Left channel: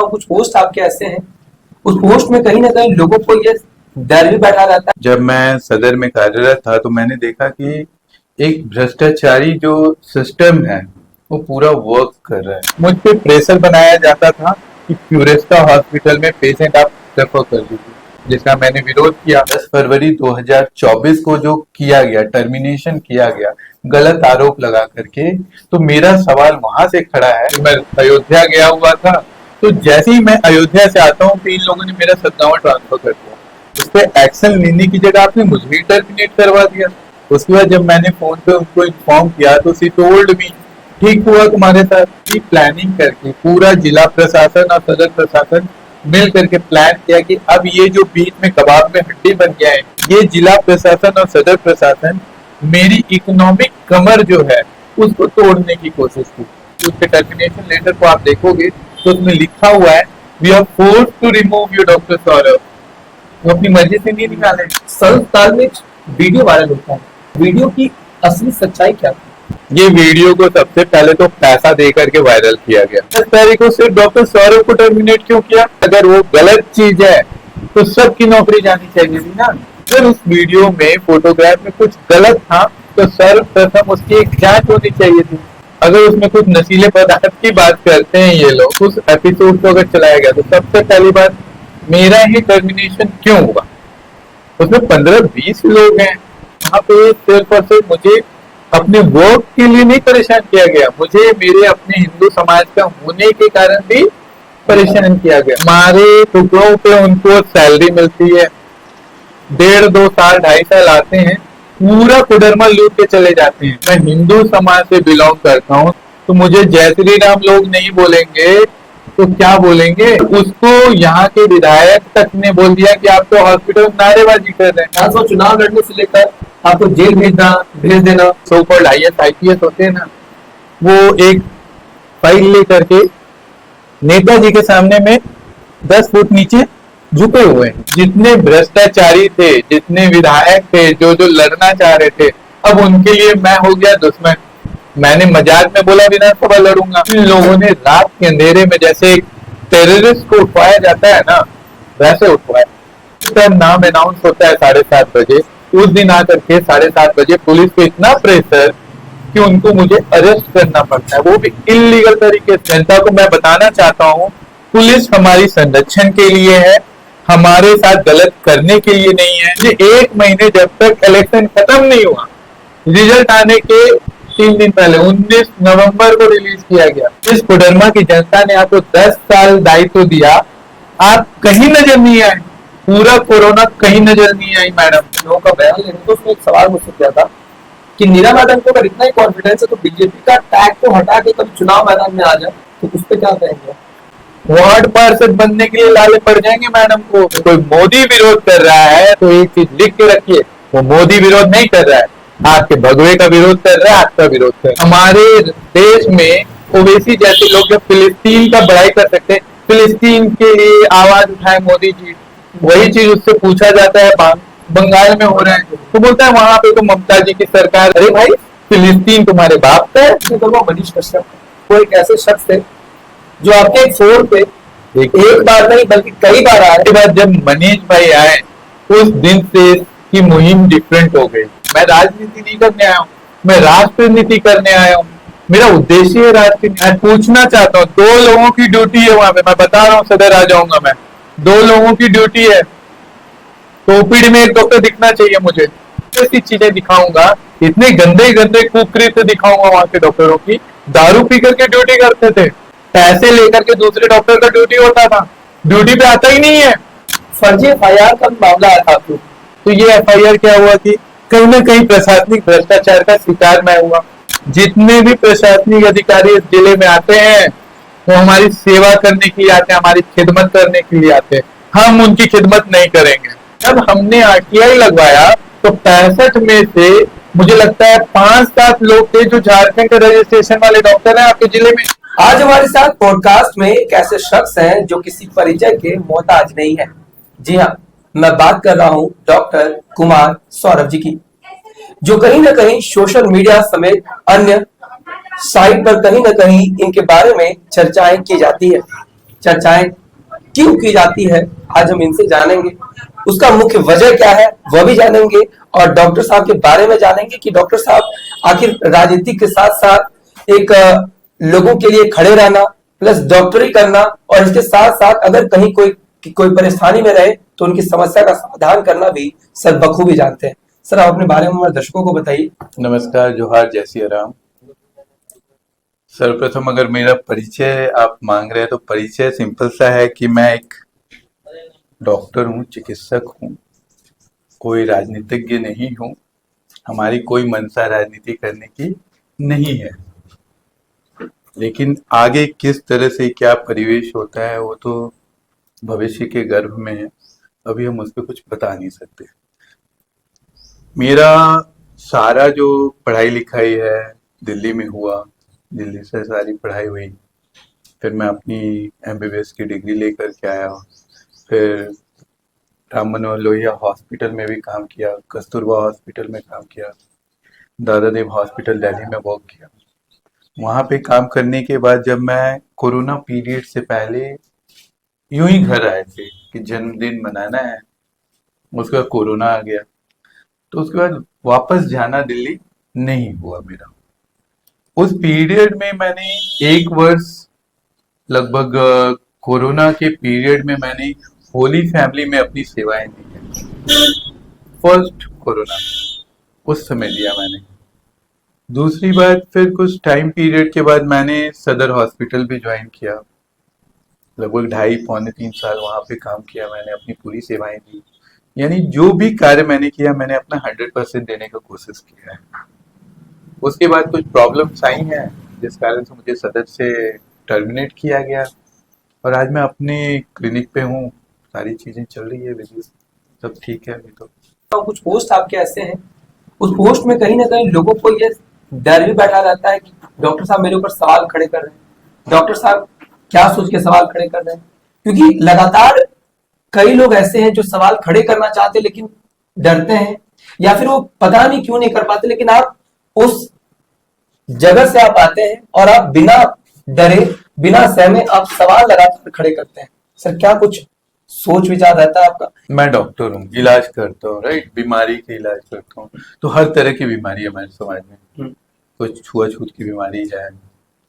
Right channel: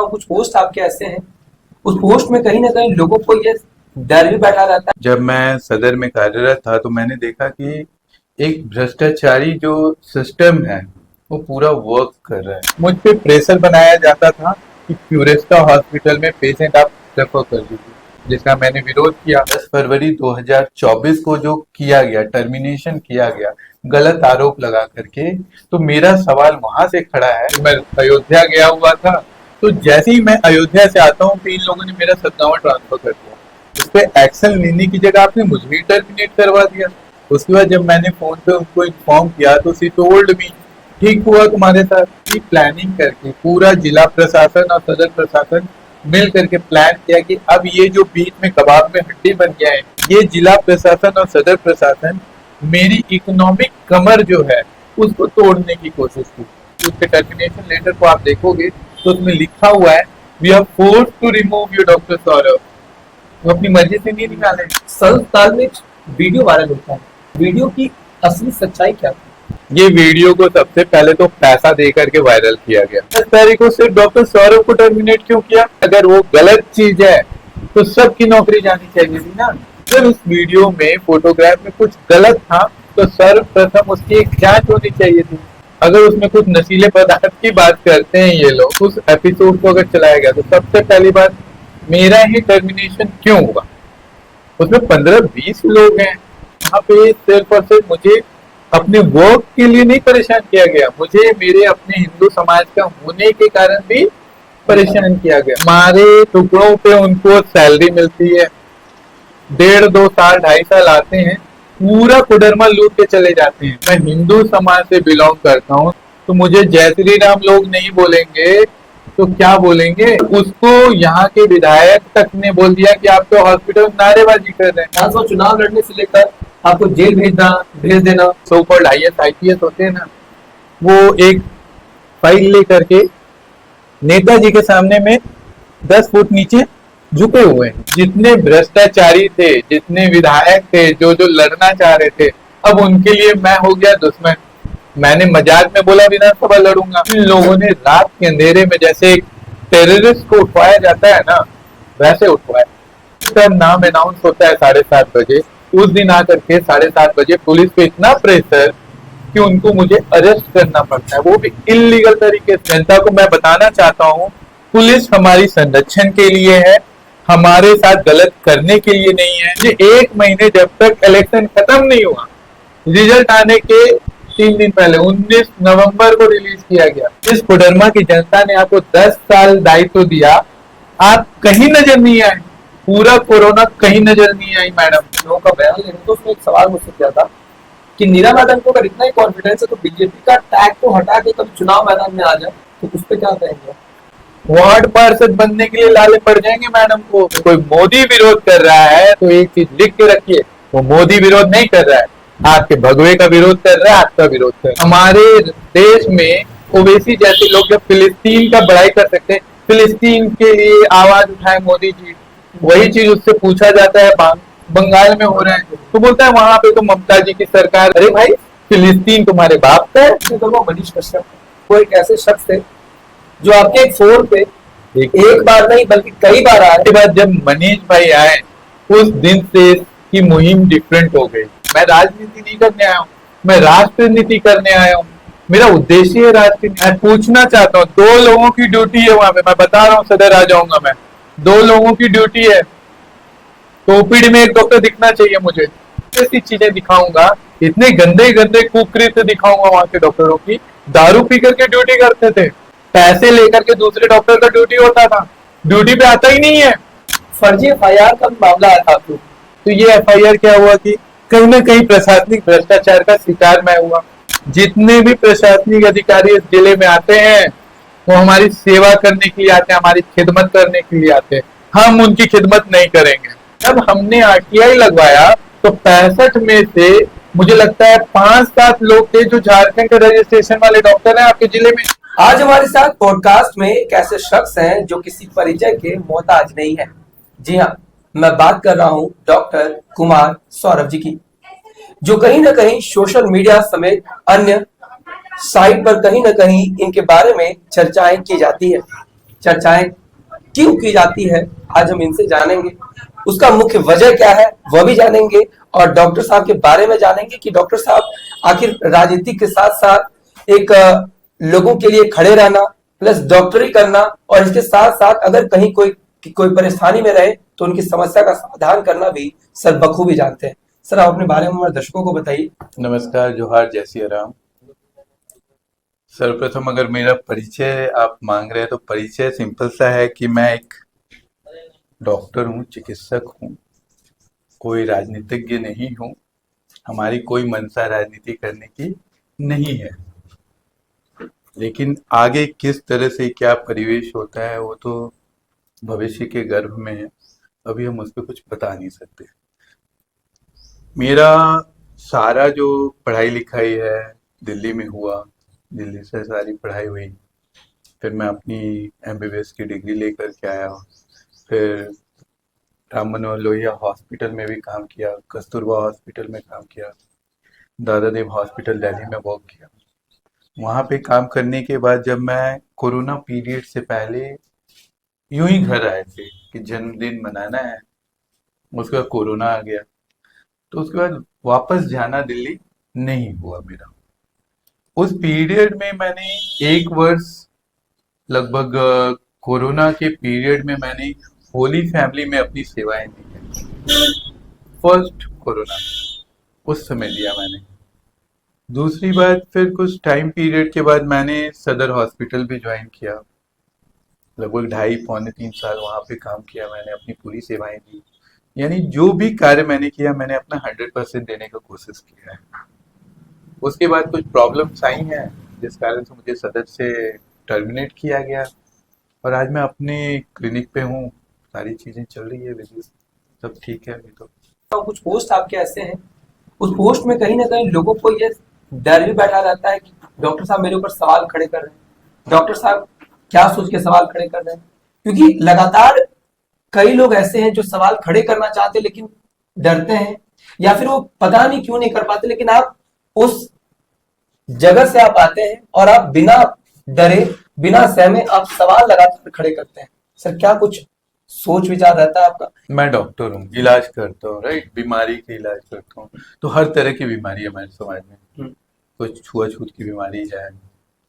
देखता हूँ कुछ पोस्ट आपके ऐसे हैं, उस पोस्ट में कहीं ना कहीं लोगों को ये डर भी बैठा रहता जब मैं सदर में कार्यरत था तो मैंने देखा कि एक भ्रष्टाचारी जो सिस्टम है वो पूरा वर्क कर रहा है। मुझ पे प्रेशर बनाया जाता था कि प्यूरेस्टा हॉस्पिटल में पेशेंट आप रेफर कर दीजिए, जिसका मैंने विरोध किया। 10 फरवरी 2024 को जो किया गया, टर्मिनेशन किया गया गलत आरोप लगा करके, तो मेरा सवाल वहां से खड़ा है। मैं अयोध्या गया हुआ था, तो जैसे ही मैं अयोध्या से आता हूँ तो इन लोगों ने मेरा सत्तावन ट्रांसफर कर दिया। उस पर एक्शन लेने की जगह आपने मुझे ही टर्मिनेट करवा दिया। उसके बाद जब मैंने फोन पे उनको इन्फॉर्म किया तो सी टोल्ड मी, ठीक हुआ तुम्हारे साथ। की प्लानिंग करके पूरा जिला प्रशासन और सदर प्रशासन मिल करके प्लान किया कि अब ये जो बीच में कबाब में हड्डी बन गया है, ये जिला प्रशासन और सदर प्रशासन मेरी इकोनॉमिक कमर जो है उसको तोड़ने की कोशिश की। उसके टर्मिनेशन लेटर को आप देखोगे तो उसमें लिखा हुआ है, we are force to remove you doctor Saurabh. वो अपनी मर्जी से नहीं निकाले। संस्थान में वीडियो वायरल होता है, वीडियो की असली सच्चाई क्या थी? ये वीडियो को सबसे पहले तो पैसा दे करके वायरल किया गया। 10 तारीख को सिर्फ डॉक्टर सौरभ को टर्मिनेट क्यों किया? अगर वो गलत चीज है तो सबकी नौकरी जानी चाहिए थी ना। जब इस वीडियो में फोटोग्राफ में कुछ गलत था तो सर्वप्रथम उसकी एक जांच होनी चाहिए थी। अगर उसमें कुछ नशीले पदार्थ की बात करते हैं ये लोग, उस एपिसोड को अगर चलाया गया तो सबसे पहली बात, मेरा ही टर्मिनेशन क्यों हुआ? उसमें 15-20 लोग हैं। वहां पे सिर्फ और सिर्फ मुझे अपने वर्क के लिए नहीं परेशान किया गया, मुझे मेरे अपने हिंदू समाज का होने के कारण भी परेशान किया गया। हमारे टुकड़ों पे उनको सैलरी मिलती है, 1.5-2 साल 2.5 साल आते हैं, पूरा कुडरमा लूट के चले जाते हैं। मैं हिंदू समाज से बिलोंग करता हूँ, तो मुझे जय श्री राम लोग नहीं बोलेंगे तो क्या बोलेंगे? उसको यहाँ के विधायक तक ने बोल दिया कि आप तो हॉस्पिटल में नारेबाजी कर रहे हैं। तो चुनाव लड़ने से लेकर आपको जेल भेज देना, सो कॉल्ड IAS IPS होते हैं ना, वो एक फाइल लेकर के नेताजी के सामने में 10 फुट नीचे झुके हुए हैं। जितने भ्रष्टाचारी थे, जितने विधायक थे, जो जो लड़ना चाह रहे थे, अब उनके लिए मैं हो गया दुश्मन। मैंने मजाक में बोला विधानसभा लड़ूंगा। इन लोगों ने रात के अंधेरे में जैसे टेररिस्ट को उठवाया जाता है ना, वैसे उठवाया। तब नाम अनाउंस होता है 7:30 बजे, उस दिन आकर के 7:30 बजे पुलिस पे इतना प्रेशर कि उनको मुझे अरेस्ट करना पड़ता है, वो भी इलीगल तरीके से। जनता को मैं बताना चाहता हूँ, पुलिस हमारी संरक्षण के लिए है, हमारे साथ गलत करने के लिए नहीं है। ये 1 महीने जब तक इलेक्शन खत्म नहीं हुआ, रिजल्ट आने के 3 दिन पहले 19 नवंबर को रिलीज किया गया। इस कोडरमा की जनता ने आपको 10 साल दायित्व दिया, आप कहीं नजर नहीं आए। पूरा कोरोना कहीं नजर नहीं आई मैडम। लोगों का बयान लेने तो उसने एक सवाल मुझसे किया था कि नीरा मैडम को अगर इतना ही कॉन्फिडेंस है तो बीजेपी का टैग को हटा के कभी चुनाव मैदान में आ जाए तो उस पर क्या कहेंगे? वार्ड पार्षद बनने के लिए लाले पड़ जाएंगे मैडम को। कोई मोदी विरोध कर रहा है तो एक चीज लिख के रखिए, वो मोदी विरोध नहीं कर रहा है, आपके भगवे का विरोध कर रहा है, आपका विरोध कर रहा है। हमारे देश में ओवैसी जैसे लोग जब फिलिस्तीन का बड़ाई कर सकते हैं, फिलिस्तीन के लिए आवाज उठाए मोदी जी, वही चीज उससे पूछा जाता है बंगाल में हो रहा है तो बोलता है वहां पे तो ममता जी की सरकार। अरे भाई, फिलिस्तीन तुम्हारे बाप का है। मनीष कश्यप वो एक ऐसे शख्स थे जो आपके फोन पे एक बार नहीं बल्कि कई बार आए। के बाद जब मनीष भाई आए उस दिन से की मुहिम डिफरेंट हो गई। मैं राजनीति नहीं करने आया हूँ, मैं राष्ट्रनीति करने आया हूँ। मेरा उद्देश्य है राजनीति। मैं पूछना चाहता हूँ, 2 लोगों की ड्यूटी है वहां पे, मैं बता रहा हूँ, सदर आ जाऊंगा मैं। 2 लोगों की ड्यूटी है, तो ओपीडी में एक डॉक्टर दिखना चाहिए मुझे। ऐसी चीजें दिखाऊंगा, इतने गंदे गंदे कुकृत्य दिखाऊंगा वहां के डॉक्टरों की। दारू पी करके ड्यूटी करते थे, पैसे लेकर के दूसरे डॉक्टर का ड्यूटी होता था, ड्यूटी पे आता ही नहीं है। फर्जी FIR का मामला आया था। तो ये FIR क्या हुआ कि कहीं ना कहीं प्रशासनिक भ्रष्टाचार का शिकार मैं हुआ। जितने भी प्रशासनिक अधिकारी इस जिले में आते हैं वो हमारी सेवा करने के लिए आते हैं, हमारी खिदमत करने के लिए आते हैं। हम उनकी खिदमत नहीं करेंगे। जब हमने RTI लगवाया तो 65 में से मुझे लगता है 5-7 लोग थे जो झारखंड के रजिस्ट्रेशन वाले डॉक्टर हैं आपके जिले में। आज हमारे साथ पॉडकास्ट में एक ऐसे शख्स हैं जो किसी परिचय के मोहताज नहीं है। जी हाँ, मैं बात कर रहा हूँ डॉक्टर कुमार सौरभ जी की, जो कहीं ना कहीं सोशल मीडिया समेत अन्य साइट पर कहीं ना कहीं इनके बारे में चर्चाएं की जाती है। चर्चाएं क्यों की जाती है, आज हम इनसे जानेंगे। उसका मुख्य वजह क्या है वह भी जानेंगे, और डॉक्टर साहब के बारे में जानेंगे कि डॉक्टर साहब आखिर राजनीति के साथ साथ एक लोगों के लिए खड़े रहना प्लस डॉक्टरी करना, और इसके साथ साथ अगर कहीं कोई परेशानी में रहे तो उनकी समस्या का समाधान करना भी सर बखूबी जानते हैं। सर, आप अपने बारे में हमारे दर्शकों को बताइए। नमस्कार, जोहार, जय सिया राम। सर्वप्रथम अगर मेरा परिचय आप मांग रहे हैं तो परिचय सिंपल सा है कि मैं एक डॉक्टर हूँ, चिकित्सक हूँ, कोई राजनीतिज्ञ नहीं हूँ। हमारी कोई मंशा राजनीति करने की नहीं है, लेकिन आगे किस तरह से क्या परिवेश होता है वो तो भविष्य के गर्भ में है, अभी हम उस पर कुछ बता नहीं सकते। मेरा सारा जो पढ़ाई लिखाई है दिल्ली में हुआ, दिल्ली से सारी पढ़ाई हुई, फिर मैं अपनी एमबीबीएस की डिग्री लेकर के आया, फिर राम मनोहर लोहिया हॉस्पिटल में भी काम किया, कस्तूरबा हॉस्पिटल में काम किया, दादा देव हॉस्पिटल दिल्ली में वर्क किया। वहाँ पे काम करने के बाद जब मैं कोरोना पीरियड से पहले यूं ही घर आए थे कि जन्मदिन मनाना है, उसका कोरोना आ गया, तो उसके बाद वापस जाना दिल्ली नहीं हुआ मेरा। उस पीरियड में मैंने 1 वर्ष लगभग कोरोना के पीरियड में मैंने होली फैमिली में अपनी सेवाएं दी हैं। फर्स्ट कोरोना उस समय दिया मैंने। दूसरी बात, फिर कुछ टाइम पीरियड के बाद मैंने सदर हॉस्पिटल भी ज्वाइन किया, लगभग 2.5-3 साल वहां पे काम किया मैंने, अपनी पूरी सेवाएं दी। यानी जो भी कार्य मैंने किया मैंने अपना 100% देने का कोशिश किया है। उसके बाद कुछ प्रॉब्लम्स आई हैं जिस कारण से मुझे सदर से टर्मिनेट किया गया, और आज मैं अपने क्लिनिक पे हूँ, सारी चीजें चल रही है, बिजनेस सब ठीक है अभी तो। और कुछ पोस्ट आपके ऐसे हैं, उस पोस्ट में कहीं ना कहीं लोगों को ये डर भी बैठा रहता है कि डॉक्टर साहब मेरे ऊपर सवाल खड़े कर रहे हैं, डॉक्टर साहब क्या सोच के सवाल खड़े कर रहे हैं, क्योंकि लगातार कई लोग ऐसे हैं जो सवाल खड़े करना चाहते हैं लेकिन डरते हैं, या फिर वो पता नहीं क्यों नहीं कर पाते। लेकिन आप उस जगह से आप आते हैं और आप बिना डरे बिना सहमे आप सवाल लगातार खड़े करते हैं। सर, क्या कुछ सोच विचार रहता है आपका? मैं डॉक्टर हूँ, इलाज करता हूँ, राइट, बीमारी के इलाज करता हूँ। तो हर तरह की बीमारी है हमारे समाज में। कुछ छुआछूत की बीमारी है,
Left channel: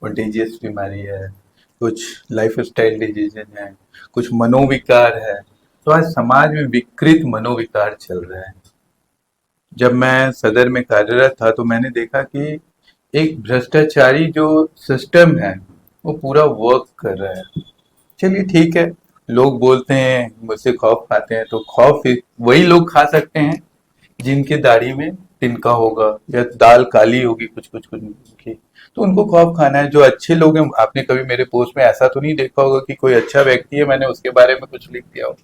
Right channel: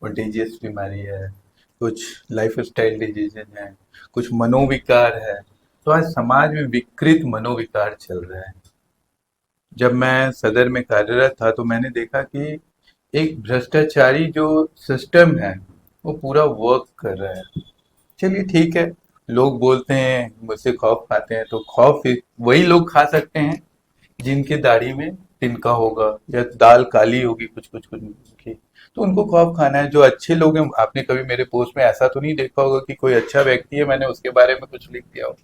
कंटेजियस बीमारी है, कुछ लाइफ स्टाइल डिजीजन है, कुछ मनोविकार है। तो आज समाज में विकृत मनोविकार चल रहा है। जब मैं सदर में कार्यरत था तो मैंने देखा कि एक भ्रष्टाचारी जो सिस्टम है वो पूरा वर्क कर रहा है। चलिए ठीक है, लोग बोलते हैं मुझसे खौफ खाते हैं, तो खौफ वही लोग खा सकते हैं जिनके दाढ़ी में तिनका होगा या दाल काली होगी कुछ कुछ कुछ की, तो उनको खौफ खाना है। जो अच्छे लोग हैं, आपने कभी मेरे पोस्ट में ऐसा तो नहीं देखा होगा कि कोई अच्छा व्यक्ति है मैंने उसके बारे में कुछ लिख दिया हो,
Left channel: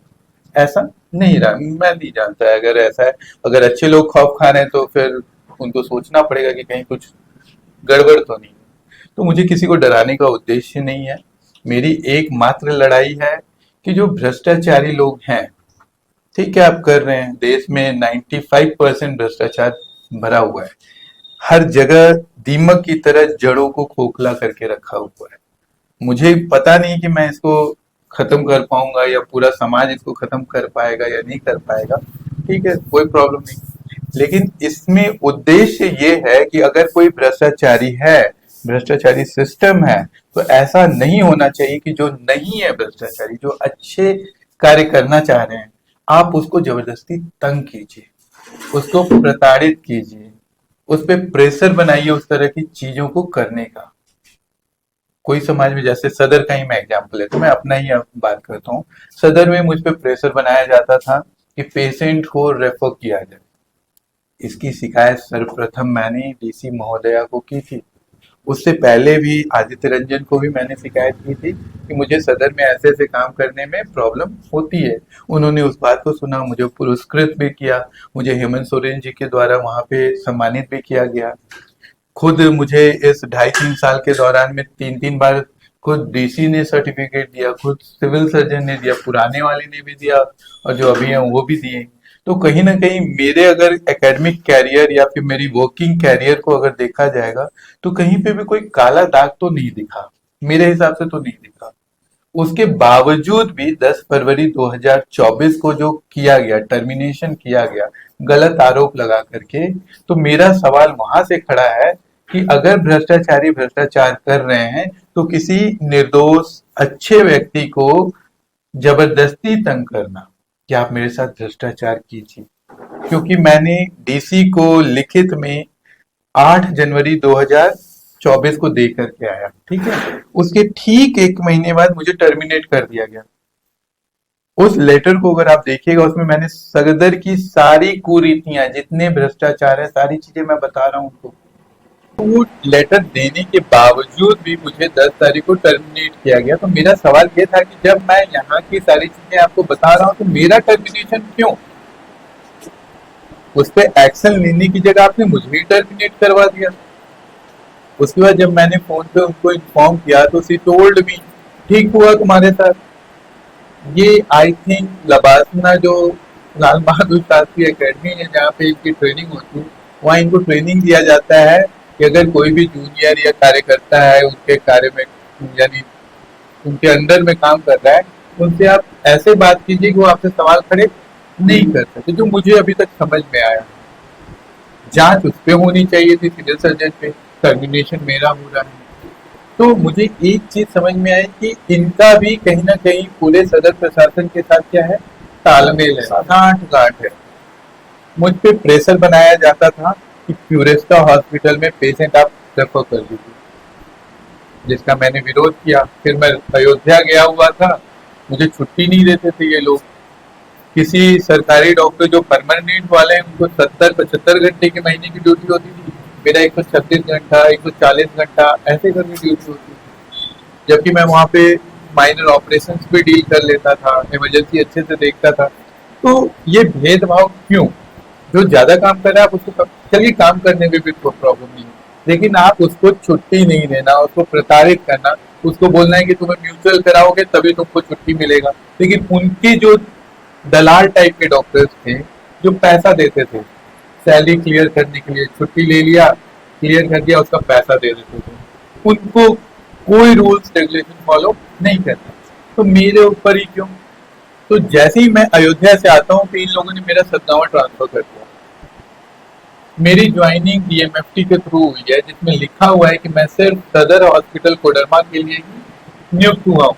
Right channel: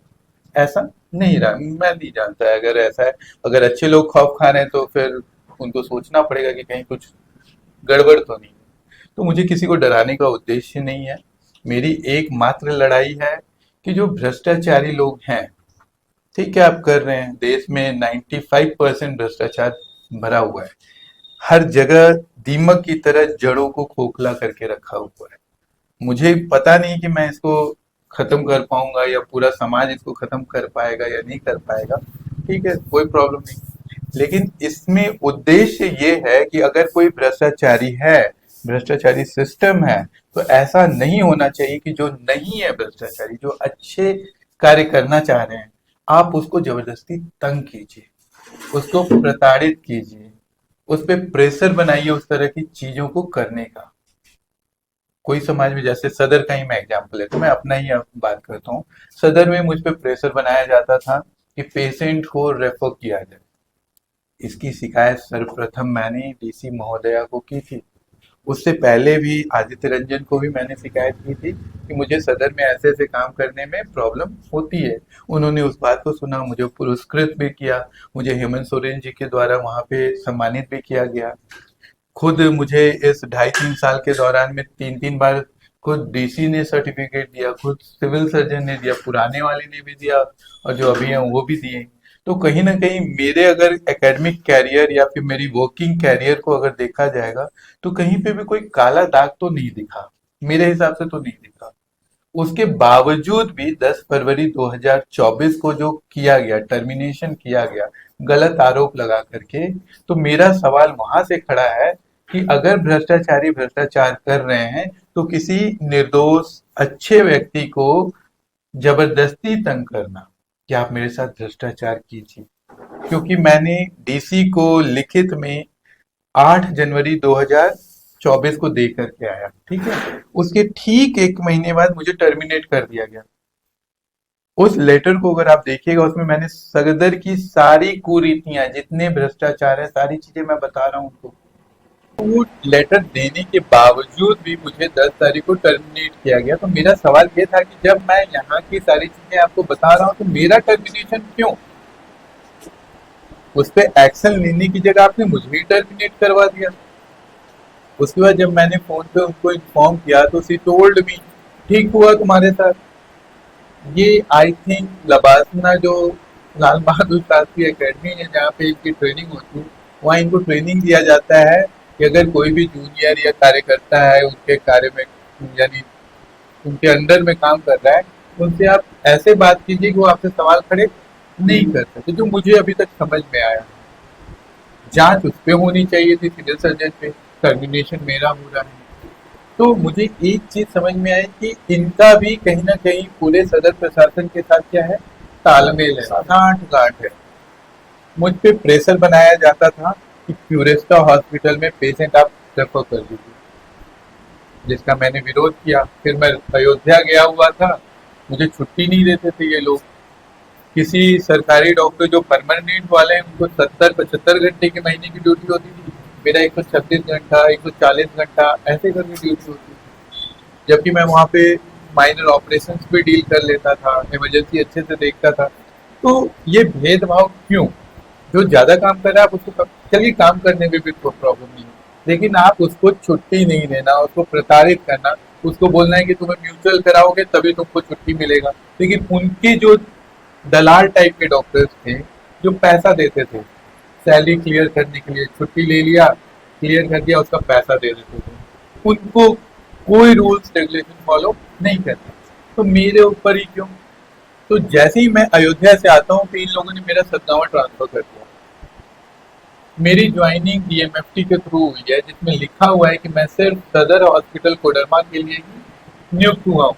ऐसा नहीं रहा, मैं नहीं जानता है। अगर ऐसा है, अगर अच्छे लोग खौफ खा रहे हैं तो फिर उनको सोचना पड़ेगा कि कहीं कुछ गड़बड़ तो नहीं। तो मुझे किसी को डराने का उद्देश्य नहीं है। मेरी एकमात्र लड़ाई है कि जो भ्रष्टाचारी लोग हैं, ठीक है आप कर रहे हैं, देश में 95% भ्रष्टाचार भरा हुआ है, हर जगह दीमक की तरह जड़ों को खोखला करके रखा हुआ है। मुझे पता नहीं कि मैं इसको खत्म कर पाऊंगा या पूरा समाज इसको खत्म कर पाएगा या नहीं कर पाएगा, ठीक है कोई प्रॉब्लम नहीं, लेकिन इसमें उद्देश्य ये है कि अगर कोई भ्रष्टाचारी है, भ्रष्टाचारी सिस्टम है, तो ऐसा नहीं होना चाहिए कि जो नहीं है भ्रष्टाचारी, जो अच्छे कार्य करना चाह रहे हैं, आप उसको जबरदस्ती तंग कीजिए, उसको प्रताड़ित कीजिए, उस पर प्रेशर बनाइए उस तरह की चीजों को करने का। कोई समाज में, जैसे सदर का ही मैं एग्जाम्पल है तो मैं अपना ही बात करता हूँ। सदर में मुझ पर प्रेशर बनाया जाता था कि पेशेंट को रेफर किया जाए। इसकी शिकायत सर्वप्रथम मैंने डीसी महोदया को की थी। उससे पहले भी आदित्य रंजन को भी मैंने शिकायत की थी कि मुझे सदर में ऐसे ऐसे काम करने में प्रॉब्लम होती है। उन्होंने उस बात को सुना, मुझे पुरस्कृत भी किया, मुझे हेमंत सोरेन जी के द्वारा वहां पे सम्मानित भी किया गया। खुद मुझे इस 2.5-3 साल के दौरान में 3-3 बार खुद डीसी ने सर्टिफिकेट दिया, खुद सिविल सर्जन ने दिया, पुराने वाले ने भी दिया और जो अभी हैं वो भी दिए। तो कहीं ना कहीं मेरे अगर एकेडमिक कैरियर या फिर मेरी वर्किंग कैरियर को अगर देखा जाएगा तो कहीं पे भी कोई काला दाग तो नहीं दिखा, मेरे हिसाब से तो नहीं दिखा। उसके बावजूद भी 10 फरवरी 2024 को जो किया गया, टर्मिनेशन किया गया गलत आरोप लगा करके, तो मेरा सवाल वहां से खड़ा है कि अगर भ्रष्टाचारी भ्रष्टाचार कर रहे हैं तो किसी निर्दोष अच्छे व्यक्ति को जबरदस्ती तंग करना, क्या आप मेरे साथ भ्रष्टाचार कीजिए। क्योंकि मैंने डीसी को लिखित में 8 जनवरी 2024 को दे करके आया, ठीक है। उसके ठीक 1 महीने बाद मुझे टर्मिनेट कर दिया गया। उस लेटर को अगर आप देखिएगा, उसमें मैंने सदर की सारी कुरीतियां, जितने भ्रष्टाचार है, सारी चीजें मैं बता रहा हूँ उनको। वो लेटर देने के बावजूद भी मुझे 10 तारीख को टर्मिनेट किया गया। तो मेरा सवाल ये था कि जब मैं यहाँ की सारी चीजें आपको बता रहा हूँ तो मेरा टर्मिनेशन क्यों? उस पर एक्शन लेने की जगह आपने मुझे ही टर्मिनेट करवा दिया। उसके बाद जब मैंने फोन पे उनको इन्फॉर्म किया तो सी टोल्ड मी, ठीक हुआ तुम्हारे साथ। ये आई थिंक लबासना जो लाल बहादुर शास्त्री एकेडमी है जहाँ पे इनकी ट्रेनिंग होती है, वहाँ इनको ट्रेनिंग दिया जाता है कि अगर कोई भी जूनियर या कार्यकर्ता है उनके कार्य में, यानी उनके अंडर में काम कर रहा है, उनसे आप ऐसे बात कीजिए कि वो आपसे सवाल खड़े नहीं कर सकते। जो मुझे अभी तक समझ में आया, जांच उस पे होनी चाहिए थी, सिविल सर्जन पे, टर्मिनेशन मेरा हो रहा है। तो मुझे एक चीज समझ में आई कि इनका भी कहीं ना कहीं पूरे सदर प्रशासन के साथ क्या है, तालमेल है, गांठ गांठ है। मुझ पे प्रेशर बनाया जाता था कि क्यूरेस्टा हॉस्पिटल में पेशेंट आप रेफर कर दीजिए, जिसका मैंने विरोध किया। फिर मैं अयोध्या गया हुआ था, मुझे छुट्टी नहीं देते थे ये लोग। किसी सरकारी डॉक्टर जो परमानेंट वाले हैं उनको 70-75 घंटे के महीने की ड्यूटी होती थी, मेरा 136 घंटा 140 घंटा ऐसे करके ड्यूटी होती थी। जबकि मैं वहाँ पे माइनर ऑपरेशंस भी डील कर लेता था, इमरजेंसी अच्छे से देखता था। तो ये भेदभाव क्यों? जो ज्यादा काम कर रहा है आप उसको चलिए, काम करने में भी कोई प्रॉब्लम नहीं है, लेकिन आप उसको छुट्टी नहीं देना, उसको प्रताड़ित करना, उसको बोलना है कि तुम्हें म्यूचुअल कराओगे तभी तुमको छुट्टी मिलेगा। लेकिन उनकी जो दलाल टाइप के डॉक्टर्स थे जो पैसा देते थे सैलरी क्लियर करने के लिए, छुट्टी ले लिया, क्लियर कर दिया, उसका पैसा दे देते थे, उनको कोई रूल्स रेगुलेशन फॉलो नहीं करते। तो मेरे ऊपर ही क्यों? तो जैसे ही मैं अयोध्या से आता हूँ तो इन लोगों ने मेरा सदगावा ट्रांसफर कर दिया। मेरी ज्वाइनिंग डीएमएफटी के थ्रू हुई है, जिसमें लिखा हुआ है कि मैं सिर्फ सदर हॉस्पिटल कोडरमा के लिए ही नियुक्त हुआ हूँ,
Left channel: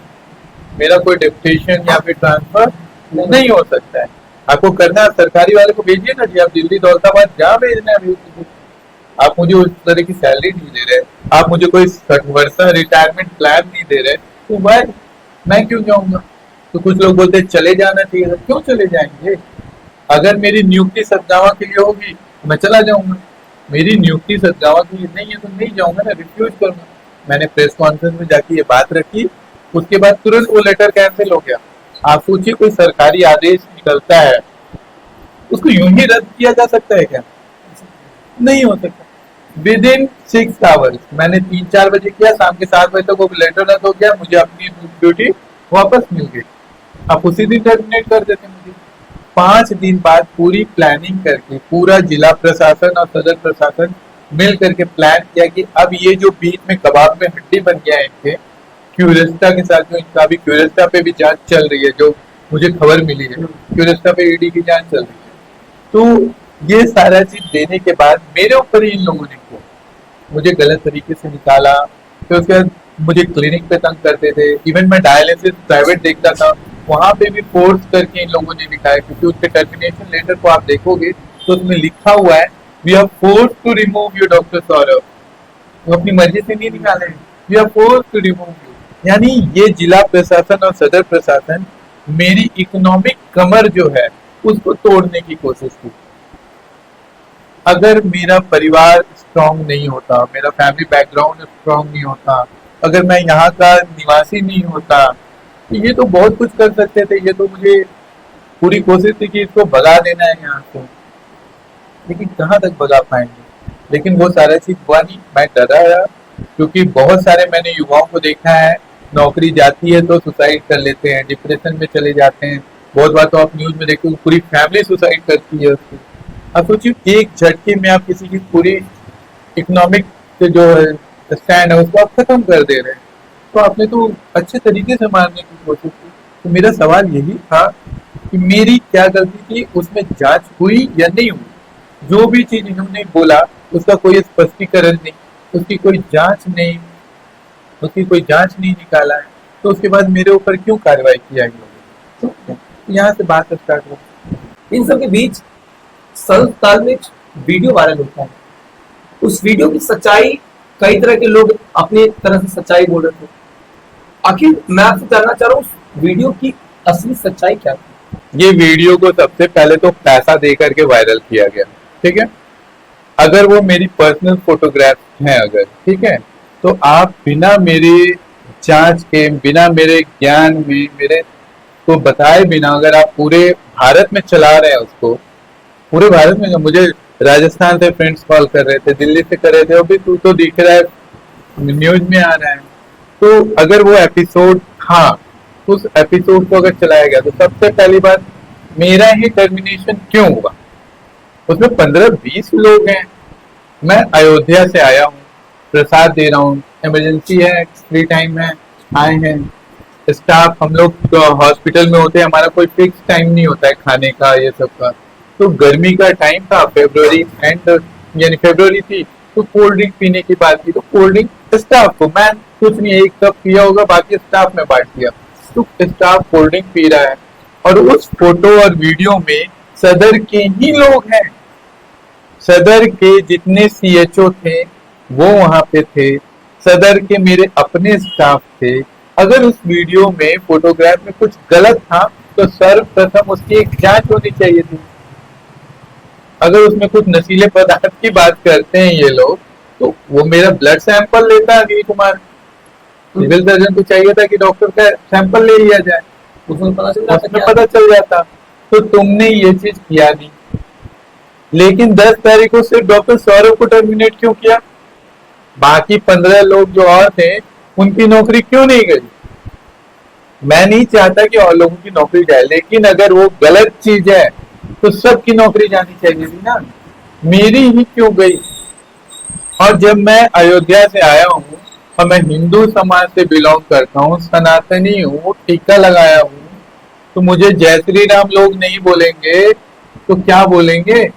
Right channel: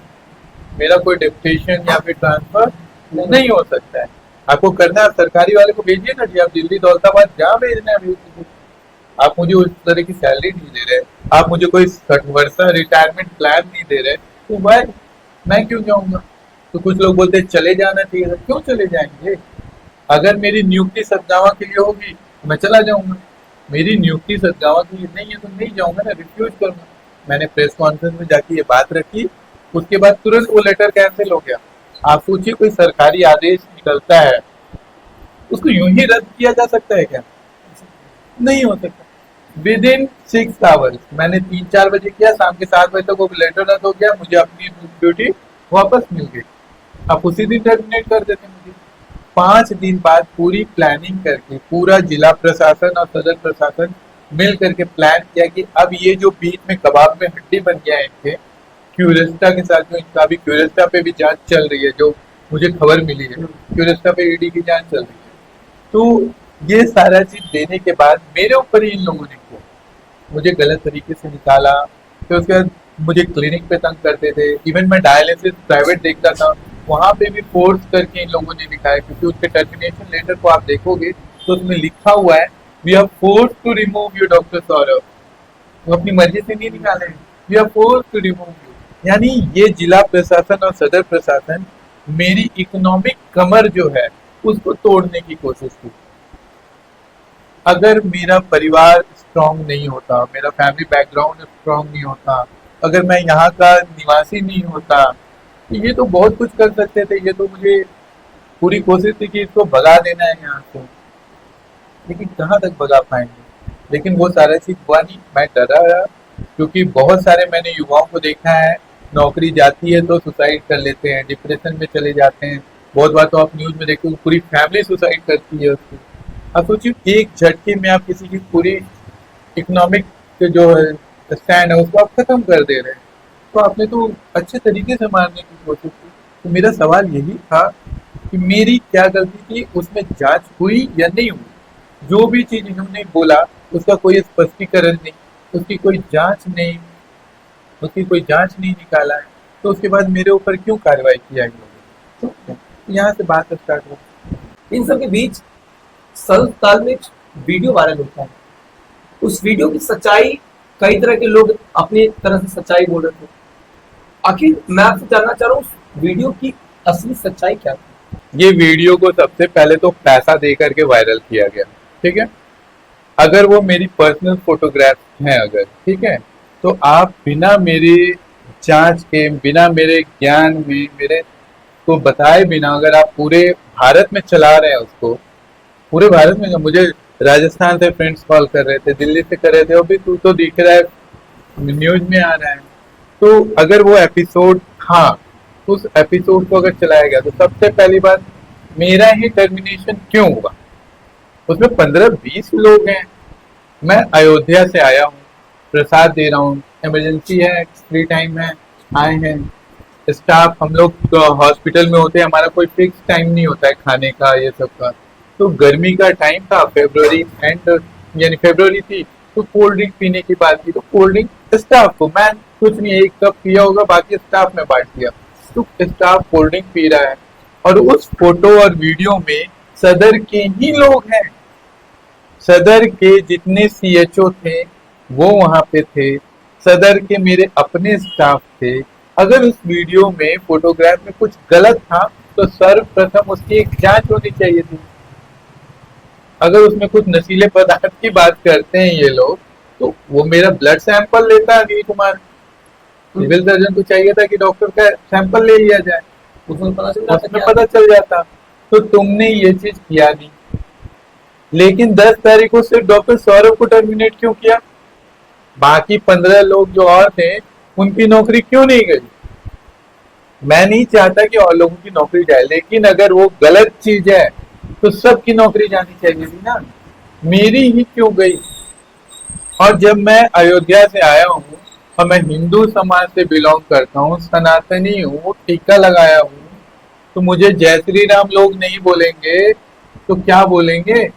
मेरा कोई डेप्यूटेशन या फिर ट्रांसफर नहीं हो सकता है। आपको करना है सरकारी वाले को भेजिए ना जी, आप दिल्ली दौलताबाद जहाँ भेजना है भेज दीजिए। आप मुझे उस तरह की सैलरी नहीं दे रहे, आप मुझे कोई 60 वर्ष रिटायरमेंट प्लान नहीं दे रहे, तो भाई मैं क्यों जाऊंगा? तो कुछ लोग बोलते हैं चले जाना चाहिए, तो क्यों चले जाएंगे? अगर मेरी नियुक्ति सदगावा के लिए होगी तो मैं चला जाऊंगा, मेरी नियुक्ति सदगावा के लिए नहीं है तो नहीं जाऊंगा ना, रिफ्यूज करूंगा। मैंने प्रेस कॉन्फ्रेंस में जाके ये बात रखी, उसके बाद तुरंत वो लेटर कैंसिल हो गया। आप सोचिए, कोई सरकारी आदेश निकलता है उसको यूं ही रद्द किया जा सकता है क्या? नहीं हो सकता। विद इन 6 आवर्स मैंने 3-4 बजे किया, शाम के 7 बजे तक वो लेटर रद्द हो गया, मुझे अपनी ड्यूटी वापस मिल गई। आप उसी दिन टर्मिनेट कर देते मुझे। 5 दिन बाद पूरी प्लानिंग करके पूरा जिला प्रशासन और सदर प्रशासन मिल करके प्लान किया कि अब ये जो बीच में कबाब में हड्डी बन गया है इनके क्यूरेस्टा के साथ, जो इनका अभी क्यूरेस्टा पे भी जांच चल रही है, जो मुझे खबर मिली है क्यूरेस्टा पे ईडी की जांच चल रही है। तो ये सारा चीज देने के बाद मेरे ऊपर ही इन लोगों ने किया, मुझे गलत तरीके से निकाला। फिर उसके बाद मुझे क्लिनिक पे तंग करते थे, इवन मैं डायलिसिस प्राइवेट देखता था, वहां पे भी फोर्स करके इन लोगों ने लिखा है, क्योंकि उसके टर्मिनेशन लेटर को आप देखोगे तो उसमें लिखा हुआ है we are force to remove you doctor Saurabh. वो अपनी मर्जी से नहीं निकाले, we are force to remove you. यानी ये जिला प्रशासन और सदर प्रशासन मेरी इकोनॉमिक कमर जो है उसको तोड़ने की कोशिश की। अगर मेरा परिवार स्ट्रांग नहीं होता, मेरा फैमिली बैकग्राउंड स्ट्रांग नहीं होता, अगर मैं यहाँ का निवासी नहीं होता, तो ये तो बहुत कुछ कर सकते थे। ये तो मुझे पूरी कोशिश थी कि इसको भगा देना है यहाँ से, लेकिन कहाँ तक भगा पाएंगे? लेकिन वो सारा चीज हुआ नहीं। मैं डरा रहा, क्योंकि बहुत सारे मैंने युवाओं को देखा है, नौकरी जाती है तो सुसाइड कर लेते हैं, डिप्रेशन में चले जाते हैं। बहुत बार तो आप न्यूज में देखते हो पूरी फैमिली सुसाइड करती है उसको। आप सोचिए, एक झटके में आप किसी की पूरी इकोनॉमिक जो स्टैंड है उसको आप खत्म कर दे रहे हैं। तो आपने तो अच्छे तरीके से मारने की कोशिश की। तो मेरा सवाल यही था कि मेरी क्या गलती थी, उसमें जांच हुई या नहीं हुई? जो भी चीज इन्होंने बोला उसका कोई स्पष्टीकरण नहीं, उसकी कोई जांच नहीं, उसकी कोई जांच नहीं निकाला है, तो उसके बाद मेरे ऊपर क्यों कार्रवाई किया गया? तो यहाँ से बात स्टार्ट हो। इन सब के बीच संस्थान में एक वीडियो वायरल होता है। उस वीडियो की सच्चाई, कई तरह के लोग अपने तरह से सच्चाई बोल रहे थे। आखिर मैं आपसे जानना चाह रहा हूँ, उस वीडियो की असली सच्चाई क्या थी? ये वीडियो को सबसे पहले तो पैसा दे करके वायरल किया गया, ठीक है। अगर वो मेरी पर्सनल फोटोग्राफ है अगर, ठीक है, तो आप बिना मेरे जांच के, बिना मेरे ज्ञान में, मेरे को बताए बिना अगर आप पूरे भारत में चला रहे हैं उसको, पूरे भारत में, मुझे राजस्थान से फ्रेंड्स कॉल कर रहे थे, दिल्ली से कर रहे थे, अभी तू तो दिख रहा है, न्यूज में आ रहा है। तो अगर वो एपिसोड था, उस एपिसोड को अगर चलाया गया, तो सबसे पहली बात, मेरा ही टर्मिनेशन क्यों हुआ? उसमें 15-20 लोग हैं, मैं अयोध्या से आया हूँ, प्रसाद दे रहा हूँ, इमरजेंसी है, फ्री टाइम है, आए हैं। स्टाफ हम लोग हॉस्पिटल में होते हैं, हमारा कोई फिक्स टाइम नहीं होता है खाने का, ये सब का। तो गर्मी का टाइम था, फेब्रुवरी एंड, यानी फेब्रुवरी थी, तो कोल्ड ड्रिंक पीने की बात की, तो कोल्ड ड्रिंक स्टाफ को, मैं कुछ नहीं, एक कप पिया होगा, बाकी स्टाफ में बांट दिया। तो स्टाफ कोल्ड ड्रिंक पी रहा है, और उस फोटो और वीडियो में सदर के ही लोग हैं, सदर के जितने सीएचओ थे वो वहां पे थे, सदर के मेरे अपने स्टाफ थे। अगर उस वीडियो में, फोटोग्राफ में कुछ गलत था, तो सर्वप्रथम उसकी एक जांच होनी चाहिए थी। अगर उसमें कुछ नशीले पदार्थ की बात करते हैं ये लोग, तो वो मेरा ब्लड सैंपल लेता अनिल कुमार। सिविल सर्जन को चाहिए था कि डॉक्टर का सैंपल ले लिया जाए, उसमें पता चल जाता। तो तुमने ये चीज किया नहीं, लेकिन 10 तारीख को सिर्फ डॉक्टर सौरभ को टर्मिनेट क्यों किया? बाकी 15 लोग जो और थे, उनकी नौकरी क्यों नहीं गई? मैं नहीं चाहता कि और लोगों की नौकरी जाए, लेकिन अगर वो गलत चीज है तो सबकी नौकरी जानी चाहिए थी ना, मेरी ही क्यों गई? और जब मैं अयोध्या से आया हूँ, और मैं हिंदू समाज से बिलोंग करता हूँ, सनातनी हूँ, टीका लगाया हूँ, तो मुझे जय श्री राम लोग नहीं बोलेंगे तो क्या बोलेंगे?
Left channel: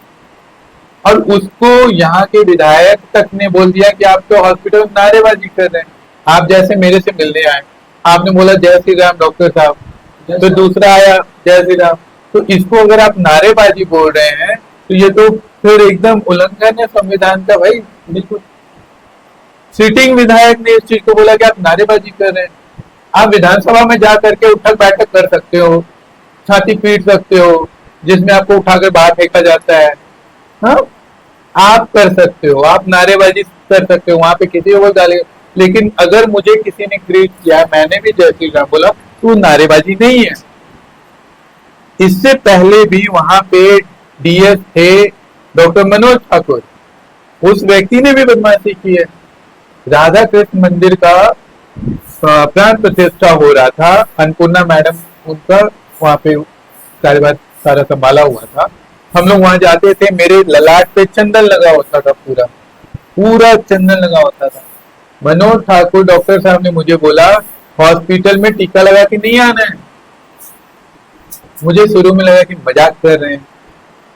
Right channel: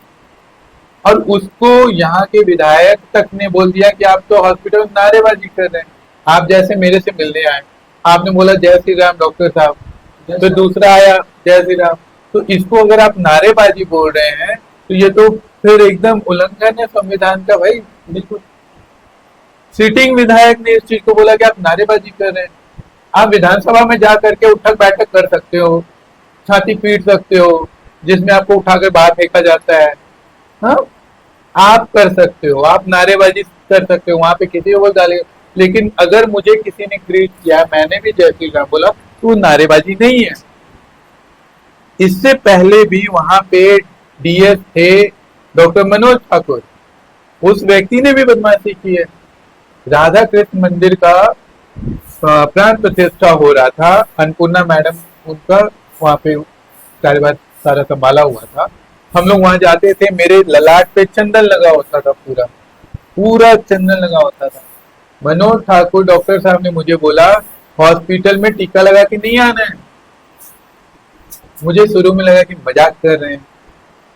और उसको यहाँ के विधायक तक ने बोल दिया कि आप तो हॉस्पिटल में नारेबाजी कर रहे हैं। आप जैसे मेरे से मिलने आए, आपने बोला जय श्री राम डॉक्टर साहब, तो दूसरा आया जय श्री राम। तो इसको अगर आप नारेबाजी बोल रहे हैं, तो ये तो फिर एकदम उल्लंघन है संविधान का भाई, बिल्कुल। सिटिंग विधायक ने इस चीज को बोला कि आप नारेबाजी कर रहे हैं। आप विधानसभा में जा करके उठक बैठक कर सकते हो, छाती पीट सकते हो, जिसमें आपको उठाकर बाहर फेंका जाता है, हाँ, आप कर सकते हो, आप नारेबाजी कर सकते हो, वहां पे किसी को डाले। लेकिन अगर मुझे किसी ने ग्रीट किया, मैंने भी जय श्री राम बोला, तो नारेबाजी नहीं है। इससे पहले भी वहां पे डीएस थे डॉक्टर मनोज ठाकुर, उस व्यक्ति ने भी बदमाशी की है। राधा कृष्ण मंदिर का प्राण प्रतिष्ठा हो रहा था, अन्नपूर्णा मैडम उनका वहां पे कार्यभार सारा संभाला हुआ था। हम लोग वहां जाते थे, मेरे ललाट पे चंदन लगा होता था, पूरा पूरा चंदन लगा होता था। मनोज ठाकुर डॉक्टर साहब ने मुझे बोला हॉस्पिटल में टीका लगा के नहीं आना है। मुझे शुरू में लगा कि मजाक कर रहे हैं,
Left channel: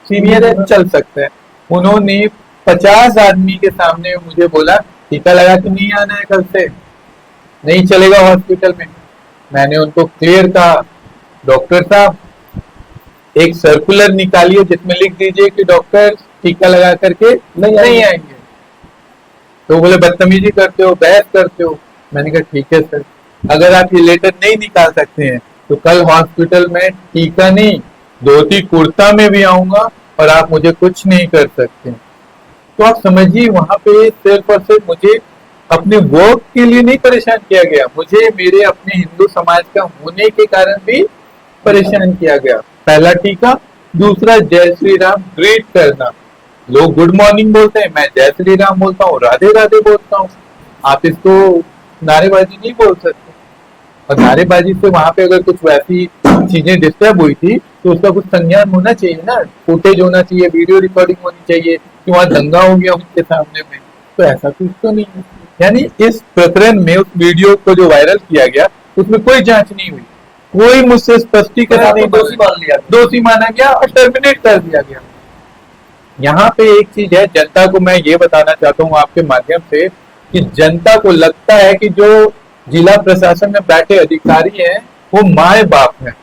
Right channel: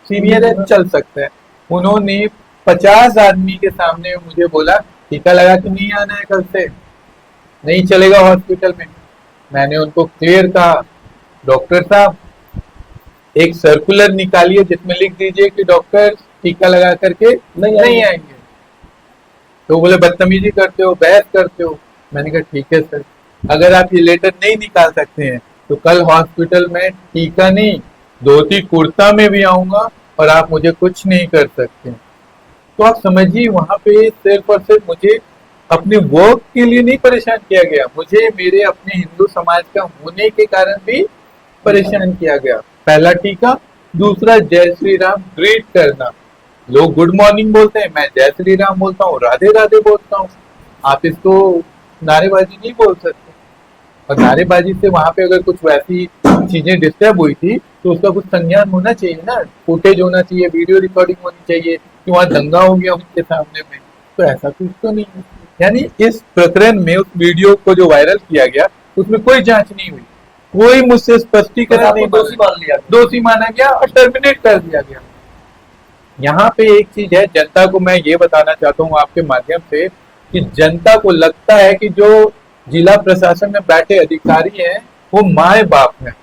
सीनियर है चल सकते हैं। उन्होंने 50 आदमी के सामने मुझे बोला टीका लगा के नहीं आना है, कल से नहीं चलेगा हॉस्पिटल में। मैंने उनको क्लियर कहा, डॉक्टर साहब एक सर्कुलर निकालिए जिसमें लिख दीजिए कि डॉक्टर टीका लगा करके नहीं आएंगे। तो बोले बदतमीजी करते हो, बहस करते हो। मैंने कहा ठीक है सर, अगर आप ये लेटर नहीं निकाल सकते हैं तो कल हॉस्पिटल में टीका नहीं, धोती कुर्ता में भी आऊंगा और आप मुझे कुछ नहीं कर सकते। तो आप समझिए, वहां पे सिर्फ और सिर्फ मुझे अपने वर्क के लिए नहीं परेशान किया गया, मुझे मेरे अपने हिंदू समाज का होने के कारण भी परेशान किया गया। पहला टीका, दूसरा जय श्री राम ग्रीट करना। लोग गुड मॉर्निंग बोलते हैं, मैं जय श्री राम बोलता हूँ, राधे राधे बोलता हूँ। आप इसको नारेबाजी नहीं बोल सकते। और नारेबाजी से वहां पे अगर कुछ वैसी चीजें डिस्टर्ब हुई थी तो उसका कुछ संज्ञान होना चाहिए ना, फुटेज होना चाहिए, वीडियो रिकॉर्डिंग होनी चाहिए कि वहां दंगा हो गया उनके सामने में। तो ऐसा कुछ तो नहीं है। यानी इस प्रकरण में उस वीडियो को जो वायरल किया गया उसमें कोई जांच नहीं हुई, कोई मुझसे स्पष्टीकरण नहीं, दोषी माना गया और टर्मिनेट कर दिया गया। यहाँ पे एक चीज है, जनता को मैं ये बताना चाहता हूँ आपके माध्यम से कि जनता को लगता है कि जो जिला प्रशासन में बैठे अधिकारी हैं वो माए बाप हैं।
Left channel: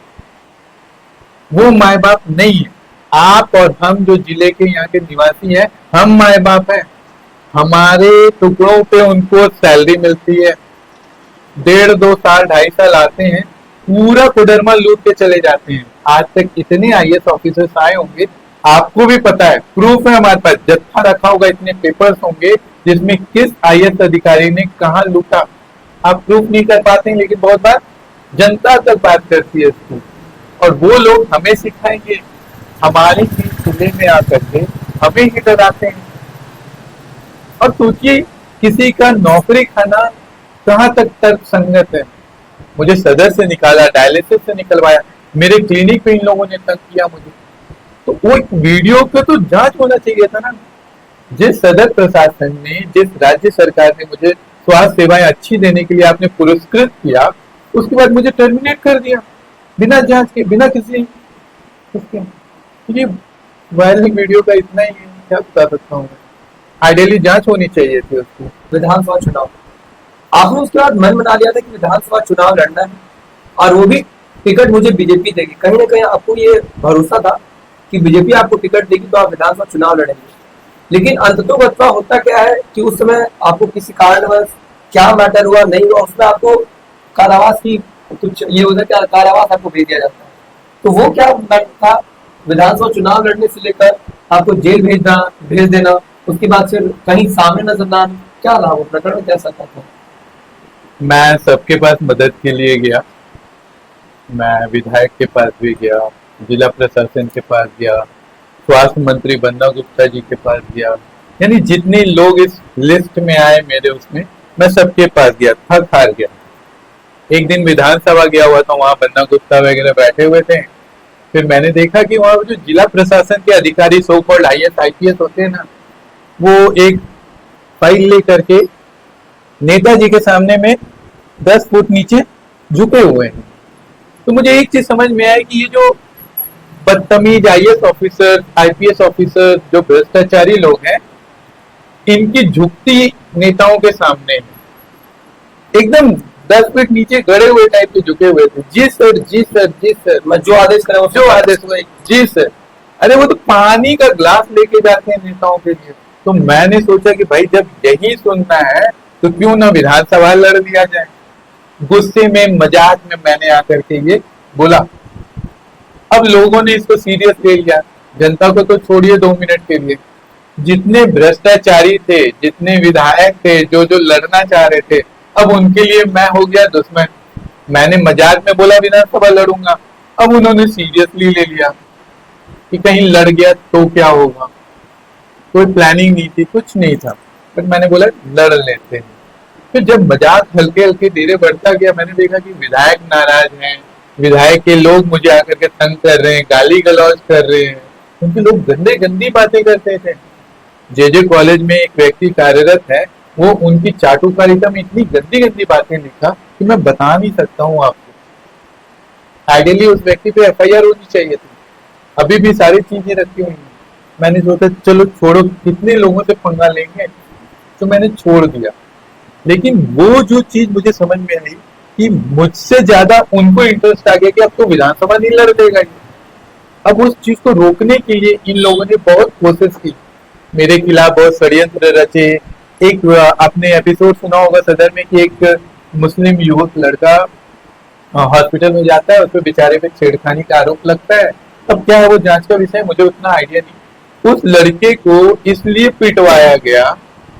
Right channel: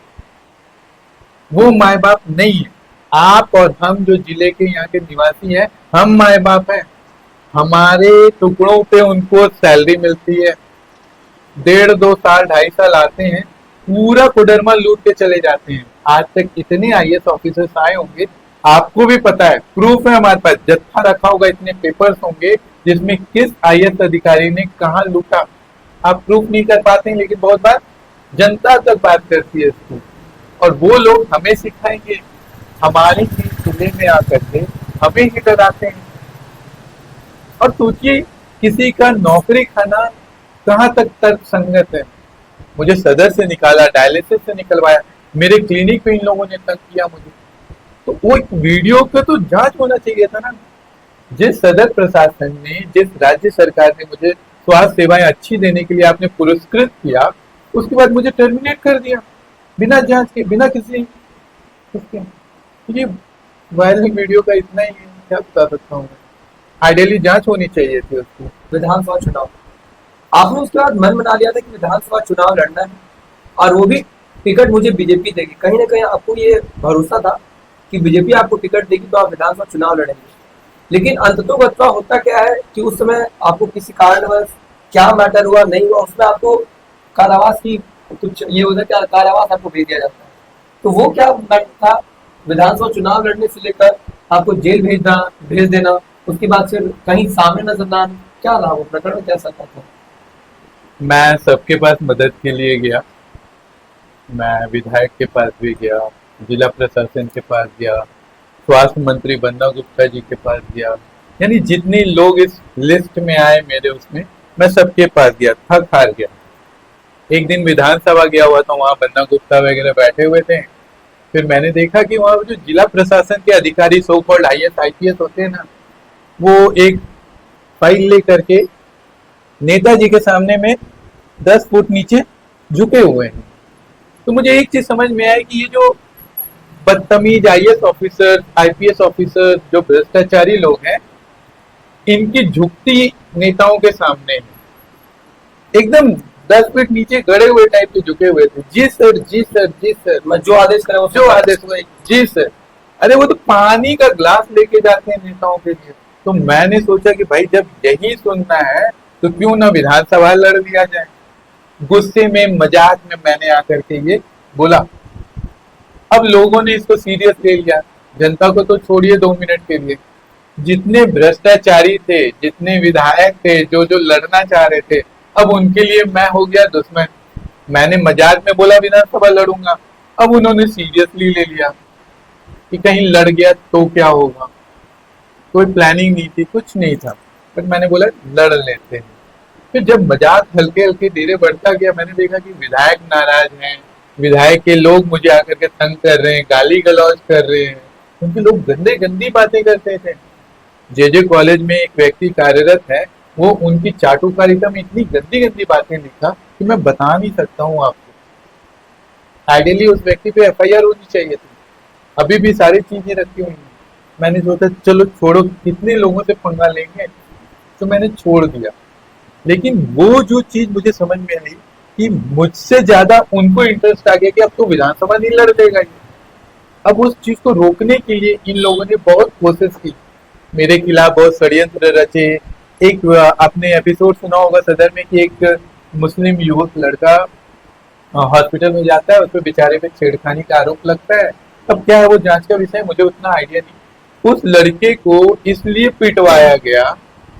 वो माए बाप नहीं है। आप और हम जो जिले के यहाँ के निवासी हैं, हम माए बाप हैं। हमारे टुकड़ों पे उनको सैलरी मिलती है, 1.5-2 साल 2.5 साल आते हैं, पूरा कोडरमा लूट के चले जाते हैं। आज तक इतने आईएएस ऑफिसर्स आए होंगे, आपको भी पता है, प्रूफ है हमारे पास, जत्था रखा होगा, इतने पेपर्स होंगे जिसमें किस आईएएस अधिकारी ने कहा लूटा। आप प्रूफ नहीं कर पाते हैं, लेकिन बहुत बार जनता तक बात करती है इसको, और वो लोग हमें सिखाएंगे, हमारे ही जिले में आकर के हमें ही डराते हैं। और सोचिए, किसी का नौकरी खाना कहाँ तक तर्क संगत है। मुझे सदर से निकाला, डायलिसिस से निकलवाया, मेरे क्लिनिक पे इन लोगों ने तंग किया मुझे। तो वो एक वीडियो पे तो जांच होना चाहिए था ना। जिस सदर प्रशासन ने, जिस राज्य सरकार ने मुझे स्वास्थ्य सेवाएं अच्छी देने के लिए आपने पुरस्कृत किया, उसके बाद मुझे टर्मिनेट कर दिया बिना जांच के, बिना किसी ये वायरल वीडियो का इतना ही क्या बता सकता हूँ। आइडियली जांच होनी चाहिए थी उसकी। विधानसभा चुनाव, आपने उसके बाद मन बना लिया था कि विधानसभा चुनाव लड़ना है, और वो भी टिकट मुझे बीजेपी देगी। कहीं ना कहीं आपको ये भरोसा था कि बीजेपी आपको टिकट देगी तो आप विधानसभा चुनाव लड़ेंगे। लेकिन अंततोगत्वा होता क्या है कि उस समय आपको किसी कारणवश क्या मैटर हुआ नहीं हुआ, उसमें आपको कारावास की कुछ ये होता है कि कारावास आपको भेज दिया जाता है। तो वो क्या मैटर था, विधानसभा चुनाव लड़ने से लेकर आपको जेल भेज देना, उसके बाद फिर कहीं सामने नजर ना आना, क्या रहा वो प्रकरण, क्या सकता था? मैं सबके पास मदद के लिए गया, मैं विधायक के पास भी गया, जिला प्रशासन के पास गया, स्वास्थ्य मंत्री बन्ना गुप्ता जी के पास गया, यानी जितने लोग इस लिस्ट में आए मेरे उसमें, मैं सबके पास गया, थक हार गया। एक दिन विधानसभा गया हुआ था, वहां बन्ना गुप्ता वगैरह बैठे हुए थे। फिर मैंने देखा कि वहां जो जिला प्रशासन के अधिकारी, सो कॉल्ड आईएएस आईपीएस होते हैं ना, वो एक फाइल लेकर के नेताजी के सामने में 10 फुट नीचे झुके हुए हैं। तो मुझे एक चीज समझ में आया कि ये जो बदतमीज आईएएस ऑफिसर, आईपीएस ऑफिसर, जो भ्रष्टाचारी लोग हैं, इनकी झुकती नेताओं के सामने एकदम 10 फीट नीचे गड़े हुए टाइप के झुके हुए थे। जी सर, जी सर, जी सर, मैं जो आदेश करा, जो आदेश हुआ, जी सर। अरे वो तो पानी का ग्लास लेके जाते हैं नेताओं के लिए। तो मैंने सोचा कि भाई जब यही सुनना है तो क्यों ना विधानसभा लड़ लिया जाए। गुस्से में, मजाक में मैंने आकर के ये बोला। अब लोगों ने इसको सीरियस ले लिया। जनता को तो छोड़िए 2 मिनट के लिए, जितने भ्रष्टाचारी थे, जितने विधायक थे, जो जो लड़ना चाह रहे थे, अब उनके लिए मैं हो गया दुश्मन। मैंने मजाक में बोला विधानसभा लड़ूंगा, अब उन्होंने सीरियसली ले लिया कि कहीं लड़ गया तो क्या होगा। कोई प्लानिंग नहीं थी, कुछ नहीं था, फिर मैंने बोला लड़ लेते हैं। फिर जब मजाक हल्के हल्के धीरे बढ़ता गया, मैंने देखा कि विधायक नाराज हैं, विधायक के लोग मुझे आकर के तंग कर रहे हैं, गाली गलौज कर रहे हैं, उनके लोग गंदे गंदी बातें करते थे। जे कॉलेज में एक व्यक्ति कार्यरत है, वो उनकी चाटुकारिता में इतनी गंदी गंदी बातें लिखा कि मैं बता नहीं सकता हूँ आपको। आइडियली उस व्यक्ति पे एफआईआर होनी चाहिए थी, अभी भी सारी चीजें रखी हुई हैं। मैंने सोचा चलो छोड़ो, कितने लोगों से पंगा लेंगे, तो मैंने छोड़ दिया। लेकिन वो जो चीज मुझे समझ में आई कि मुझसे ज्यादा उनको इंटरेस्ट आ गया कि अब तो विधानसभा नहीं लड़ देगा। अब उस चीज को रोकने के लिए इन लोगों ने बहुत कोशिश की, मेरे खिलाफ बहुत षड्यंत्र रचे। एक आपने एपिसोड सुना होगा सदर में कि एक मुस्लिम युवक लड़का हॉस्पिटल में जाता है, उस पर बेचारे पे छेड़खानी का आरोप लगता है। अब क्या है वो जांच का विषय, मुझे उतना आइडिया नहीं। उस लड़के को इसलिए पिटवाया गया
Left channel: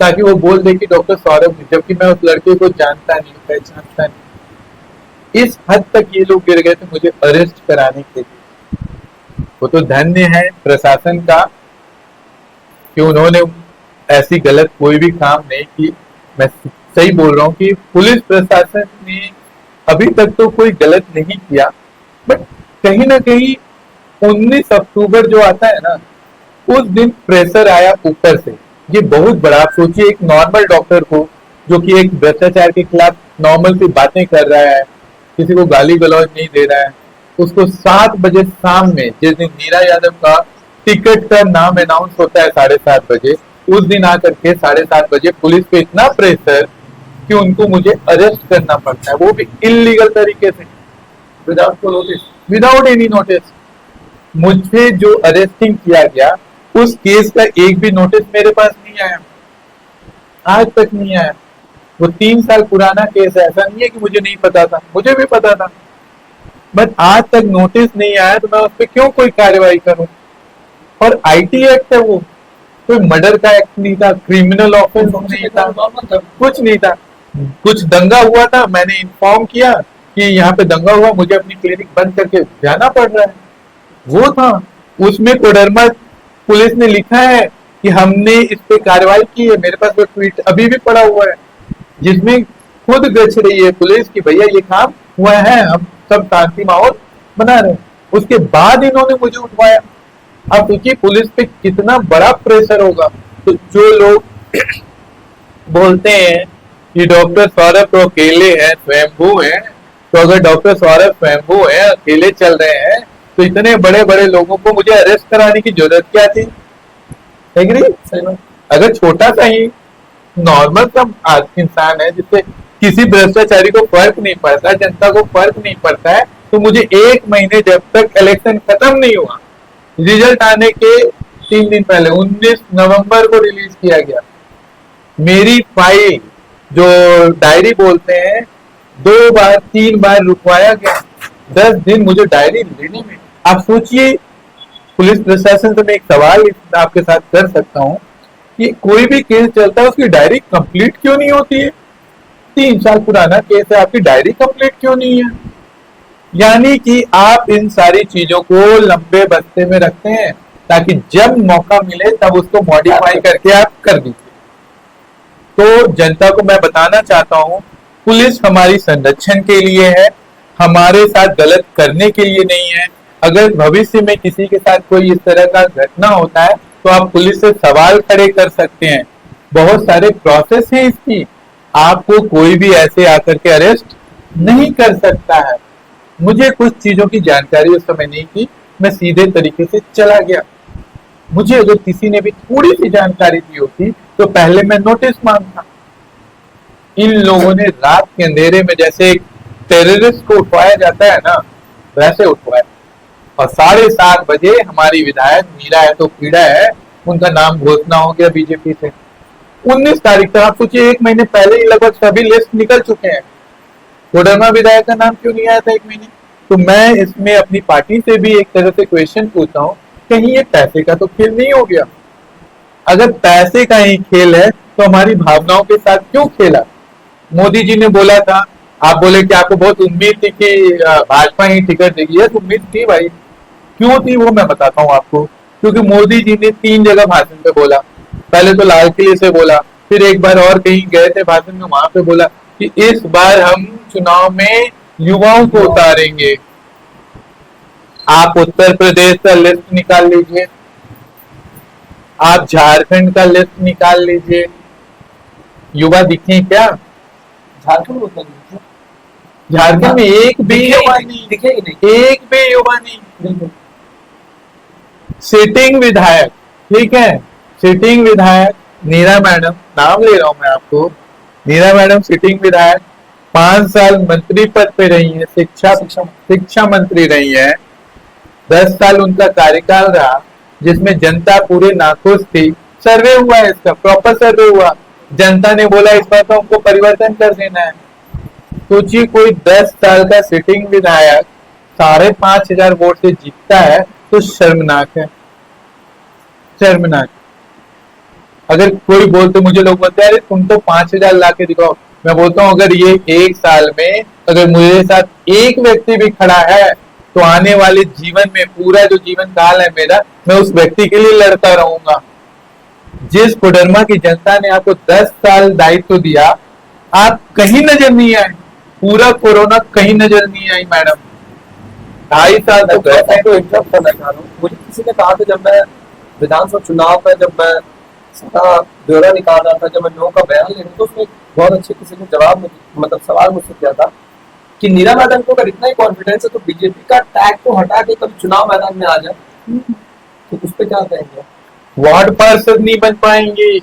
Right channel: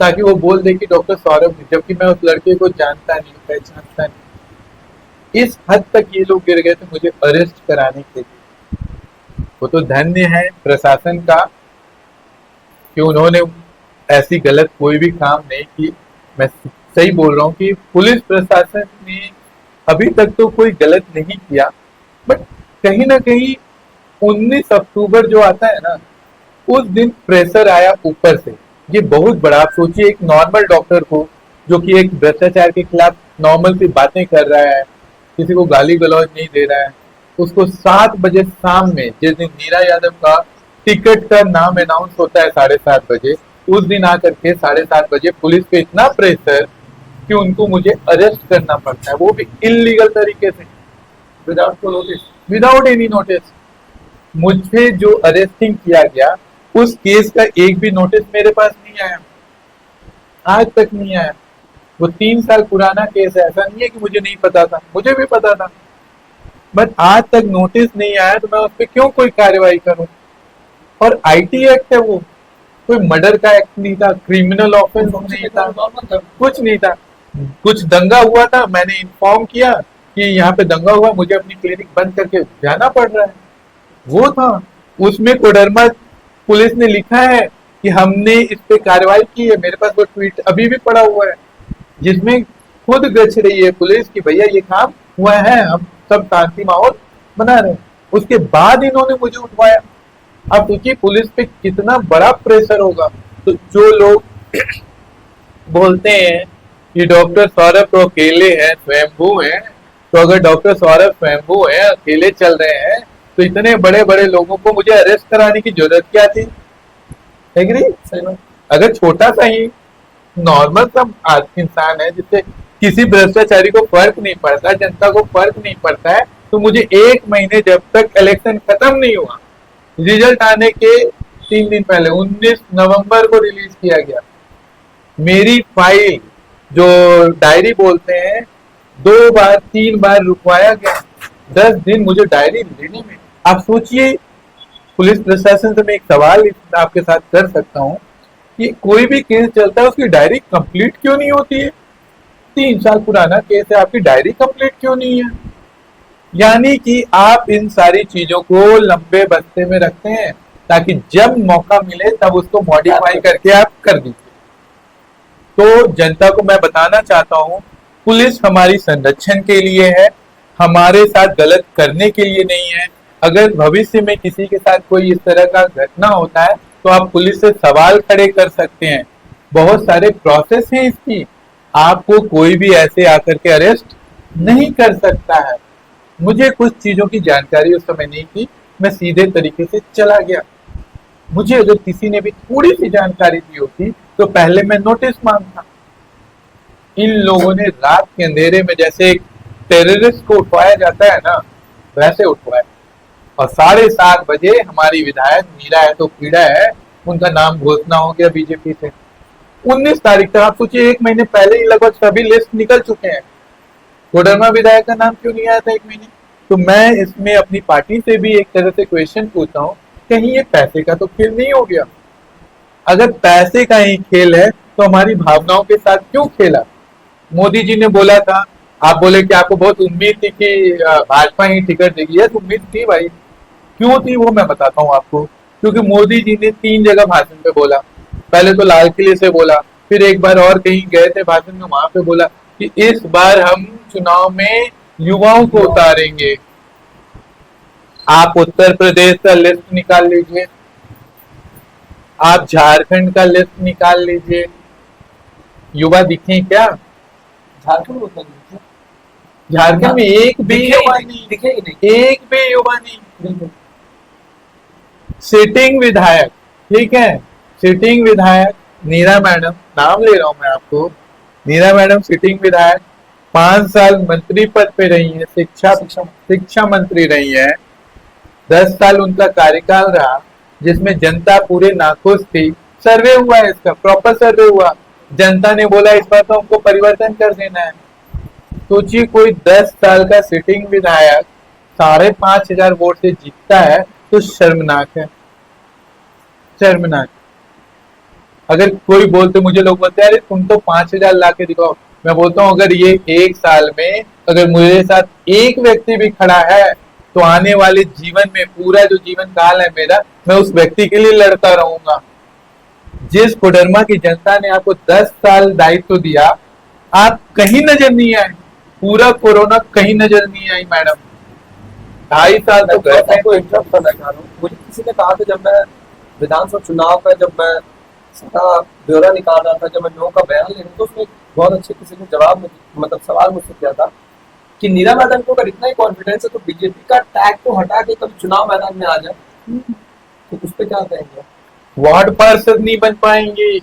ताकि वो बोल दे कि डॉक्टर सौरभ, जबकि मैं उस लड़के को जानता नहीं, पहचानता नहीं। इस हद तक ये लोग गिर गए थे मुझे अरेस्ट कराने के लिए। वो तो धन्य है प्रशासन का कि उन्होंने ऐसी गलत कोई भी काम नहीं की। मैं सही बोल रहा हूँ कि पुलिस प्रशासन ने अभी तक तो कोई गलत नहीं किया, बट कहीं ना कहीं 19 अक्टूबर जो आता है ना, उस दिन प्रेशर आया ऊपर से। ये बहुत बड़ा, आप सोचिए एक नॉर्मल डॉक्टर को जो कि एक भ्रष्टाचार के खिलाफ नॉर्मल सी बातें कर रहा है, किसी को गाली गलौज नहीं दे रहा है, उसको 7 बजे शाम में, जिस दिन नीरा यादव का टिकट का नाम अनाउंस होता है 7:30 बजे, उस दिन आकर के 7:30 बजे पुलिस पे इतना प्रेशर कि उनको मुझे अरेस्ट करना पड़ता है, वो भी इलीगल तरीके से, without notice, without any notice. मुझे जो अरेस्टिंग किया गया उस केस का एक भी नोटिस मेरे पास नहीं आया, आज तक नहीं आया। वो 3 साल पुराना केस है, ऐसा नहीं है कि मुझे नहीं पता था, मुझे भी पता था, बट आज तक नोटिस नहीं आया, तो मैं उस पर क्यों कोई कार्रवाई करूं। और आईटी एक्ट है, वो कोई मर्डर का एक्ट नहीं था, क्रिमिनल ऑफेंस नहीं था, कुछ नहीं था। कुछ दंगा हुआ था, मैंने इन्फॉर्म किया कि यहाँ पे दंगा हुआ, मुझे अपनी क्लिनिक बंद करके जाना पड़ रहा है, वो था। उसमें कोडरमा पुलिस ने लिखा है कि हमने इस पे कार्रवाई की है, मेरे पास वो ट्वीट अभी भी पड़ा हुआ है, जिसमें खुद गच रही है पुलिस कि भैया ये काम हुआ है, हम सब शांति माहौल बना रहे हैं। उसके बाद इन्होंने मुझे उठवाया। अब सोचिए पुलिस पे कितना बड़ा प्रेशर होगा। तो जो लोग बोलते हैं कि डॉक्टर सौरभ तो अकेले हैं, स्वयंभू हैं, तो अगर डॉक्टर सौरभ स्वयंभू हैं, अकेले चल रहे हैं, तो इतने बड़े बड़े लोगों को मुझे अरेस्ट कराने की जरूरत क्या थी? है कि नहीं? अगर छोटा सा ही नॉर्मल सा इंसान है, जिससे किसी भ्रष्टाचारी को फर्क नहीं पड़ता, जनता को फर्क नहीं पड़ता है, तो मुझे 1 महीने जब तक इलेक्शन खत्म नहीं हुआ, रिजल्ट आने के 3 दिन पहले 19 नवंबर को रिलीज किया गया, मेरी फाइल जो डायरी बोलते हैं 2 बार 3 बार रुकवाया गया। 10 दिन मुझे डायरी लेने में। आप सोचिए, पुलिस प्रशासन से मैं एक सवाल आपके साथ कर सकता हूँ कि कोई भी केस चलता है उसकी डायरी कंप्लीट क्यों नहीं होती है? 3 साल पुराना केस है, आपकी डायरी कंप्लीट क्यों नहीं है? यानी कि आप इन सारी चीजों को लंबे बस्ते में रखते हैं ताकि जब मौका मिले तब उसको मॉडिफाई करके आप कर दीजिए। तो जनता को मैं बताना चाहता हूं, पुलिस हमारी संरक्षण के लिए है, हमारे साथ गलत करने के लिए नहीं है। अगर भविष्य में किसी के साथ कोई इस तरह का घटना होता है तो आप पुलिस से सवाल खड़े कर सकते हैं। बहुत सारे प्रोसेस है इसकी, आपको कोई भी ऐसे आकर के अरेस्ट नहीं कर सकता है। मुझे कुछ चीजों की जानकारी उस समय नहीं थी, मैं सीधे तरीके से चला गया। मुझे अगर किसी ने भी थोड़ी सी जानकारी दी होती तो पहले मैं नोटिस मांगता। इन लोगों ने रात के अंधेरे में जैसे एक टेररिस्ट को उठवाया जाता है ना, वैसे उठवाया। और 7:30 बजे हमारी विधायक मीरा है तो पीड़ा है, उनका नाम घोषणा हो गया बीजेपी से। 19 तारीख तक, आप सोचिए 1 महीने पहले ही लगभग सभी लिस्ट निकल चुके हैं। कोडरमा विधायक का नाम क्यों नहीं आया था 1 महीने? तो मैं इसमें अपनी पार्टी से भी एक तरह से क्वेश्चन पूछता हूँ, कहीं ये पैसे का तो खेल नहीं हो गया? अगर पैसे का ही खेल है तो हमारी भावनाओं के साथ क्यों खेला? मोदी जी ने बोला था, आप बोले कि आपको बहुत उम्मीद थी कि भाजपा ही टिकट देगी। यस, उम्मीद थी भाई। क्यों थी वो मैं बताता हूँ आपको। क्योंकि मोदी जी ने 3 जगह भाषण पे बोला। पहले तो लाल किले से बोला, फिर एक बार और कहीं गए थे भाषण में, वहां पे बोला कि इस बार हम चुनाव में युवाओं को उतारेंगे। आप उत्तर प्रदेश का लिस्ट निकाल लीजिए, आप झारखंड का लिस्ट निकाल लीजिए, युवा दिखे क्या? झारखंड में एक भी युवा नहीं दिखे, एक भी युवा नहीं। सिटिंग विधायक, ठीक है, सिटिंग विधायक नीरा मैडम, नाम ले रहा हूं मैं आपको, नीरा मैडम सिटिंग विधायक 5 साल मंत्री पद पे रही है, शिक्षा मंत्री रही है। 10 साल उनका कार्यकाल रहा जिसमें जनता पूरे नाखुश थी। सर्वे हुआ है इसका, प्रॉपर सर्वे हुआ, जनता ने बोला इस बार तो हमको परिवर्तन कर देना है। सोचिए कोई 10 साल का सिटिंग विधायक 5,500 वोट से जीतता है तो शर्मनाक है, शर्मनाक। अगर कोई बोलते, मुझे लोग बोलते हैं अरे तुम तो 5,000 ला के दिखाओ, मैं बोलता हूँ अगर ये 1 साल में अगर मेरे साथ एक व्यक्ति भी खड़ा है तो आने वाले जीवन में, पूरा जो जीवन काल है मेरा, मैं उस व्यक्ति के लिए लड़ता रहूंगा। जिस कोडरमा की जनता ने आपको 10 साल दायित्व दिया, आप कहीं नजर नहीं आए, पूरा कोरोना कहीं नजर नहीं आई मैडम। 2.5 साल तो गए। तो इंटरप्ट करना चाह रहा हूँ, मुझे किसी ने कहा था जब मैं विधानसभा चुनाव में, जब मैं सीधा ब्यौरा निकाल रहा था, जब मैं लोगों का बयान ले रहा था, तो उसमें बहुत अच्छे किसी ने जवाब मतलब सवाल मुझसे किया था कि नीरा मैडम को अगर इतना ही कॉन्फिडेंस है तो बीजेपी का टैग को हटा के कभी चुनाव मैदान में आ जाए, तो उस पर क्या कहेंगे? वार्ड पार्षद नहीं बन पाएंगे,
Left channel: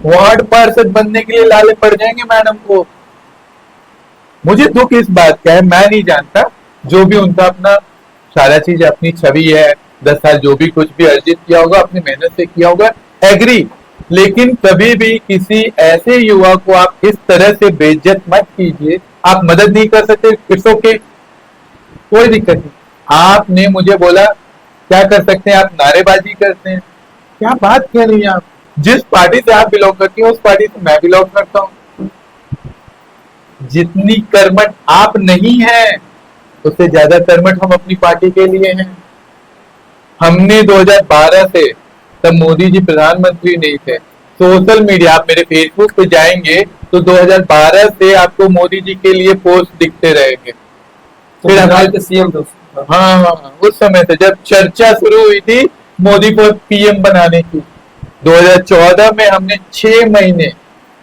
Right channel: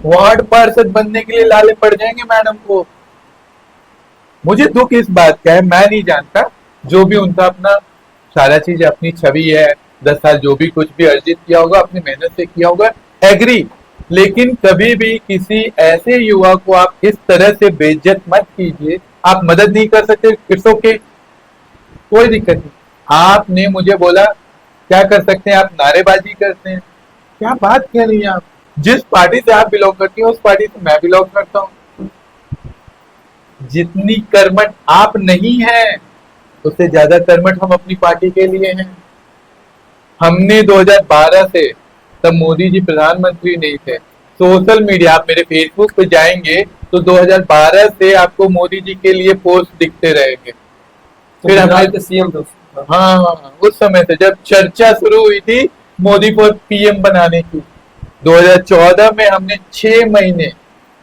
वार्ड पार्षद बनने के लिए लाले पड़ जाएंगे मैडम को। मुझे दुख इस बात का है, मैं नहीं जानता, जो भी उनका अपना सारा चीज अपनी छवि है, 10 साल जो भी कुछ भी अर्जित किया होगा अपनी मेहनत से किया होगा, एग्री, लेकिन कभी भी किसी ऐसे युवा को आप इस तरह से बेइज्जत मत कीजिए। आप मदद नहीं कर सकते, इट्स ओके, कोई दिक्कत नहीं। आपने मुझे बोला क्या कर सकते हैं, आप नारेबाजी करते हैं, क्या बात कर रही हैं आप? जिस पार्टी से आप बिलोंग करती हैं उस पार्टी से मैं बिलोंग करता हूं। जितनी कर्मठ आप नहीं है उससे ज्यादा कर्मठ हम अपनी पार्टी के लिए हैं। हमने 2012 से, तब मोदी जी प्रधानमंत्री नहीं थे, सोशल मीडिया, आप मेरे फेसबुक पे जाएंगे तो 2012 से आपको मोदी जी के लिए पोस्ट दिखते रहेंगे। फिर हमारे सीएम हाँ, उस समय से जब चर्चा शुरू हुई थी मोदी को पीएम बनाने की, 2014 में हमने 6 महीने,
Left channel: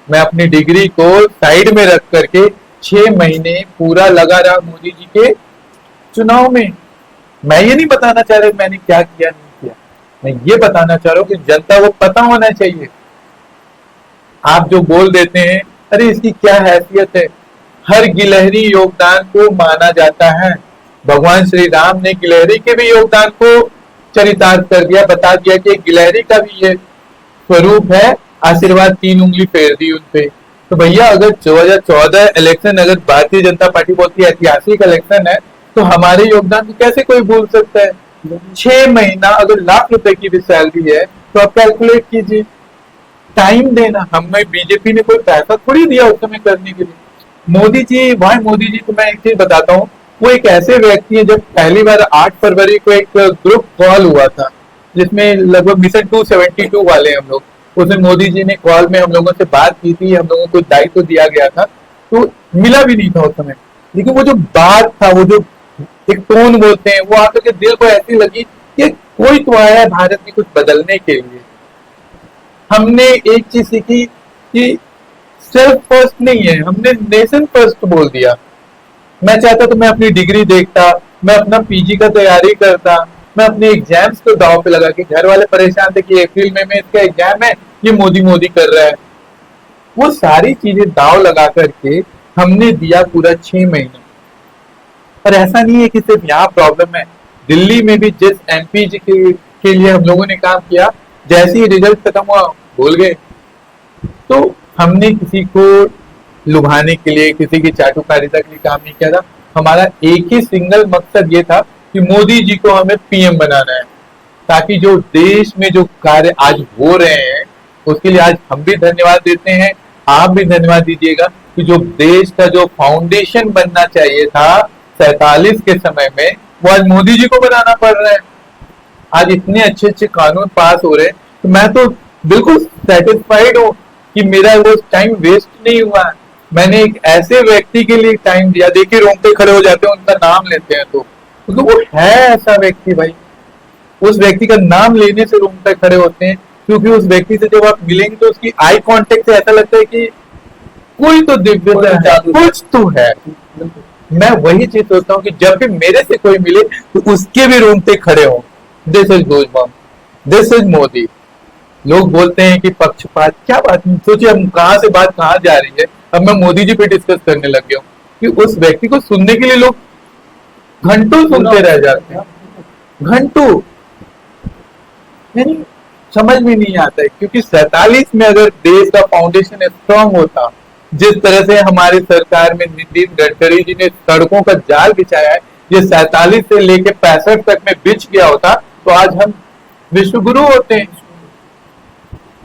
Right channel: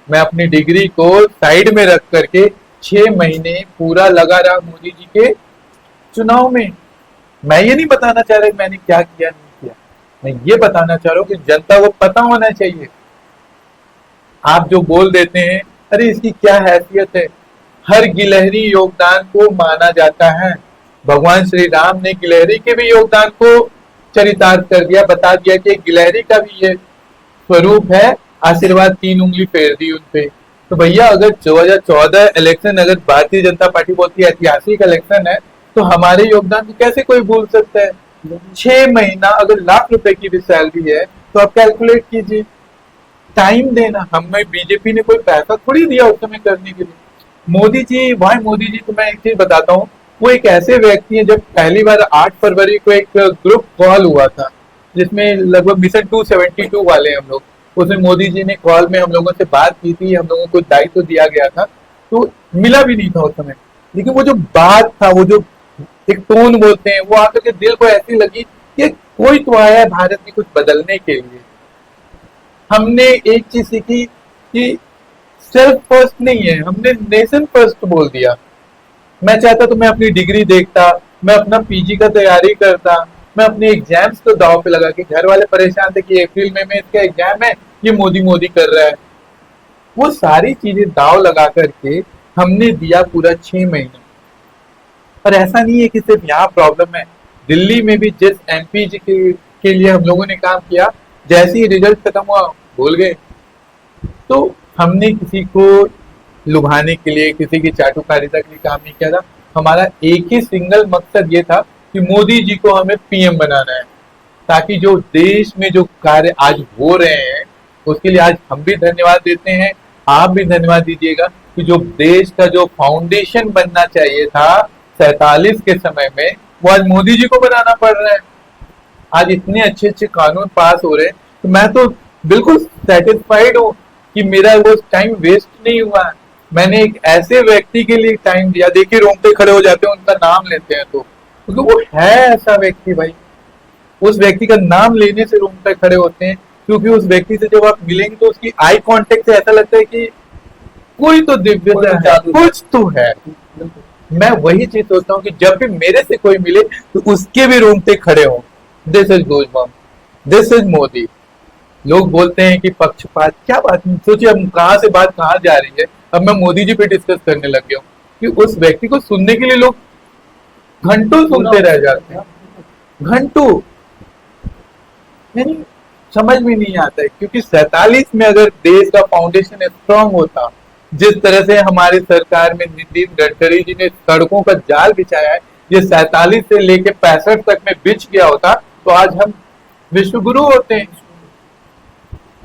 मैं अपनी डिग्री को साइड में रख करके 6 महीने पूरा लगा रहा मोदी जी के चुनाव में। मैं ये नहीं बताना चाह रहा मैंने क्या किया नहीं किया, मैं ये बताना चाह रहा हूँ कि जनता को पता होना चाहिए। आप जो बोल देते हैं अरे इसकी क्या हैसियत है, हर गिलहरी योगदान को माना जाता है। भगवान श्री राम ने गिलहरी के भी योगदान को चरितार्थ कर दिया, बता दिया कि गिलहरी का भी ये स्वरूप है, आशीर्वाद 3 उंगली फेर दी उनपे। तो भैया अगर 2014 इलेक्शन, अगर भारतीय जनता पार्टी बोलती है ऐतिहासिक इलेक्शन है, तो हमारे योगदान को कैसे कोई भूल सकता है? 6 महीना अगर लाख रुपए की भी सैलरी है तो आप कैलकुलेट कीजिए, टाइम देना। हमें बीजेपी ने कोई पैसा थोड़ी दिया उस समय करने के लिए। मोदी जी, वाई मोदी जी, तो मैं एक चीज बताता हूँ, वो एक ऐसे व्यक्ति है, जब पहली बार 8 फरवरी को एक ग्रुप कॉल हुआ था जिसमें लगभग मिशन 272 वाले हम लोग, उसमें मोदी जी ने कॉल में हम लोगों से बात की थी, हम लोगों को दायित्व दिया गया था, तो मिला भी नहीं था उस समय, लेकिन वो जो बात था, वो जो एक टोन बोलते हैं, वो आकर के दिल को ऐसी लगी कि कोई तो आया है भारत में कुछ बदलने के लिए। हमने एक चीज सीखी कि सेल्फ फर्स्ट नहीं है, हमने नेशन फर्स्ट बोल दिया। मैं चाहता तो मैं अपनी डिग्री देखता, मैं अपना पीजी का तैयारी करता, मैं अपने एग्जाम्स को दाव पे लगा के, घर वाले परेशान थे कि अप्रैल में इसका एग्जाम है, ये मोदी मोदी कर रहा है, वो सारी चीजें दाव लगा करके हमने दिया पूरा 6 महीने। पर ऐसा नहीं है कि सिर्फ यहाँ प्रॉब्लम है, दिल्ली में भी जिस एमपी जी के लिए हम लोगों ने काम किया, जैसे ही रिजल्ट खत्म हुआ भूल गए। तो हमने किसी को लुभाने के लिए, किसी की चाटुकारिता के लिए काम नहीं किया था। हमारा एक ही सिंगल मकसद ये था कि मोदी जी को हमें पीएम बनाना है, ताकि जो देश में जो कार्य आज हो रहे हैं उसके लिए आज हम भी धन्यवाद देते हैं, आप भी धन्यवाद दीजिएगा कि जो देश का जो फाउंडेशन बनना चाहिए था 47 के समय में, वो आज मोदी जी को बनाना पड़ रहा है। आज इतने अच्छे अच्छे कानून पास हो रहे हैं, तो मैं तो बिल्कुल सेटिस्फाइड हूँ कि मेरा वो टाइम वेस्ट नहीं हुआ। मैंने एक ऐसे व्यक्ति के लिए टाइम दिया, देखिए रोंगटे खड़े हो जाते हैं उनका नाम लेते हैं तो, क्योंकि वो है ऐसा व्यक्ति भाई, उस व्यक्ति का नाम लेने से रोंगटे खड़े होते हैं, क्योंकि उस व्यक्ति से जब आप मिलेंगे तो उसकी आई कांटेक्ट से ऐसा लगता है कि कोई तो दिव्यता है, कुछ तो है। मैं वही चीज सोचता हूँ कि जब भी मेरे से कोई मिले तो उसके भी रोंगटे खड़े हो। This is goosebumps, this is Modi. लोग बोलते हैं कि पक्षपात, क्या बात नहीं, सोचिए हम कहाँ से बात कहाँ जा रही है। अब मैं मोदी जी पे डिस्कस करने लग गया हूँ कि उस व्यक्ति को सुनने के लिए लोग घंटों सुनते रह जाते हैं, घंटों, यानी समझ में नहीं आता है। क्योंकि 47 में अगर देश का फाउंडेशन स्ट्रांग होता, जिस तरह से हमारी सरकार में नितिन गडकरी जी ने सड़कों का जाल बिछाया है, ये 47 से लेके 65 तक में बिछ गया होता तो आज हम विश्वगुरु होते हैं।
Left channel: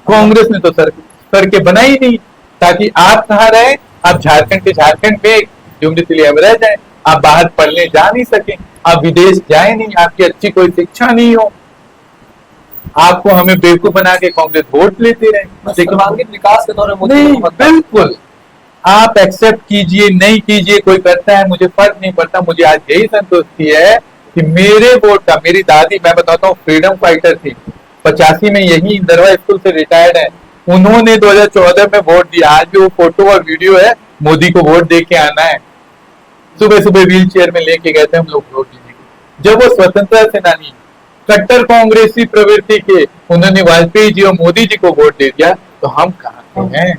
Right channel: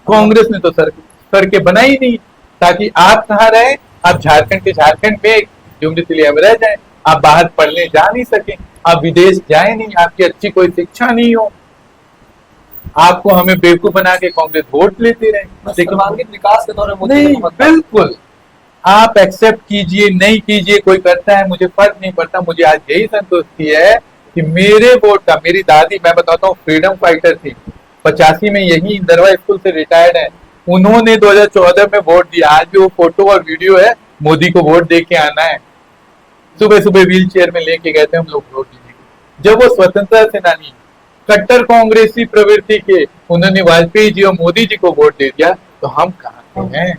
कांग्रेस ने तो सड़कें बनाई नहीं, ताकि आप कहाँ रहे, आप झारखंड के झारखंड में यूनिवर्सिटी में रह जाए, आप बाहर पढ़ने जा नहीं सके, आप विदेश जाए नहीं, आपकी अच्छी कोई शिक्षा नहीं हो, आपको हमें बेवकूफ बना के कांग्रेस वोट लेते रहे। सर्वांगीण विकास के दौर में नहीं, बिल्कुल आप एक्सेप्ट कीजिए नहीं कीजिए, कोई करता है मुझे फर्क नहीं पड़ता। मुझे आज यही संतुष्टि है कि मेरे वोट का, मेरी दादी, मैं बताता हूँ, फ्रीडम फाइटर थी, 85 में यही इंदरवा स्कूल से रिटायर्ड है, उन्होंने 2014 में वोट दिया, आज भी वो फोटो और वीडियो है, मोदी को वोट दे के आना है। सुबह सुबह व्हील चेयर में लेके गए थे हम लोग वोट देने के। जब वो स्वतंत्रता सेनानी कट्टर कांग्रेसी प्रवृत्ति के उन्होंने वाजपेयी जी और मोदी जी को वोट दे दिया, तो हम कहाँ के हैं?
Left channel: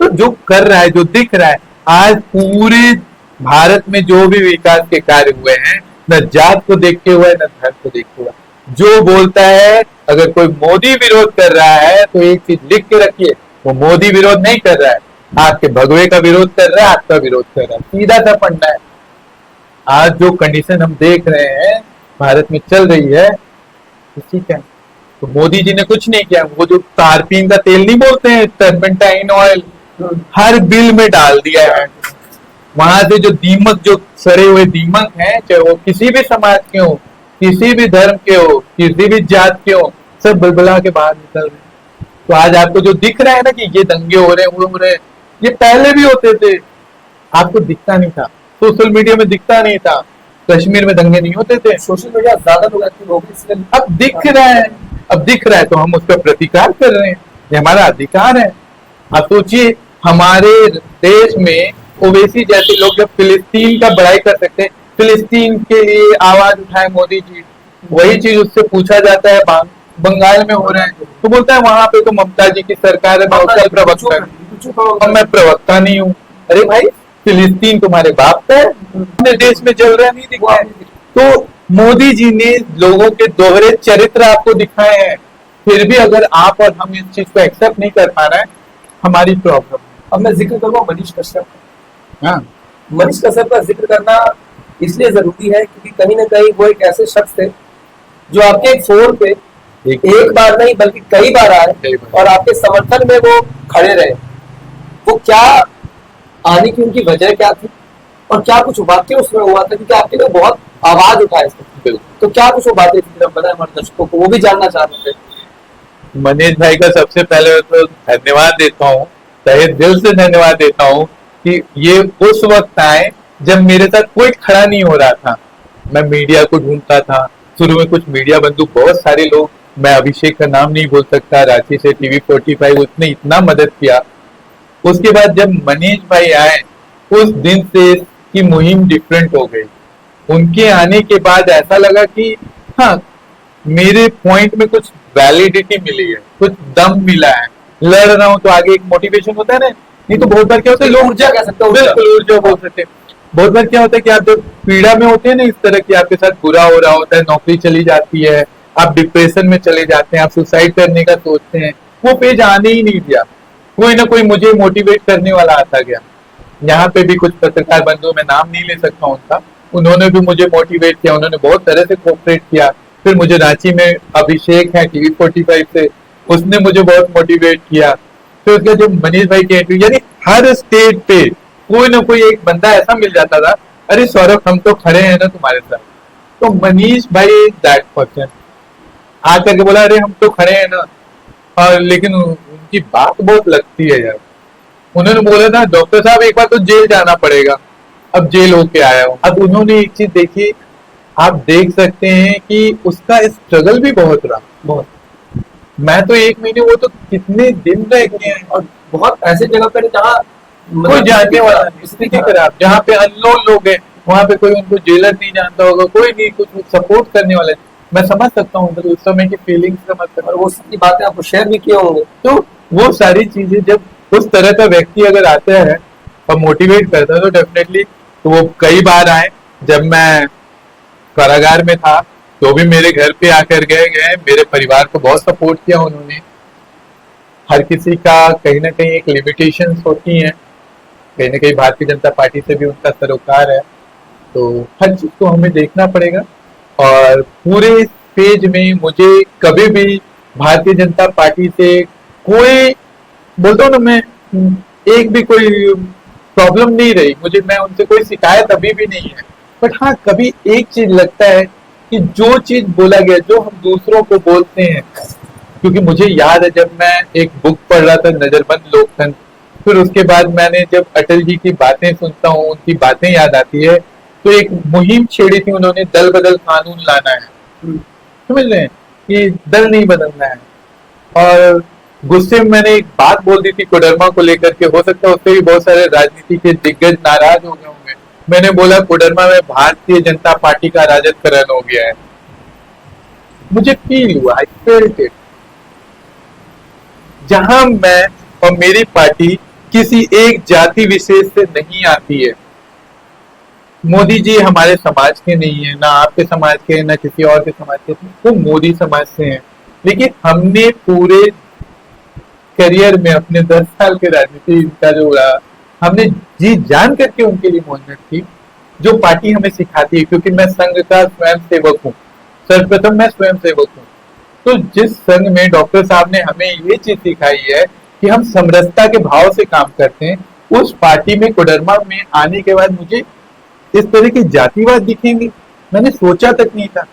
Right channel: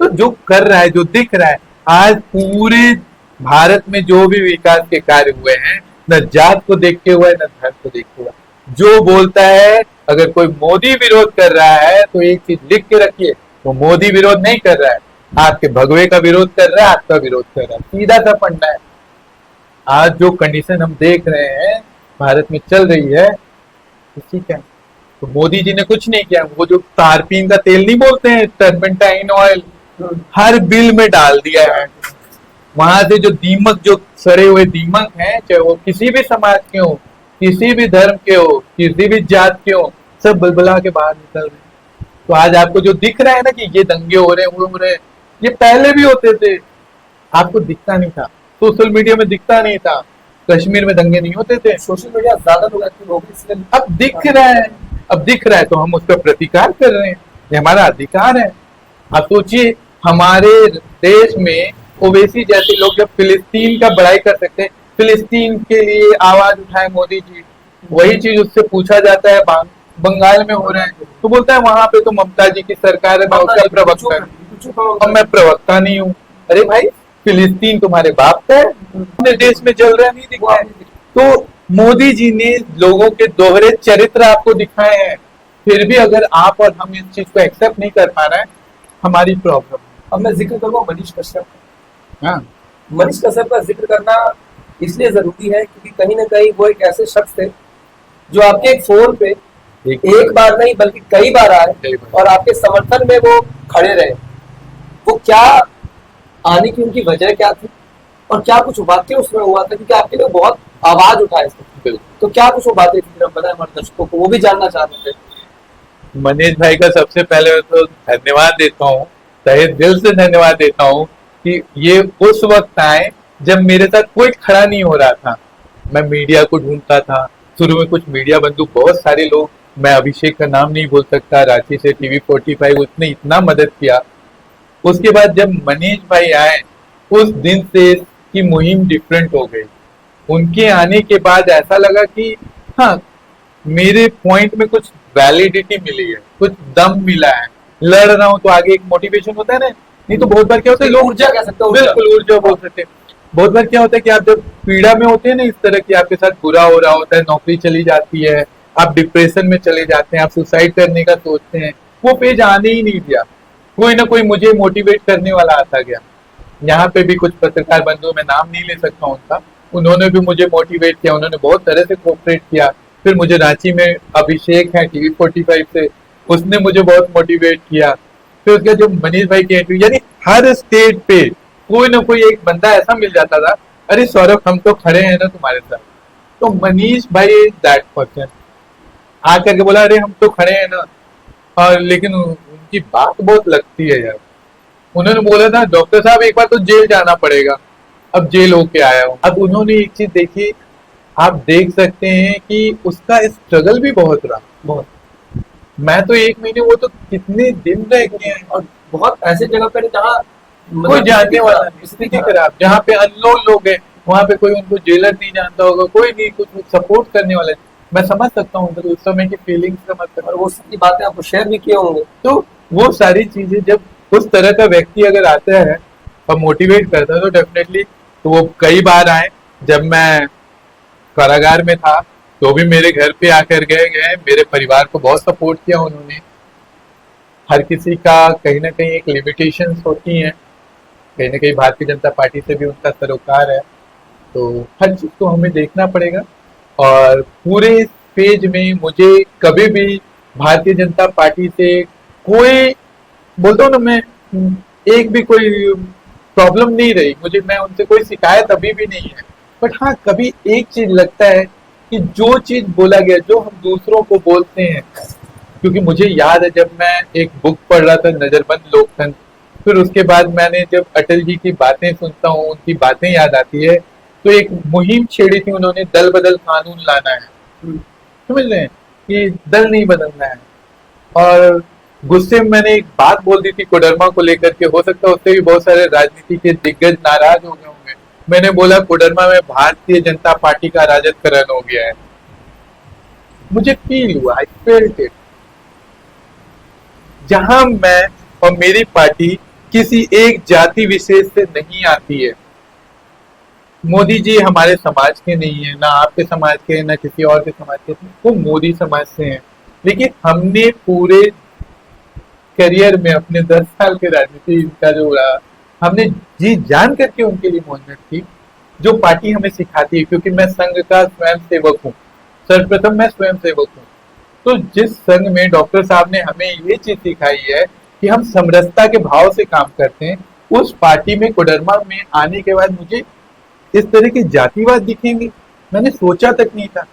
तो जो कर रहा है, जो दिख रहा है, आज पूरे भारत में जो भी विकास के कार्य हुए हैं, न जात को देखते हुए न धर्म को देखते हुए, जो बोलता है अगर कोई मोदी विरोध कर रहा है तो एक चीज लिख के रखिए, वो मोदी विरोध नहीं कर रहा है, आपके भगवे का विरोध कर रहा है, आपका विरोध कर रहा है, सीधा सा पढ़ना है। आज जो कंडीशन हम देख रहे हैं भारत में चल रही है, ठीक है, तो मोदी जी ने कुछ नहीं किया। वो जो तारपीन का तेल नहीं बोलते हैं, टर्पेंटाइन ऑयल, हर बिल में डाल दिया है। वहां से जो दीमक, जो सड़े हुए दीमक हैं, चाहे वो किसी भी समाज के हो, किसी भी धर्म के हो, किसी भी जात के हो, सब बलबला के बाहर निकल रहे हैं। तो आज आपको जो दिख रहा है ना कि ये दंगे हो रहे हैं, वो हो रहे हैं, ये पहले भी होते थे, आपको दिखता नहीं था, सोशल मीडिया में दिखता नहीं था, कश्मीर में दंगे नहीं होते थे। सोशल मीडिया ज्यादा लोग एक्टिव हो गए, इसलिए अब दिख रहा है, अब दिख रहा है तो हम उसका प्रतिकार कर रहे हैं, ये हमारा अधिकार है। आप सोचिए, हमारे देश में ओवैसी जैसे लोग जब फिलिस्तीन का बड़ाई कर सकते हैं, फिलिस्तीन के लिए आवाज उठाए मोदी जी, वही चीज उससे पूछा जाता है बंगाल में हो रहा है, तो बोलता है वहां पे तो ममता जी की सरकार है, मैं उसका प्रवक्ता और मैं प्रवक्ता नहीं हूँ। अरे भाई, फिलिस्तीन तुम्हारे बाप का है, अपने देश में चल रहा नहीं दिखा है। तो मोदी जी ने लोगों के दोहरे चरित्र आपको दिखाए हैं, फिर भी अगर आप और हम इस चीज को एक्सेप्ट नहीं कर पा रहे हैं, हमारी प्रॉब्लम। अब मैं जिक्र करूंगा मनीष कश्यप। हाँ, मनीष कश्यप का जिक्र करना इसलिए जरूरी है क्योंकि कहीं ना कहीं वो एक ऐसे शख्स थे जो आपके एक फोन पे एक बार नहीं बल्कि कई बार आए और आपके समर्थन में वो खड़े रहे। वो क्या आने की उनकी वजह क्या थी और क्या कुछ वाक्य उसमें हुआ था, क्योंकि आपके लिए बहुत आवाज उठाए इसमें, तो क्या कुछ वो बातें थी, बताए हमारे दर्शकों को, वो भी जानना चाहते थे। मनीष भाई का सबसे पहले तो धन्यवाद देता हूँ, तहे दिल से धन्यवाद देता हूँ कि ये उस वक्त आए जब मेरे साथ कोई खड़ा नहीं हो रहा था। मैं मीडिया को ढूंढता था, शुरू में कुछ मीडिया बंधु, बहुत सारे लोग, मैं अभिषेक का नाम नहीं बोल सकता, रांची से TV 45, उसने इतना मदद किया। उसके बाद जब मनीष भाई आए, उस दिन से की मुहिम डिफरेंट हो गई। उनके आने के बाद ऐसा लगा कि हाँ, मेरे पॉइंट में कुछ वैलिडिटी मिली है, कुछ दम मिला है, लड़ रहा हूं तो आगे एक मोटिवेशन होता है ना। नहीं तो बहुत बार क्या होता है, लोग ऊर्जा कह सकते हो, बिल्कुल ऊर्जा बोल सकते हैं। बहुत बार क्या होता है कि आप जब पीड़ा में होते हैं ना, इस तरह की आपके साथ बुरा हो रहा होता है, नौकरी चली जाती है, आप डिप्रेशन में चले जाते हैं, आप सुसाइड करने का सोचते हैं, वो पेज आने ही नहीं दिया। कोई ना कोई मुझे मोटिवेट करने वाला आता गया। यहाँ पे भी कुछ पत्रकार बंधु, मैं नाम नहीं ले सकता उनका, उन्होंने भी मुझे मोटिवेट किया, उन्होंने बहुत तरह से कोऑपरेट किया। फिर मुझे रांची में अभिषेक है TV 45 से, उसने मुझे बहुत मोटिवेट किया। फिर उसका जो मनीष भाई की एंट्री, यानी हर स्टेज पे कोई ना कोई एक बंदा ऐसा मिल जाता था, अरे सौरभ हम तो खड़े हैं ना तुम्हारे साथ। तो मनीष भाई दैट पर्सन आकर के बोला, अरे हम तो खड़े हैं ना। और लेकिन उनकी बात बहुत लगती है यार। उन्होंने बोला था, डॉक्टर साहब एक बार तो जेल जाना पड़ेगा, अब जेल होके आया हूँ। अब उन्होंने एक चीज देखी, आप देख सकते हैं कि उसका स्ट्रगल भी बहुत रहा, बहुत। मैं तो 1 महीने, वो तो कितने दिन रह गए हैं, और बहुत ऐसी जगह पर जहाँ कोई जानने वाला स्थिति खराब, जहाँ पे अननोन लोग हैं, वहां पे कोई उनको जेलर नहीं जानता होगा, कोई नहीं कुछ सपोर्ट करने वाला है। मैं समझ सकता हूँ उस समय की फीलिंग्स समझ सकता और वो सारी बातें आपको शेयर भी किए होंगे। तो वो सारी चीजें जब उस तरह का व्यक्ति अगर आता है और मोटिवेट करता है तो डेफिनेटली, तो वो कई बार आए। जब मैं कारागार में था तो भी मेरे घर पे आकर गए, मेरे परिवार को बहुत सपोर्ट किया उन्होंने। हर किसी का कहीं ना कहीं एक लिमिटेशंस होती हैं, कहीं ना कहीं भारतीय जनता पार्टी से भी उनका सरोकार है, तो हर चीज को हमें देखना पड़ेगा। और पूरे पेज में मुझे कभी भी भारतीय जनता पार्टी से कोई, बोलता हूँ ना मैं, एक भी कोई प्रॉब्लम नहीं रही मुझे, मैं उनसे कोई शिकायत अभी भी नहीं है। बट हाँ, कभी एक चीज लगता है कि जो चीज बोला गया, जो हम दूसरों को बोलते हैं, क्योंकि मुझे याद है जब मैं एक बुक पढ़ रहा था, नजरबंद लोकतंत्र, फिर उसके बाद मैंने जब अटल जी की बातें सुनता हूँ, उनकी बातें याद आती है, तो एक मुहिम छेड़ी थी उन्होंने, दल बदल कानून लाना है। समझ रहे हैं कि दल नहीं बदलना है। और गुस्से में मैंने एक बात बोल दी थी कोडरमा को लेकर के, हो सकता है उससे भी बहुत सारे राजनीति के दिग्गज नाराज हो गए होंगे। मैंने बोला कोडरमा में भारतीय जनता पार्टी का राजदकरण हो गया है। मुझे फील हुआ, आई फेल्ट इट। जहां मैं और मेरी पार्टी किसी एक जाति विशेष से नहीं आती है। मोदी जी हमारे समाज के नहीं है, ना आपके समाज के, ना किसी और के समाज के, वो मोदी समाज से हैं। लेकिन हमने पूरे करियर में अपने 10 साल के राजनीति का जो रहा, हमने जी जान करके उनके लिए मेहनत की, जो पार्टी हमें सिखाती है। क्योंकि मैं संघ का स्वयं सेवक हूँ, सर्वप्रथम मैं स्वयं सेवक हूँ। तो जिस संघ में डॉक्टर साहब ने हमें ये चीज सिखाई है कि हम समरसता के भाव से काम करते हैं, उस पार्टी में कोडरमा में आने के बाद मुझे इस तरह के जातिवाद दिखेंगे, मैंने सोचा तक नहीं था।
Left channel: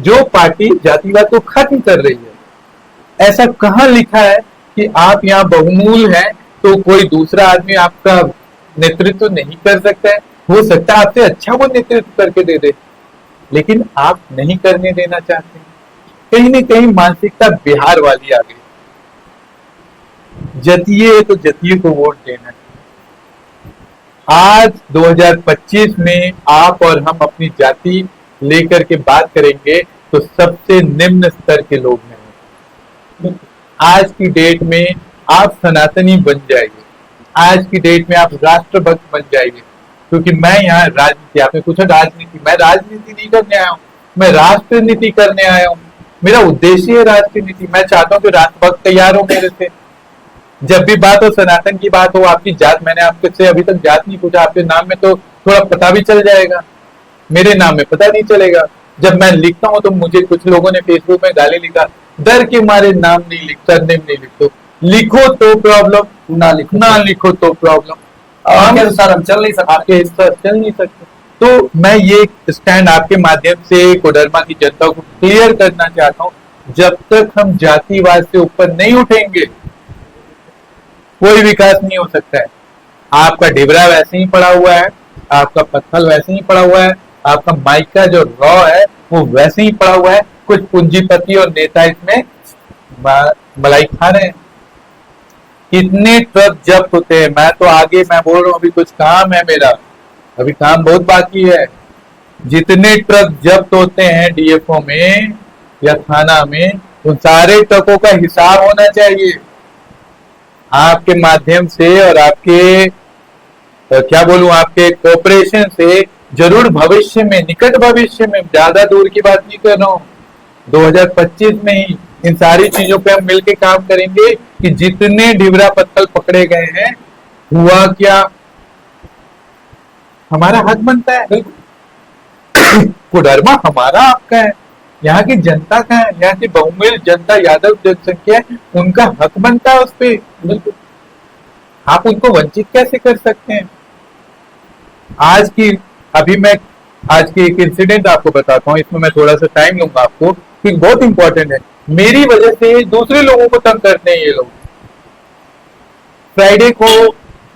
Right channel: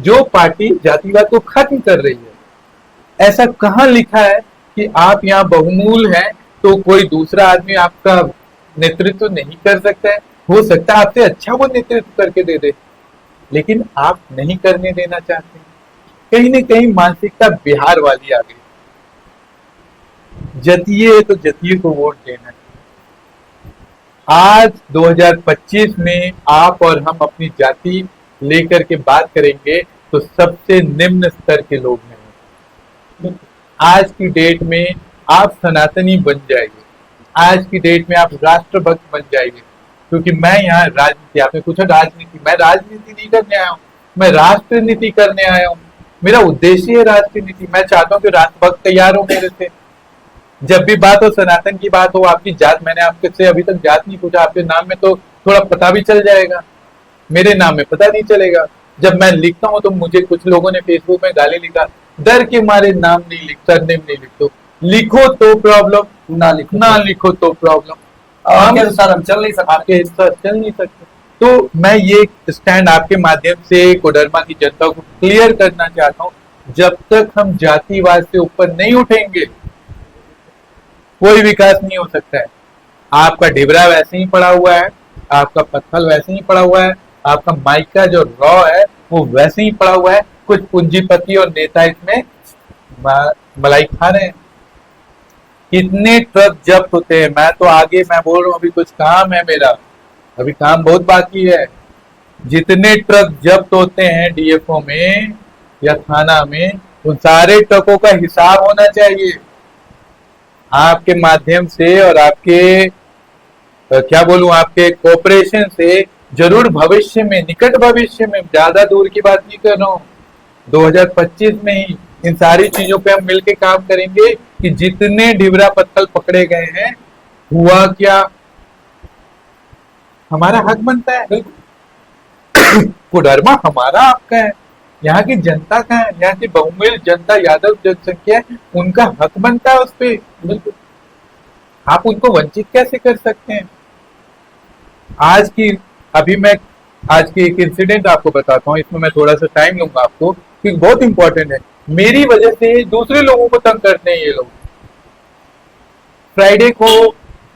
जो पार्टी जातिवाद को खत्म कर रही है, ऐसा कहाँ लिखा है कि आप यहाँ बहुमूल हैं तो कोई दूसरा आदमी आपका नेतृत्व नहीं कर सकता है। हो सकता है आपसे अच्छा वो नेतृत्व करके दे दे, लेकिन आप नहीं करने देना चाहते। कहीं न कहीं मानसिकता बिहार वाली आ गई, जतिये तो जतिये को वोट देना है। आज 2025 में आप और हम अपनी जाति लेकर के बात करेंगे तो सबसे निम्न स्तर के लोग हैं। आज की डेट में आप सनातनी बन जाएंगे, आज की डेट में आप राष्ट्रभक्त बन जाएंगे। क्योंकि मैं यहाँ राजनीति, आपने पूछा राजनीति, मैं राजनीति नहीं करने आया हूँ, मैं राष्ट्र नीति करने आया हूँ। मेरा उद्देश्य है राष्ट्र नीति। मैं चाहता हूँ कि राष्ट्रभक्त तैयार हो मेरे से। जब भी बात हो सनातन की बात हो, आपकी जात, मैंने आपसे अभी तक जात नहीं पूछा, आपके नाम में तो थोड़ा पता भी चल जाएगा, मेरे नाम में पता नहीं चलेगा। जब मैं लिखता हूँ तो मुझे कुछ लोगों ने फेसबुक में गाली लिखा, डर के मारे नाम नहीं लिख, सरनेम नहीं लिखते। लिखो तो प्रॉब्लम, ना लिखो तो प्रॉब्लम। आपके अनुसार हम चल नहीं सकते, आपके अनुसार चल नहीं सकते। तो मैं ये स्टैंड आपके माध्यम से कोडरमा की जनता को क्लियर करना चाहता हूँ, जब तक हम जातिवाद से ऊपर नहीं उठेंगे कोई विकास नहीं हो सकता है। आपका डिबरा वैसे ही पड़ा हुआ है, आपका पत्थल वैसे ही पड़ा हुआ है, आपका माइका जो रॉ है वो वैसे ही पड़ा हुआ है। कुछ पूंजीपति और नेता इसमें मलाई खा रहे हैं। कितने ट्रक जब्त होते हैं, मैं तो आगे मैं बोल रहा हूँ, अभी कुछ काम है मेरा, अभी काम बहुत बाकी है। जितने ट्रक जब्त होते हैं डीएफओ में या थाना में, उन सारे ट्रकों का हिसाब होना चाहिए। आपके माध्यम से और आपके क्या बोलूं, आपके कोऑपरेशन से जरूर भविष्य में, निकट भविष्य में, ज्यादा दूर की बात नहीं कर रहा हूं, 2025 में ही इन सारी चीजों पे हम मिलकर काम करेंगे कि जितने डिबरा पत्थल पकड़े गए हैं, हुआ क्या, हमारा हक बनता है। कोडरमा हमारा आपका है, यहाँ की जनता का है, यहाँ की बहुमूल्य जनता, यादव जनसंख्या है, उनका हक बनता है उस पर। आप उनको वंचित कैसे कर सकते हैं? आज की एक इंसिडेंट आपको बताता हूँ, इसमें मैं थोड़ा सा टाइम लूंगा आपको, क्योंकि बहुत इंपॉर्टेंट है। मेरी वजह से दूसरे लोगों को तंग करते हैं ये लोग। फ्राइडे को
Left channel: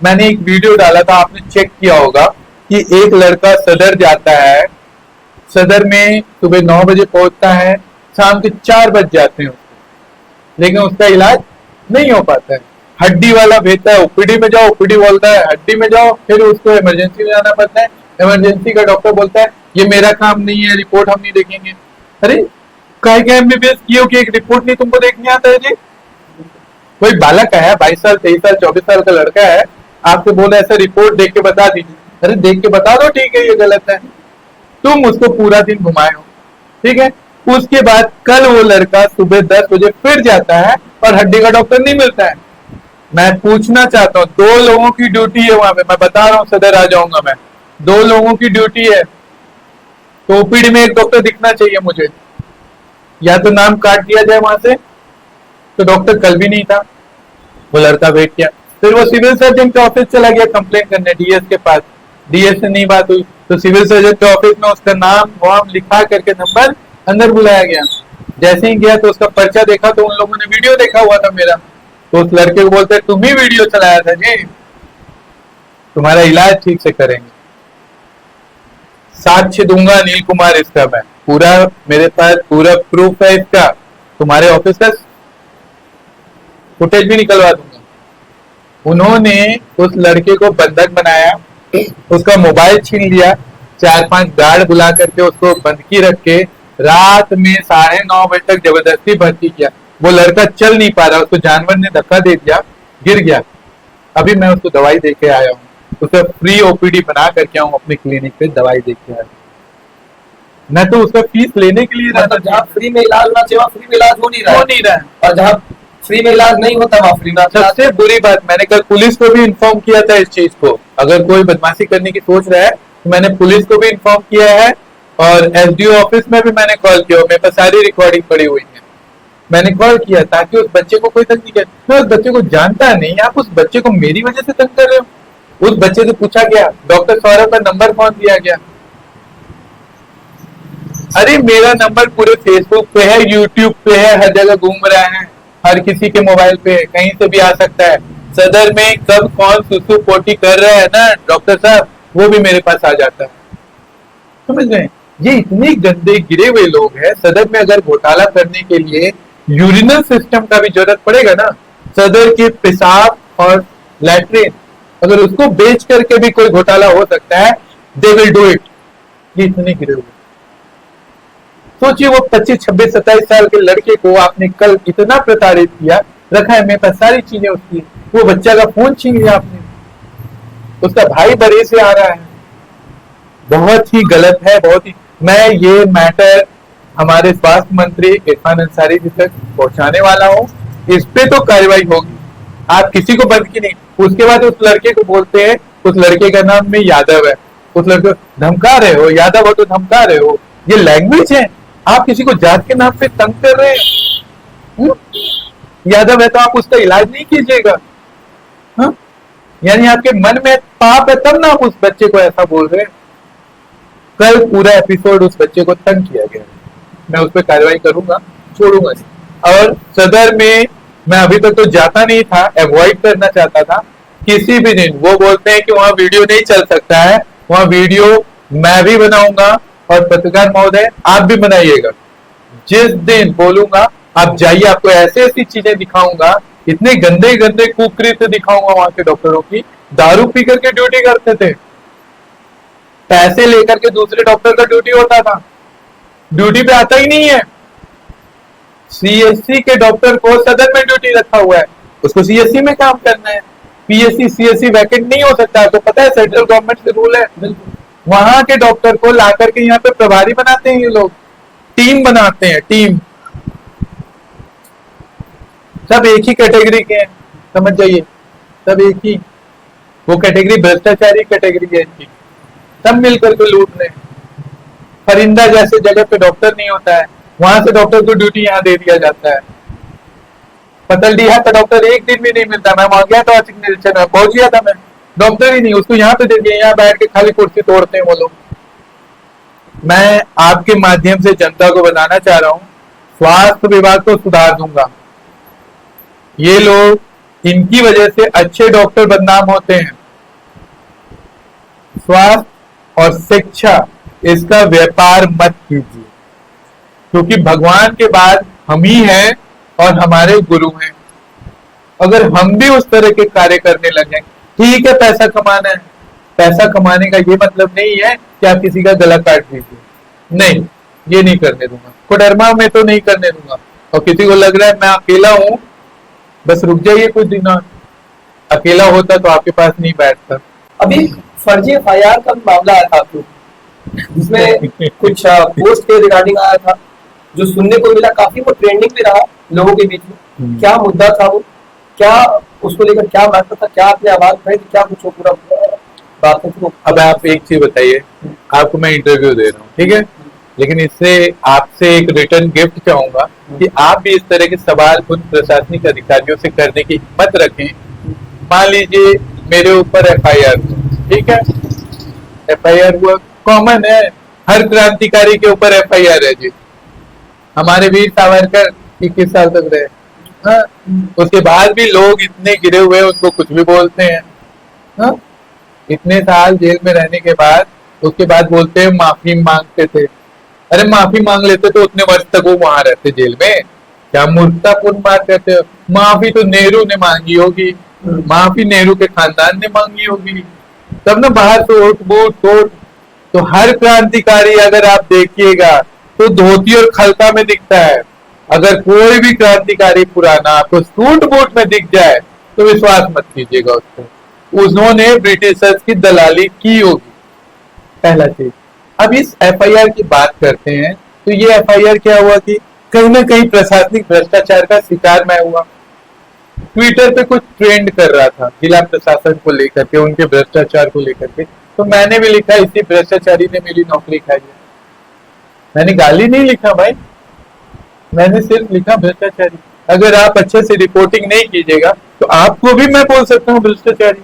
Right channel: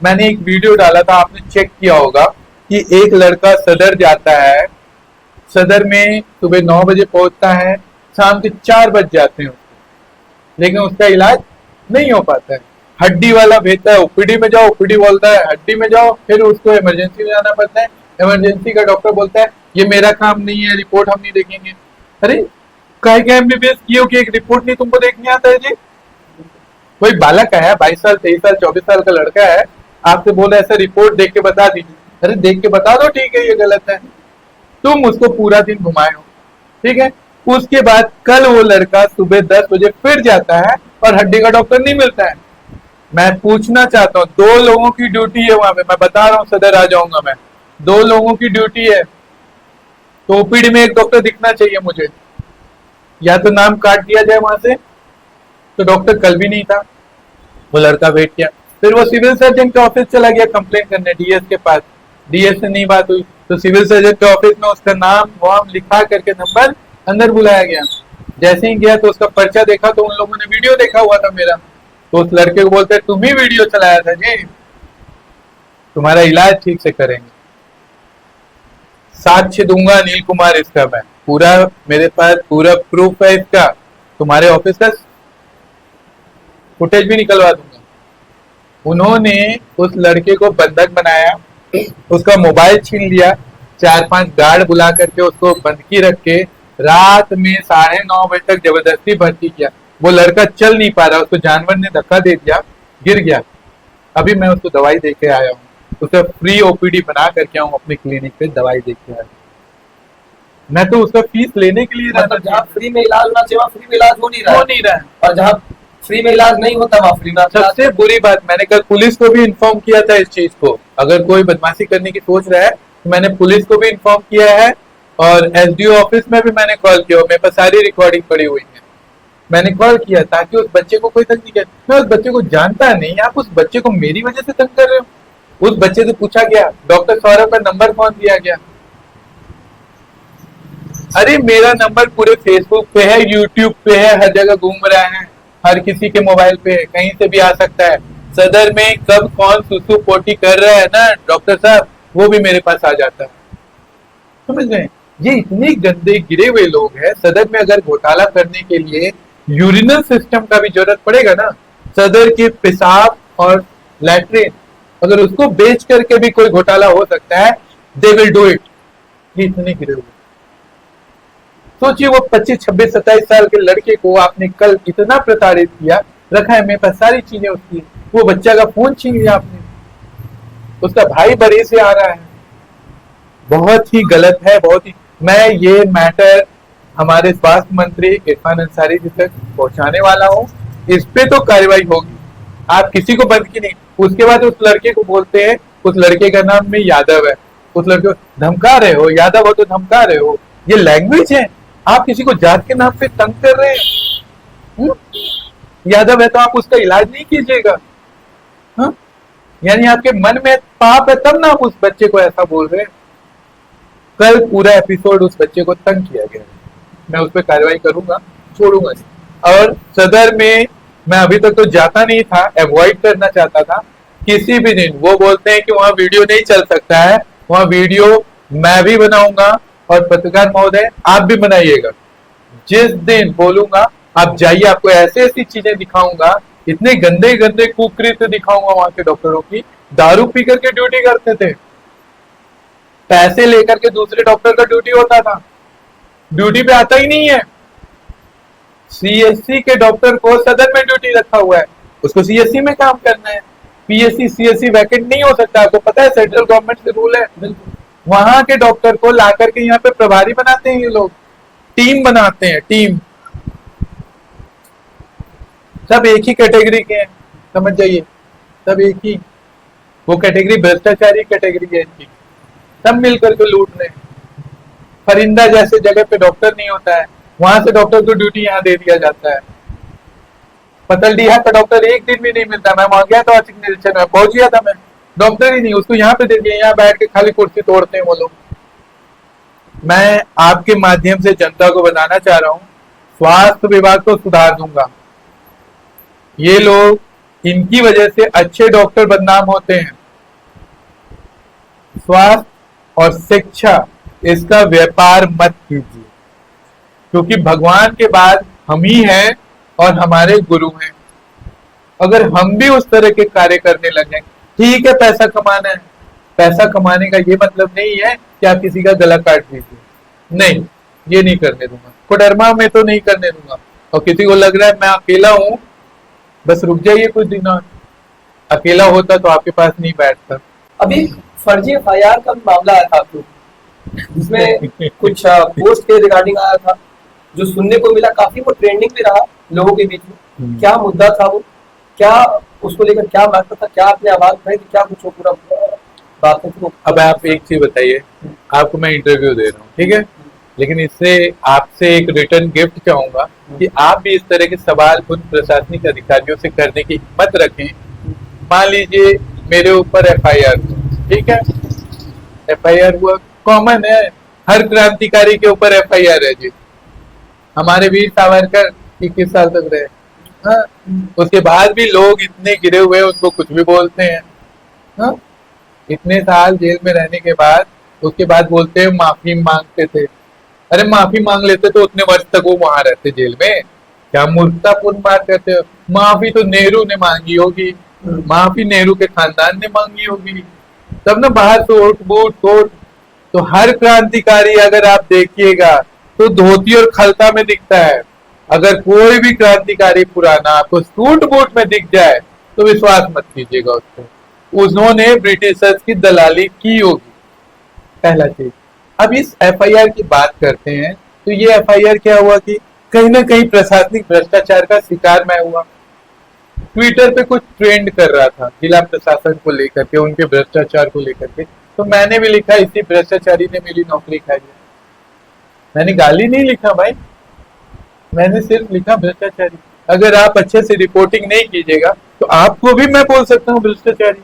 मैंने एक वीडियो डाला था, आपने चेक किया होगा, कि एक लड़का सदर जाता है, सदर में सुबह 9 बजे पहुंचता है, शाम के 4 बज जाते हैं, लेकिन उसका इलाज नहीं हो पाता है। हड्डी वाला भेजता है, ओपीडी में जाओ, ओपीडी बोलता है हड्डी में जाओ, फिर उसको इमरजेंसी में जाना पड़ता है, इमरजेंसी का डॉक्टर बोलता है ये मेरा काम नहीं है, रिपोर्ट हम नहीं देखेंगे। अरे काय के एमबीबीएस किए कि एक रिपोर्ट नहीं तुमको देखने आता है जी? कोई बालक है, 22 साल 23 साल 24 साल का लड़का है, आपको बोला ऐसा रिपोर्ट देख के बता दीजिए। अरे देख के बता दो, ठीक है ये गलत है, तुम उसको पूरा दिन घुमाए हो, ठीक है। उसके बाद कल वो लड़का सुबह 10 बजे फिर जाता है और हड्डी का डॉक्टर नहीं मिलता है। मैं पूछना चाहता हूँ, 2 लोगों की ड्यूटी है वहां पे, मैं बता रहा हूँ, सदर आ जाऊंगा मैं, 2 लोगों की ड्यूटी है, तो ओपीडी में एक डॉक्टर दिखना चाहिए मुझे, या तो नाम काट दिया जाए वहां से। तो डॉक्टर कल भी नहीं था, वो लड़का वेट किया, फिर वो सिविल सर्जन के ऑफिस चला गया कंप्लेन करने डीएस के पास, डीएस से नहीं बात हुई, तो सिविल सर्जन के ऑफिस में उसका नाम वाम लिखा करके नंबर अंदर बुलाया गया। जैसे ही गया तो उसका पर्चा देखा तो उन लोगों ने वीडियो देखा हुआ था मेरा, तो उस लड़के को बोलते तुम ही वीडियो चलाया था जी, तुम्हारा इलाज ठीक से करेंगे, साक्ष्य दूंगा अनिल कुमार इसका, मैं पूरा, मेरे पास पूरा प्रूफ है इसका, तुम्हारे ऑफिस का फुटेज भी निकलवा दूंगा। उन्होंने उस लड़के को बंधक बनाया, उसका मोबाइल छीन लिया, 4-5 गार्ड बुला करके उसको बंधकी रख के रात में 9:30 बजे तक जबरदस्ती भर्ती किया। वो लड़का चल नहीं पा रहा, उसको जानवर ने धक्का दे दिया, गिर गया। अभी मैं उसको दवाई दे के आया हूँ, उसका फ्री ओपीडी बना करके आऊँ अपने क्लिनिक पे, दवाई दे के आया। मैं तो उसका फीस लेने के लिए मतलब जहाँ फ्री में इलाज होना चाहिए वहाँ फ्री में इलाज हो नहीं रहा है, और जहाँ फ्री में इलाज नहीं होता वहाँ फ्री में सबसे बुरी बात, मैंने कल पुलिस को भी इन्फॉर्म किया था इस चीज को। अगर कोई बदमाशी करने की सोच रहा है तो मैंने पुलिस को भी इन्फॉर्म किया है, और एसडीओ ऑफिस में भी मैंने कॉल किया, मेरे पास सारी रिकॉर्डिंग पड़ी हुई है। मैंने कॉल किया ताकि उस बच्चे को कोई तंग नहीं करे। मैं उस बच्चे को जानता नहीं, आप उस बच्चे को मेरी वजह से तंग कर रहे हो। उस बच्चे से पूछा गया डॉक्टर सौरभ का नंबर कौन दिया गया? अरे मेरा नंबर पूरे फेसबुक पे है, यूट्यूब पे है, हर जगह घूम रहा है, हर किसी के मोबाइल पे है, कहीं से भी आ सकता है। सदर में कब कौन सुसु पोटी कर रहा है ना डॉक्टर साहब, वो भी मेरे पास आ जाता है। समझ गए? ये इतने गंदे गिरे हुए लोग हैं। सदर में अगर घोटाला करने के लिए यूरिनल सिस्टम का भी जरूरत पड़ेगा ना, सदर के पेशाब और लैट्रिन, अगर उसको बेच करके भी कोई घोटाला हो सकता है, दे विल डू इट। ये इतने गिरे हुए, सोचिए वो 25, 26, 27 साल के लड़के को आपने कल इतना प्रताड़ित किया, रखा है मेरे पास सारी चीजें उसकी, वो बच्चा का फोन छीन लिया आपने, उसका भाई बड़े से आ रहा है। बहुत ही गलत है, बहुत ही। मैं ये मैटर हमारे स्वास्थ्य मंत्री इरफान अंसारी जी तक पहुंचाने वाला हूँ। इस पे तो कार्रवाई होगी, आप किसी को बंद की नहीं। उसके बाद उस लड़के को बोलते हैं, उस लड़के का नाम में यादव है, उस लड़के को धमका रहे हो, यादव हो तो धमका रहे हो, ये लैंग्वेज है। आप किसी को जात के नाम पे तंग कर रहे हैं। यादव है तो आप उसका इलाज नहीं कीजिएगा। यानी आपके मन में पाप है तब ना आप उस बच्चे को ऐसा बोल रहे हैं। कल पूरा एपिसोड उस बच्चे को तंग किया गया, मैं उस पर कार्रवाई करूंगा, छोड़ूंगा नहीं। और सदर में मैं अभी तक तो जाता नहीं था, अवॉइड करना चाहता था। किसी भी दिन वो बोलते हैं कि वहां वीडियो नहीं चल सकता है, वहां वीडियो मैं भी बनाऊंगा और पत्रकार महोदय आप भी बनाइएगा। जिस दिन बोलूंगा आप जाइए, आपको ऐसे ऐसी चीजें दिखाऊंगा, इतने गंदे गंदे कुकृत्य दिखाऊंगा वहां के डॉक्टरों की। दारू पी करके ड्यूटी करते थे, पैसे लेकर के दूसरे डॉक्टर का ड्यूटी होता था, ड्यूटी पे आता ही नहीं है। सीएससी के डॉक्टर को सदर में ड्यूटी रखा हुआ है, उसको सीएससी में काम करना है। पीएससी सीएससी वैकेंट नहीं हो सकता है, तो पता है सेंट्रल गवर्नमेंट से रूल है। वहां के डॉक्टर को ला करके यहाँ पे प्रभारी बनाते हैं ये लोग, टीम बनाते हैं, टीम। सब एक ही कैटेगरी के हैं, समझ जाइए, सब एक ही। वो कैटेगरी भ्रष्टाचारी कैटेगरी है इनकी, सब मिलकर के लूट रहे हैं। फरिंदा जैसे जगह पे डॉक्टर नहीं होता है, वहां से डॉक्टर को ड्यूटी यहाँ दे दिया जाता है। पतलडीहा का डॉक्टर एक दिन भी नहीं मिलता। मैं वहां गया था, निरीक्षण में पहुंच गया था मैं, डॉक्टर ही नहीं, उसको यहाँ पे दे दिया, यहाँ बैठ के खाली कुर्सी तोड़ते हैं वो लोग। मैं आपके माध्यम से जनता को बताना चाह रहा हूँ, स्वास्थ्य विभाग को सुधार दूंगा। ये लोग, इनकी वजह से अच्छे डॉक्टर बदनाम होते हैं। स्वास्थ्य और शिक्षा, इसका व्यापार मत कीजिए, क्योंकि भगवान के बाद हम ही हैं और हमारे गुरु हैं। अगर हम भी उस तरह के कार्य करने लगे, ठीक है पैसा कमाना है, पैसा कमाने का ये मतलब नहीं है कि आप किसी का गला काट दीजिए, नहीं, ये नहीं करने दूंगा। कोडरमा में तो नहीं करने दूंगा। और किसी को लग रहा है मैं अकेला हूं, बस रुक जाइए कुछ दिन और, अकेला होता तो आपके पास नहीं बैठता। अभी फर्जी एफआईआर का मामला आया था आपको, जिसमें कुछ पोस्ट के रिगार्डिंग आया था, जो सुनने को मिला, काफी वो ट्रेंडिंग में रहा लोगों के बीच में। क्या मुद्दा था वो, क्या उसको लेकर क्या मैटर था, क्या आपने आवाज उठाई, क्या कुछ पूरा बात है? अब आप एक चीज बताइए, आपको मैं इंटरव्यू दे रहा हूँ, ठीक है, लेकिन इससे आपसे एक रिटर्न गिफ्ट चाहूंगा कि आप भी इस तरह के सवाल उन प्रशासनिक अधिकारियों से करने की हिम्मत रखें। मान लीजिए मेरे ऊपर एफआईआर, ठीक है, एफआईआर हुआ, कॉमन है, हर क्रांतिकारी के ऊपर एफआईआर है जी। हमारे वीर सावरकर 21 साल तक रहे, हाँ? उसके बाद भी लोग इतने गिरे हुए उनको कुछ भी बोलते हैं, हाँ? इतने साल जेल में रहने के बाद उसके बाद बोलते हैं माफी मांगते थे। अरे माफी मांग लेते तो उतने वर्ष तक वो वहां रहते जेल में, क्या मूर्खतापूर्ण बात करते हो। माफी तो नेहरू ने मांगी होगी, माफी नेहरू के खानदान ने मांगी होगी, तब ना बाहर से ओट बोट टोट। तो हर क्रांतिकारी अगर आप देखिएगा तो धोती और खलता में दिखता है। अगर कोई भी क्रांतिकारी पुराना आपको सूट बूट में दिख जाए तो विश्वास मत कीजिएगा उसको, उन्होंने ब्रिटिशर्स की दलाली की होगी, पहला चीज। अब इस एफआईआर की बात करते हैं तो ये एफआईआर क्या हुआ कि कहीं ना कहीं प्रशासनिक भ्रष्टाचार का शिकार मैं हुआ। ट्विटर पे कुछ ट्रेंड कर रहा था जिला प्रशासन को लेकर के, उनके भ्रष्टाचार को लेकर के, तो मैंने भी लिखा इसी भ्रष्टाचारी ने मेरी नौकरी खाई है। मैंने गाली नहीं लिखा भाई, मैंने सिर्फ लिखा भ्रष्टाचारी। अगर आप अच्छे से रिपोर्टिंग नहीं कीजिएगा तो आपको भी मैं बोल सकता हूँ भ्रष्टाचारी।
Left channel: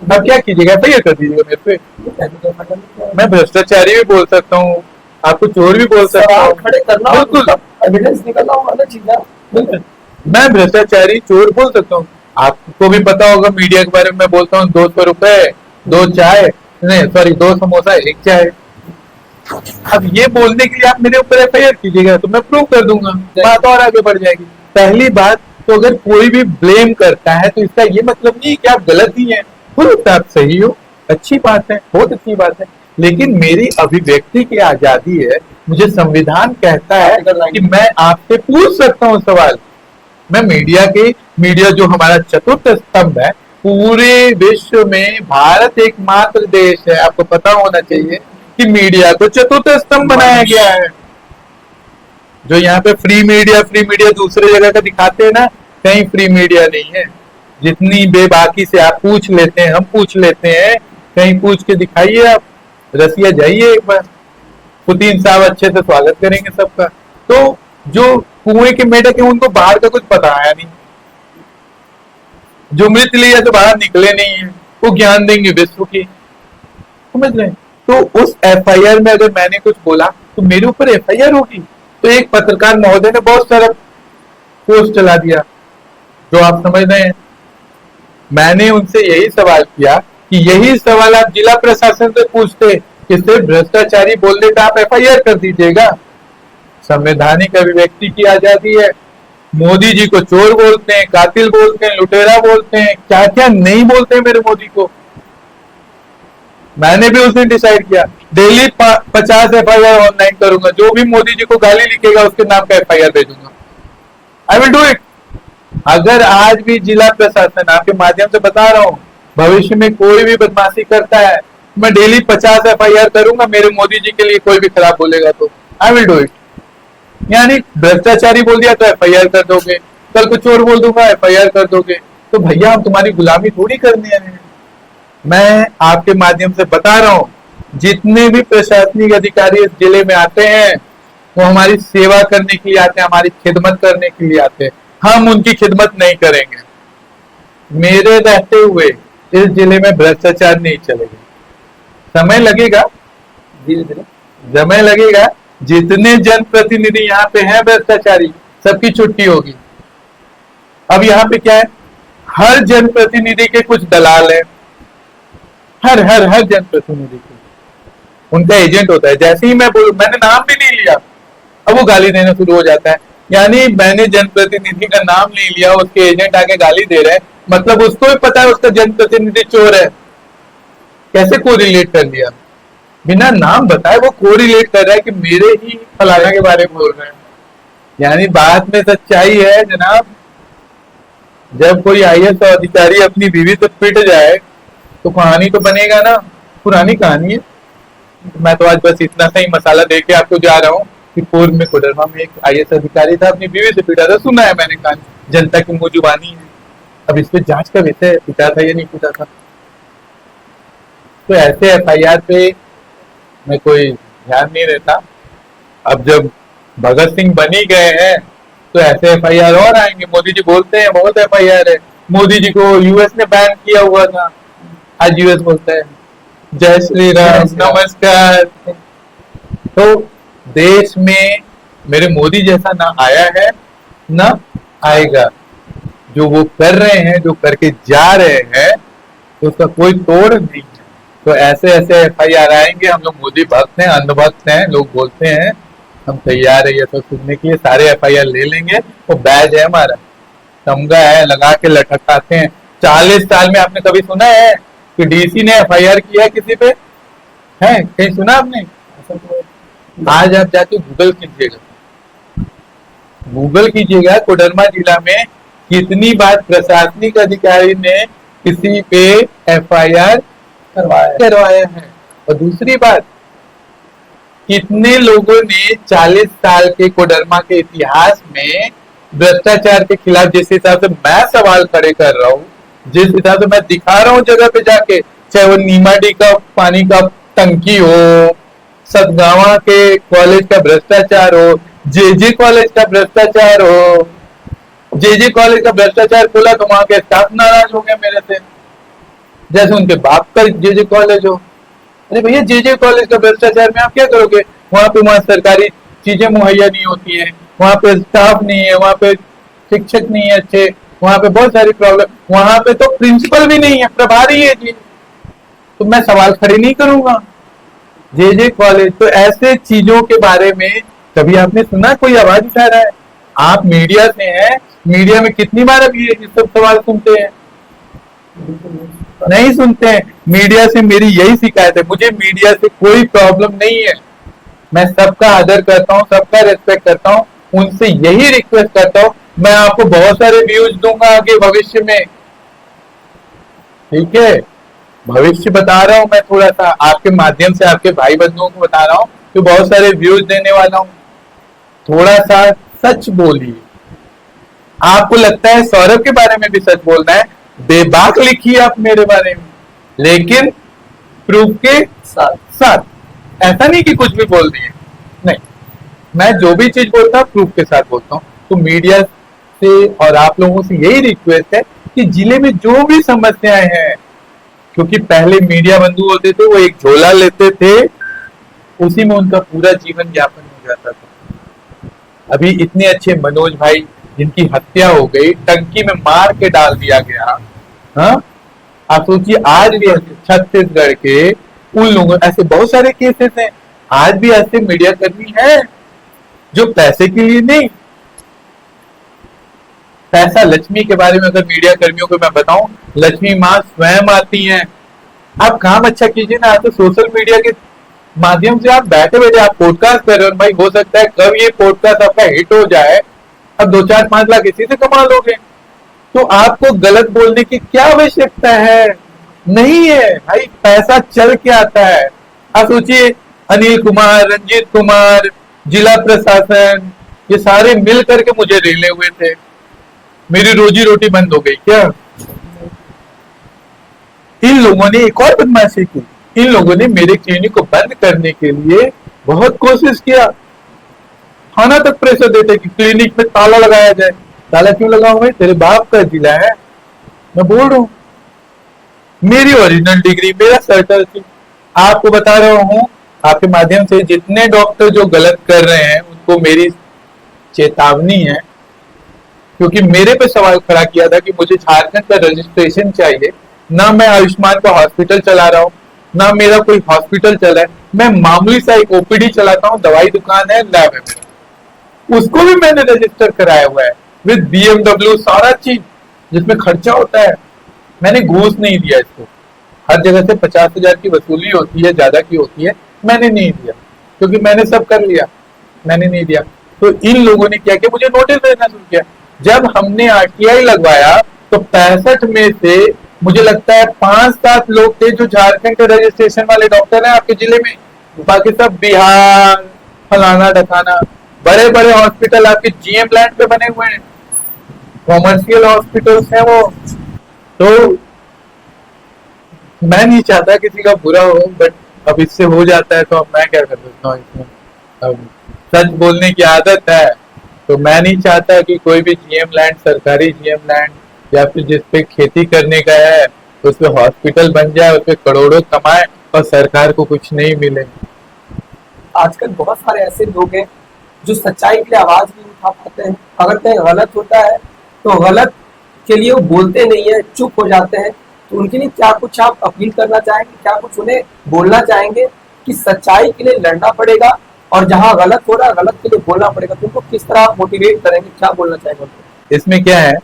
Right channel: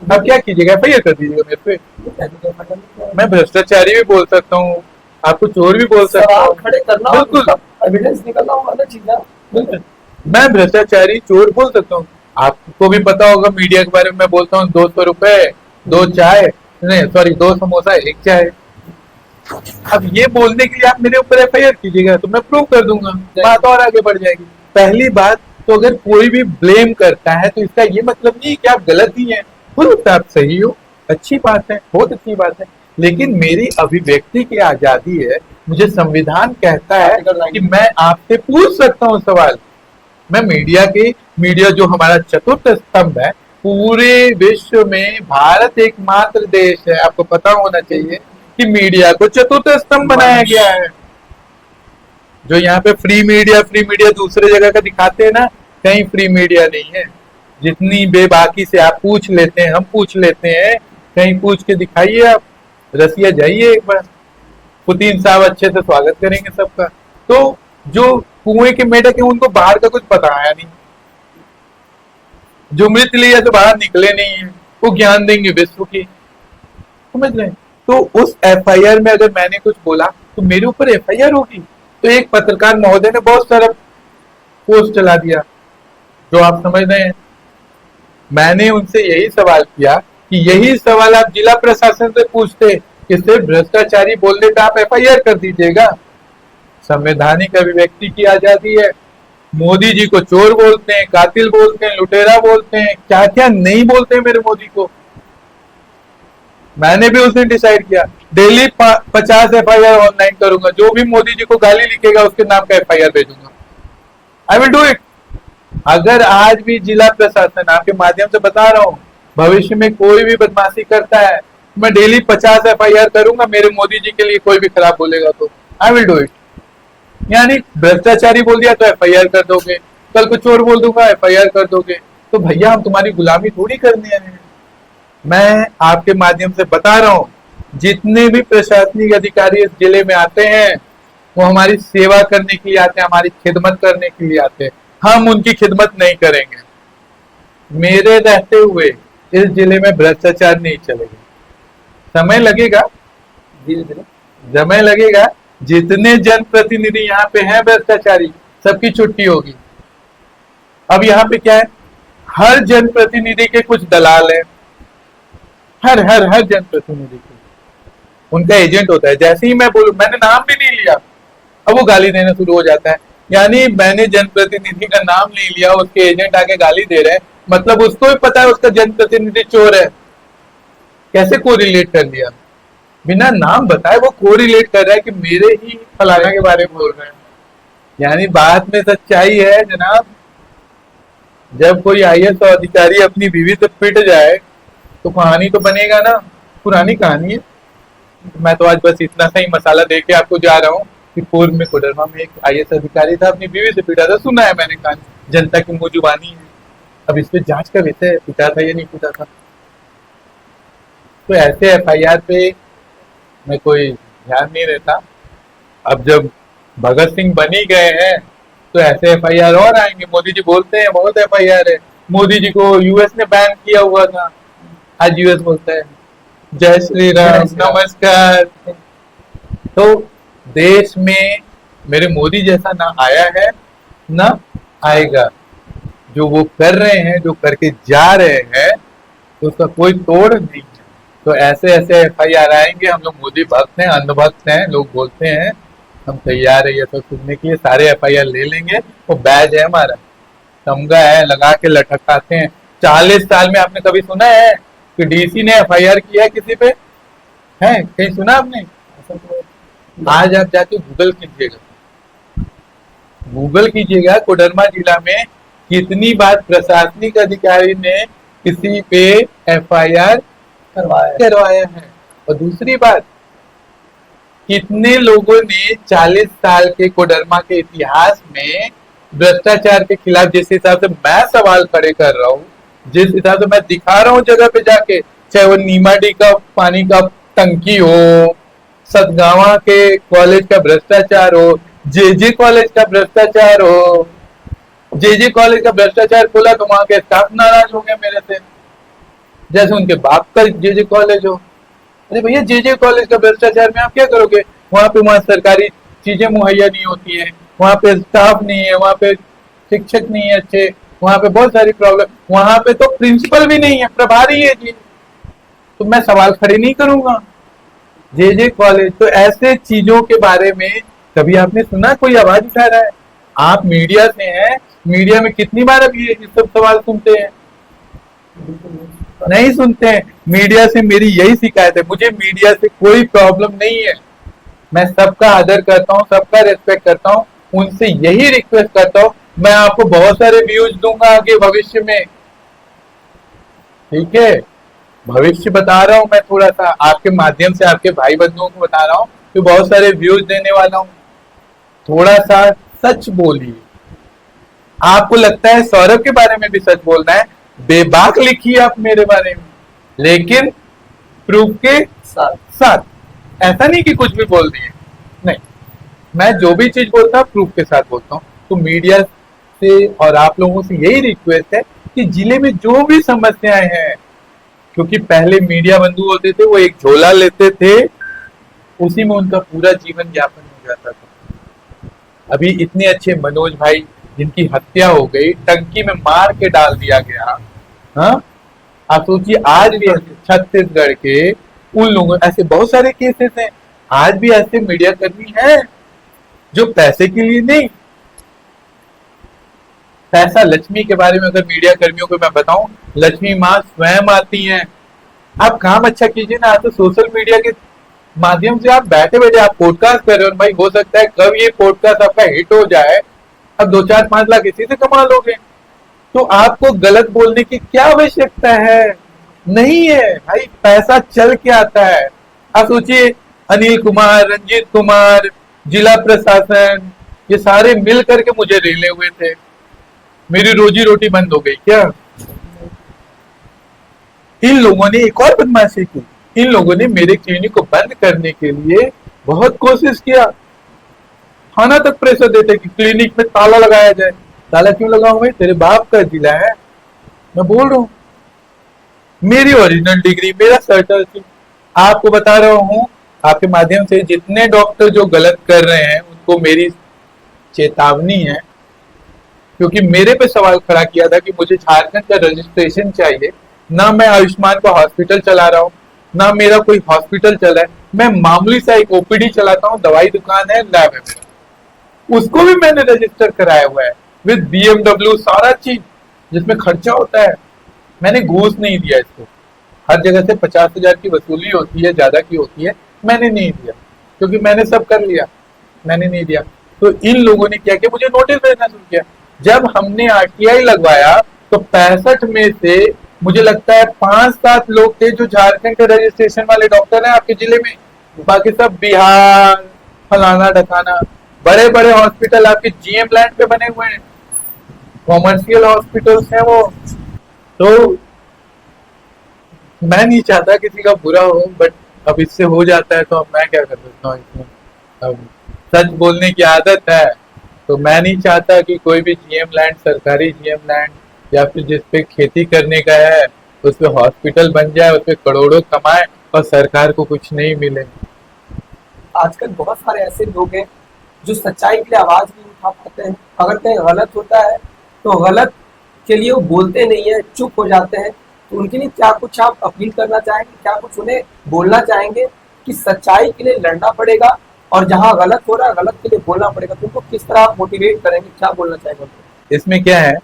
आप क्या कीजिएगा, एफआईआर कर दीजिएगा मेरे पे। मैं भ्रष्टाचारी भी बोल सकता हूँ, आपको चोर भी बोल सकता हूँ, खड़े करना, बिल्कुल एविडेंस निकलना होगा चीज है, बिल्कुल। मैं भ्रष्टाचारी चोर बोल सकता हूँ। आपको भी पता होगा मीडिया के बारे में मैं बोलता हूँ 200 रुपए 2 चाय, नहीं सॉरी 2 समोसा 1 चाय। अब ये बोलने के लिए आप मेरे ऊपर एफआईआर कीजिएगा तो मैं प्रूव कर दूंगा, बात और आगे बढ़ जाएगी। पहली बात तो अगर कोई भी ब्लेम करता है तो इसका ये मतलब नहीं कि आप गलत ही हैं, हो सकता है आप सही हो, अच्छी बात है, बहुत अच्छी बात है, लेकिन मेरी अभिव्यक्ति की आजादी है। मुझे संविधान कहता है कि मैं आपसे पूछ सकता हूँ सवाल। मैं मीडिया जो हमारा चतुर्थ स्तंभ है, पूरे विश्व में भारत एकमात्र देश है, आपको पता होना चाहिए कि मीडिया को चतुर्थ स्तंभ बनाया गया है। जो यहाँ पे फ्री मीडिया दूसरे जगह का दिखाते हैं ना, कहीं फ्री मीडिया नहीं है। जितनी बेबाकी से आप पूछ लेते हैं, हम पूछ लेते हैं, कहीं पूछ के दिखाइए आप, रसिया जाइए एक बार, पुतिन साहब अच्छे से स्वागत करेंगे सबका। तो जो कुएं के मेढक है उनको बाहर का कुछ पता आया नहीं, जो मृत लिया तो बाहर निकले नहीं है, वो ज्ञान देंगे विश्व की, समझ रहे हैं। तो उस एफआईआर में अगर मैंने कुछ बोला तो मेरे ऊपर एफआईआर होगी। तो एक पत्रकार महोदय ने बहुत सारा पोस्ट चला दिया, जो आप समझ रहे हैं। मैंने उनसे यही सवाल किया कि यही सवाल आप जिला प्रशासन से पूछते, इससे भ्रष्टाचारी बोलने का आप एफआईआर कर दीजिएगा। संवैधानिक अभिव्यक्ति की आजादी है। मोदी जी को चोर बोलते हैं, कातिल बोलते हैं, लुटेरा बोलते हैं, क्या क्या नहीं बोलते हैं मेरे मोदी को। मैंने भी उस दिन डिसाइड किया डेली 50 एफआईआर ऑनलाइन करूंगा, जो भी मोदी जी को गाली लिखेगा उसके नाम का एफआईआर भेजूंगा। I will do it. अगर आज भी जिला प्रशासन, आपके माध्यम से बता रहा हूं, भविष्य में कोई भी बदमाशी करता है, मैं डेली 50 एफआईआर करूंगा, मेरे मोदी जी के लिए कोई भी खराब बोलेगा तो आई विल डू इट। यानी भ्रष्टाचारी बोल दिया तो एफआईआर कर दोगे, कल को चोर बोल दूंगा एफआईआर कर दोगे। तो भैया हम तुम्हारी गुलामी थोड़ी करने आए हैं। मैं आपके माध्यम से बता रहा हूं, जितने भी प्रशासनिक अधिकारी इस जिले में आते हैं वो हमारी सेवा करने के लिए आते हैं, हमारी खिदमत करने के लिए आते हैं। हम उनकी खिदमत नहीं करेंगे। मेरे रहते हुए इस जिले में भ्रष्टाचार नहीं चलेगा। समय लगेगा, समय लगेगा। जितने जनप्रतिनिधि यहाँ पे हैं भ्रष्टाचारी, सबकी छुट्टी होगी। अब यहाँ पे क्या है, हर जनप्रतिनिधि के कुछ दलाल हैं, हर जनप्रतिनिधि के उनका एजेंट होता है। जैसे ही मैं बोलूं, मैंने नाम भी नहीं लिया, अब वो गाली देना शुरू हो जाता है। यानी मैंने जनप्रतिनिधि का नाम नहीं लिया, उसके एजेंट आके गाली दे रहे हैं, मतलब उसको भी पता है उसका जनप्रतिनिधि चोर है। कैसे कोरिलेट कर लिया, बिना नाम बताए वो कोरिलेट कर रहा है कि मेरे ही फलाना के बारे में बोल रहे हैं। यानी बात में सच्चाई है जनाब। जब कोई आईएएस अधिकारी अपनी बीवी से पिट जाए तो कहानी तो बनेगा ना, पुरानी कहानी है। मैं तो आज बस इतना सही मसाला दे के आपको जा रहा हूँ कि पूर्व में कोडरमा में एक आईएएस अधिकारी था, अपनी बीवी से पिटा था, सुना है मैंने, कहानी जनता की मुंह जुबानी है। अब इस पे जांच का विषय है, पिटा था या नहीं पिटा था। तो ऐसे एफआईआर पे मैं कोई ध्यान नहीं देता। अब जब भगत सिंह बनी गए हैं तो ऐसे एफआईआर और आएंगे। मोदी जी बोलते हैं बहुत एफआईआर है, मोदी जी को यूएस ने बैन किया हुआ था, आज यूएस बोलता है जय श्री राम नमस्कार। तो देश में मेरे मोदी जैसा ना आया है ना आएगा। जो वो कर रहे हैं, जो करके जा रहे हैं, तो उसका कोई तोड़ नहीं है। तो ऐसे एफआईआर आएंगे। हम लोग मोदी भक्त हैं, अंधभक्त हैं, लोग बोलते हैं, हम तैयार है ये सब सुनने के लिए, सारे एफआईआर ले लेंगे। वो बैज है हमारा, तमगा है, लगा के लटकाते हैं। 40 साल में आपने कभी सुना है कि डीसी ने एफआईआर किया है किसी पे? है कहीं सुना आपने? आज आप जाके गूगल कीजिएगा कोडरमा जिला में कितनी बार प्रशासनिक अधिकारी ने किसी पे एफआईआर करवाया है। और दूसरी बात, कितने लोगों ने 40 साल के कोडरमा के इतिहास में भ्रष्टाचार के खिलाफ, जिस हिसाब से मैं सवाल खड़े कर रहा हूँ, जिस हिसाब से मैं दिखा रहा हूँ जगह पे जाके, चाहे वो नीमाडी का पानी का टंकी हो, सतगावा के कॉलेज का भ्रष्टाचार हो, जेजे कॉलेज का भ्रष्टाचार हो। जेजे कॉलेज का भ्रष्टाचार खोला तो वहां के स्टाफ नाराज हो गया मेरे से, जैसे उनके बाप का जेजे कॉलेज हो। अरे भैया, जेजे कॉलेज का भ्रष्टाचार में आप क्या करोगे? वहां सरकारी चीजें मुहैया नहीं होती है, वहां पे स्टाफ नहीं है, वहां पे शिक्षक नहीं है अच्छे, वहां पे बहुत सारी प्रॉब्लम, वहां पे तो प्रिंसिपल भी नहीं है, प्रभारी है जी, तो मैं सवाल खड़े नहीं करूंगा। जेजे कॉलेज, तो ऐसे चीजों के बारे में कभी आपने सुना कोई आवाज उठा रहा है? आप मीडिया से हैं, मीडिया में कितनी बार अब ये सब सवाल सुनते हैं? नहीं सुनते हैं। मीडिया से मेरी यही शिकायत है, मुझे मीडिया से कोई प्रॉब्लम नहीं है, मैं सबका आदर करता हूँ, सबका रेस्पेक्ट करता हूँ, उनसे यही रिक्वेस्ट करता हूँ, मैं आपको बहुत सारे व्यूज दूंगा आगे भविष्य में, ठीक है? भविष्य बता रहा हूँ मैं, थोड़ा सा आपके माध्यम से आपके भाई बंधुओं को बता रहा हूँ कि बहुत सारे व्यूज देने वाला हूँ। थोड़ा सा सच बोलिए। आपको लगता है सौरभ के बारे में भी सच बोलना है, बेबाक लिखिए आप मेरे बारे में, लेकिन प्रूफ के साथ। ऐसा नहीं कि कुछ भी बोल दिए, नहीं, मैं जो भी चीज बोलता हूँ प्रूफ के साथ बोलता हूँ। तो मीडिया से और आप लोगों से यही रिक्वेस्ट है कि जिले में जो भी समस्याएं हैं, क्योंकि पहले मीडिया बंधु होते थे, वो एक झोला लेते थे, उसी में उनका पूरा जीवन यापन हो जाता था। अभी इतने अच्छे मनोज भाई जिनकी हत्या हो गई, टंकी में मार के डाल दिया गया, हाँ, आप सोचिए, आज भी छत्तीसगढ़ के उन लोगों, ऐसे बहुत सारे केसेस हैं, आज भी ऐसे मीडिया कर्मी हैं जो पैसे के लिए नहीं, पैसा लक्ष्मी के बारे में अगर मीडिया कर्मियों को मैं बताऊं, लक्ष्मी माँ स्वयं आती हैं। आप काम अच्छा कीजिए ना, आप तो सोशल मीडिया के माध्यम से आप बैठे बैठे आप पॉडकास्ट कर रहे हो, भाई हो सकता है कब ये पॉडकास्ट आपका हिट हो जाए, अब 2-4-5 लाख इसी से कमा लोगे, तो आपको गलत बोलने की क्या आवश्यकता है? नहीं है भाई, पैसा चल के आता है। आप सोचिए, अनिल कुमार, रंजीत कुमार, जिला प्रशासन, ये सारे मिल करके मुझे रेले हुए थे, मेरी रोजी रोटी बंद हो गई क्या? इन लोगों ने एक और बदमाशी की, इन लोगों ने मेरे क्लिनिक को बंद करने के लिए बहुत कोशिश किया, थाना तक प्रेशर देते कि क्लिनिक में ताला लगाया जाए। ताला क्यों लगाऊं भाई? तेरे बाप का जिला है, मैं बोल रहा हूँ, मेरी ओरिजिनल डिग्री, मेरा सर्टल थी। आपको बता रहा हूँ आपके माध्यम से, जितने डॉक्टर जो गलत कर रहे हैं उनको मेरी चेतावनी है, क्योंकि मेरे पे सवाल खड़ा किया था कि मुझे झारखंड का रजिस्ट्रेशन चाहिए, ना मैं आयुष्मान का हॉस्पिटल चला रहा हूँ, ना मेरा कोई हॉस्पिटल चला है, मैं मामूली सा एक ओपीडी चलाता हूँ, दवाई दुकान है, लैब है, उसको भी मैंने रजिस्टर कराया हुआ है विद BMW, सारा चीज जिसमें खर्चा होता है। मैंने घूस नहीं दिया इसको, हर जगह से 50,000 की वसूली होती है, ज्यादा की होती है, मैंने नहीं दिया, क्योंकि मैंने सब कर लिया, मैंने नहीं दिया। तो इन लोगों ने क्या किया, मुझे नोटिस देना शुरू किया। जब हमने RTI लगवाया तो 65 में से मुझे लगता है 5-7 लोग थे जो झारखंड के रजिस्ट्रेशन वाले डॉक्टर हैं आपके जिले में, बाकी सब बिहार, फलाना ढकाना। बड़े बड़े हॉस्पिटल आपके GM लैंड पे बने हुए हैं, कॉमर्शियल हॉस्पिटल्स हैं वो। तो मैं नहीं चाहता किसी का बुरा हो, बट अब इससे हो जाता है तो अब मैं क्या कर सकता हूँ इसमें। अब सच बोलने की आदत है, तो मैं नहीं चाहता कि कोई भी GM लैंड, सरकारी GM लैंड या फिर जिसपे खेती करने का है तो उस पे हॉस्पिटल बन जाए, उस पे करोड़ों कमाए और सरकार को कुछ नहीं मिले। आजकल बहुत सारे ऐसे लोग हैं जो सच्चाई के लिए आवाज नहीं उठा पाते हैं, अगर कहीं गलत होता है तो गलत के लिए वो बोलते नहीं है, चुप हो जाते हैं। तो उनके लिए क्या कुछ आप अपील करना चाहेंगे, क्या कुछ उन्हें बोलना चाहेंगे कि सच्चाई के लिए लड़ना पड़ेगा, और जहां गलत हो रहा है गलत के लिए बोलना पड़ेगा, तो उनको किस तरह मोटिवेट करेंगे, क्या बोलना चाहेंगे उनको? इसमें क्या है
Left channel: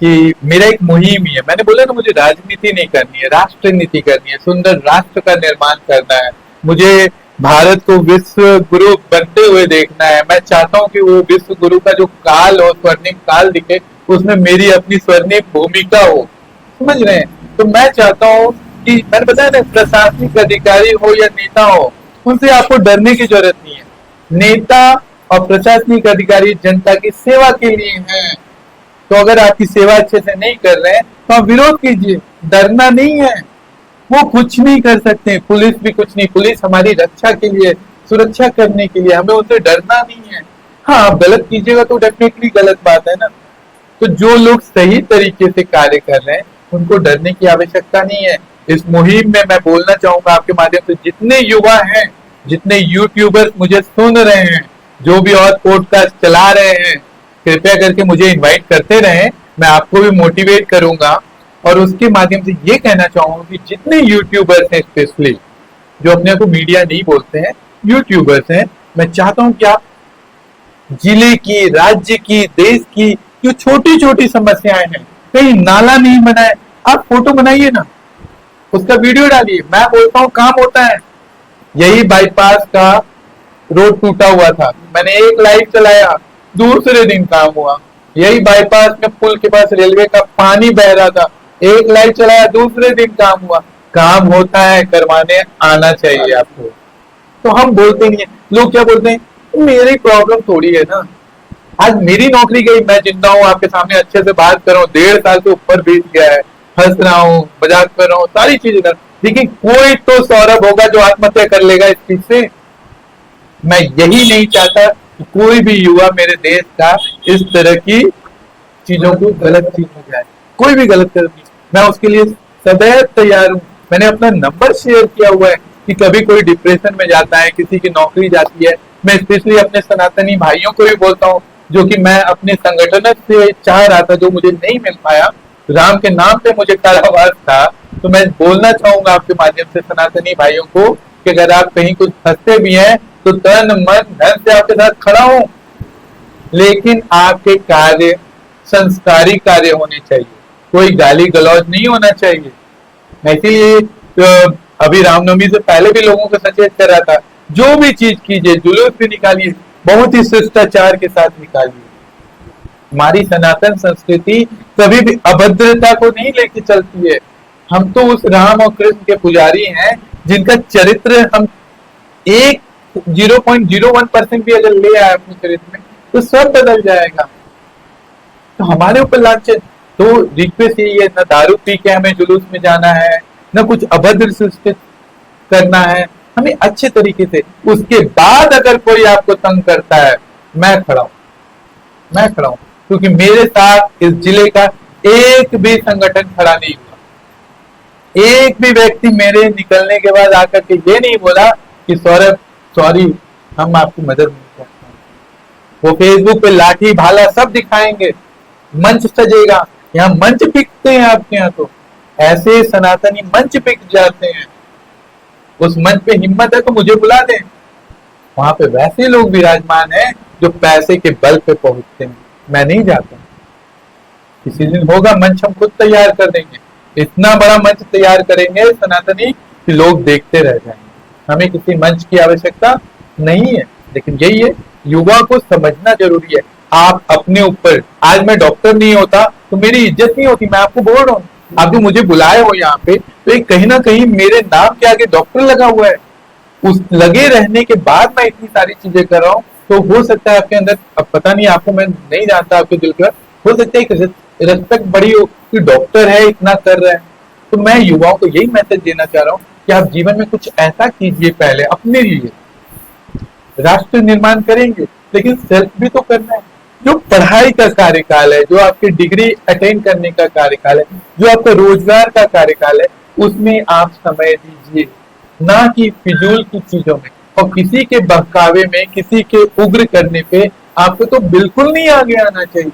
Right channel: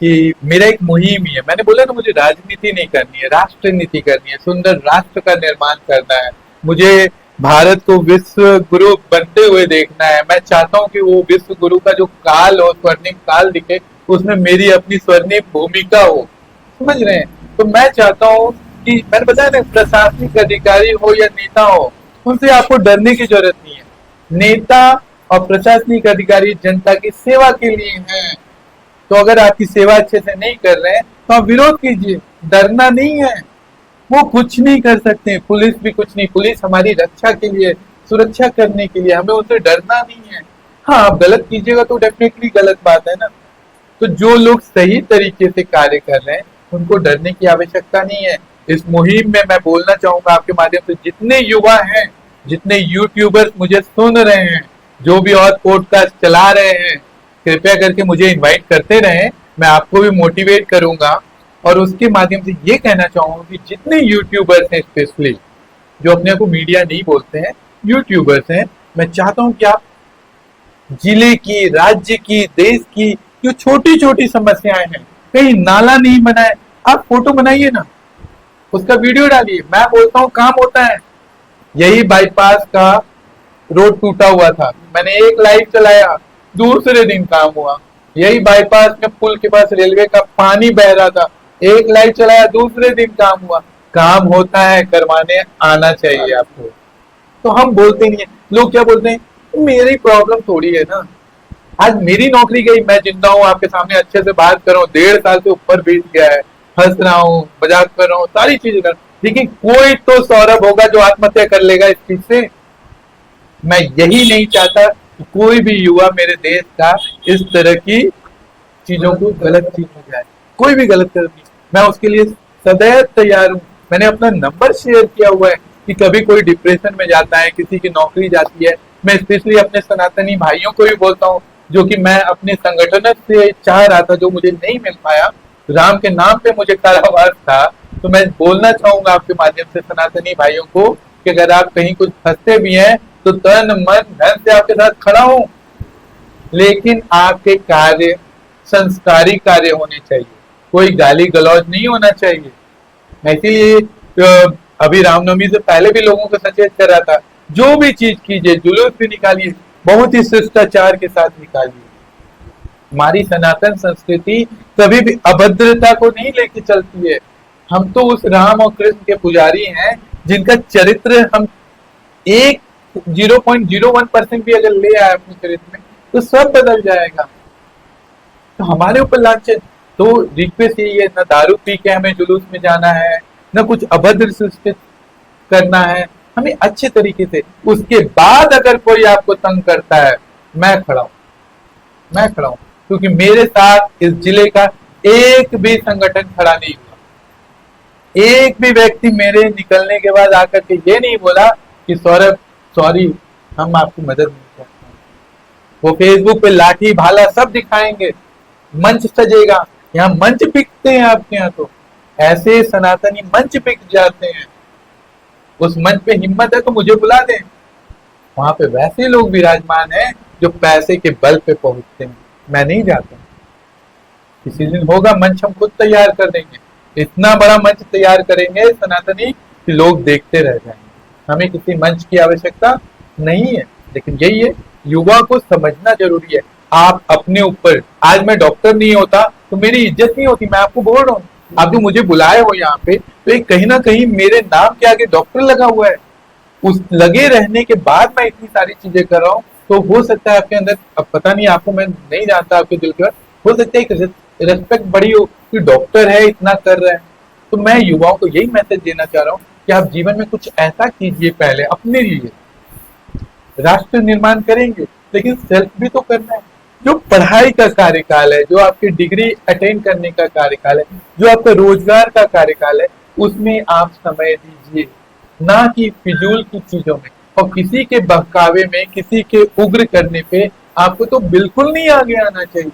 कि मेरा एक मुहिम ही है, मैंने बोला ना मुझे राजनीति नहीं करनी है, राष्ट्र नीति करनी है, सुंदर राष्ट्र का निर्माण करना है, मुझे भारत को विश्व गुरु बनते हुए देखना है। मैं चाहता हूँ कि वो विश्व गुरु का जो काल हो, स्वर्णिम काल दिखे, उसमें मेरी अपनी स्वर्णिम भूमिका हो, समझ रहे हैं? तो मैं चाहता हूँ कि मैंने बताया ना, प्रशासनिक अधिकारी हो या नेता हो, उनसे आपको डरने की जरूरत नहीं है। नेता और प्रशासनिक अधिकारी जनता की सेवा के लिए हैं, तो अगर आपकी सेवा अच्छे से नहीं कर रहे हैं तो आप विरोध कीजिए, डरना नहीं है। वो कुछ नहीं कर सकते, पुलिस भी कुछ नहीं, पुलिस हमारी रक्षा के लिए, सुरक्षा करने के लिए, हमें उनसे डरना नहीं है। हाँ, आप गलत कीजिएगा तो डेफिनेटली गलत बात है ना। तो जो लोग सही तरीके से कार्य कर रहे हैं उनको डरने की आवश्यकता नहीं है। इस मुहिम में मैं बोलना चाहूंगा आपके माध्यम से, जितने युवा हैं, जितने यूट्यूबर्स मुझे सुन रहे हैं, जो भी और पॉडकास्ट चला रहे हैं, कृपया करके मुझे इनवाइट करते रहें, मैं आपको भी मोटिवेट करूंगा। और उसके माध्यम से ये कहना चाहूंगा कि जितने यूट्यूबर्स हैं, स्पेशली जो अपने को मीडिया नहीं बोलते हैं, यूट्यूबर्स हैं, मैं चाहता हूं कि आप जिले की, राज्य की, देश की जो छोटी छोटी समस्याएं हैं, कहीं नाला नहीं बनाए, आप फोटो बनाइए ना, उसका वीडियो डालिए। मैं बोलता हूँ काम होता है। यही बाईपास का रोड टूटा हुआ था, मैंने एक लाइट चलाया, दूसरे दिन काम हुआ। यही बाईपास में पुल के पास रेलवे का पानी बह रहा था, एक लाइट चलाया, दूसरे दिन काम हुआ। काम होता है, करवाने आना चाहिए आपको। तो हम बोलते नहीं है, लोग क्या बोलते हैं, मेरी प्रॉब्लम थोड़ी है ना, आज मेरी नौकरी गई, मैं जिंदा हूँ, आपके सामने अच्छे से बात कर रहा हूँ, 1.5 साल से ऊपर बीत गया है, हंस रहा हूँ, मजाक कर रहा हूँ, सारी चीजें कर, लेकिन कोई तो सौरभ होगा जो आत्महत्या कर लेगा इस चीज से। मैं यही नहीं चाहता कि कोई भी युवा मेरे देश का इस तरह की चीजों को गलत चीज हो जाए, कोई भी गलत कर, मैं उसके लिए सदैव तैयार हूँ। मैंने अपना नंबर शेयर किया हुआ है कि कभी कोई डिप्रेशन में जाता है, किसी की नौकरी जाती है, मैं स्पेशली अपने सनातनी भाइयों को भी बोलता हूँ, जो कि मैं अपने संगठन से चाह रहा था, जो मुझे नहीं मिल पाया, राम के नाम पे मुझे कारावास था। तो मैं बोलना चाहूंगा आपके माध्यम से सनातनी भाइयों को कि अगर आप कहीं कुछ फंसते भी हैं तो तन मन धन से आपके साथ खड़ा हूं, लेकिन आपके कार्य संस्कारी कार्य होने चाहिए, कोई गाली गलौज नहीं होना चाहिए। मैं इसीलिए अभी रामनवमी से पहले भी लोगों को सचेत कर रहा था, जो भी चीज कीजिए, जुलूस भी निकालिए, बहुत ही शिष्टाचार के साथ निकालिए। हमारी सनातन संस्कृति कभी भी अभद्रता को नहीं लेके चलती है। हम तो उस राम और कृष्ण के पुजारी हैं जिनका चरित्र हम 0.01% भी अगर ले आए अपने चरित्र में तो सब बदल जाएगा। तो हमारे ऊपर लांछन, तो रिक्वेस्ट यही है, न दारू पी के हमें जुलूस में जाना है, न कुछ अभद्र से करना है, हमें अच्छे तरीके से। उसके बाद अगर कोई आपको तंग करता है, मैं खड़ा हूं, क्योंकि मेरे साथ इस जिले का एक भी संगठन खड़ा नहीं हुआ, एक भी व्यक्ति मेरे निकलने के बाद आकर के ये नहीं बोला कि सौरभ सॉरी, हम आपकी मदद नहीं करते। वो फेसबुक पे लाठी भाला सब दिखाएंगे, मंच सजेगा, यहाँ मंच बिकते हैं आपके यहाँ, तो ऐसे सनातनी मंच बिक जाते हैं। उस मंच पे हिम्मत है तो मुझे बुला दें, वहां पे वैसे लोग विराजमान हैं जो पैसे के बल पे पहुंचते हैं, मैं नहीं जाता। किसी दिन होगा मंच, हम खुद तैयार कर देंगे, इतना बड़ा मंच तैयार करेंगे सनातनी कि लोग देखते रह जाएंगे। हमें किसी मंच की आवश्यकता नहीं है, लेकिन यही है, युवा को समझना जरूरी है। आप अपने ऊपर, आज मैं डॉक्टर नहीं होता तो मेरी इज्जत नहीं होती, मैं आपको बोल रहा हूँ, आप जो मुझे बुलाए हो यहाँ पे, तो एक कहीं ना कहीं मेरे नाम के आगे डॉक्टर लगा हुआ है, उस लगे रहने के बाद मैं इतनी सारी चीजें कर रहा हूँ। तो हो सकता है आपके अंदर, अब पता नहीं, आपको मैं नहीं जानता आपके दिल का, हो सकता है एक रिस्पेक्ट बड़ी हो कि डॉक्टर है इतना कर रहा है। तो मैं युवाओं को यही मैसेज देना चाह रहा हूँ कि आप जीवन में कुछ ऐसा कीजिए, पहले अपने लिए। राष्ट्र निर्माण करेंगे लेकिन सेल्फ भी तो करना है। जो पढ़ाई का कार्यकाल है, जो आपकी डिग्री अटेन करने का कार्यकाल है, जो आपका रोजगार का कार्यकाल है, उसमें आप समय दीजिए, ना कि फिजूल की चीजों में। और किसी के बहकावे में, किसी के उग्र करने पे आपको तो बिल्कुल नहीं आगे आना चाहिए,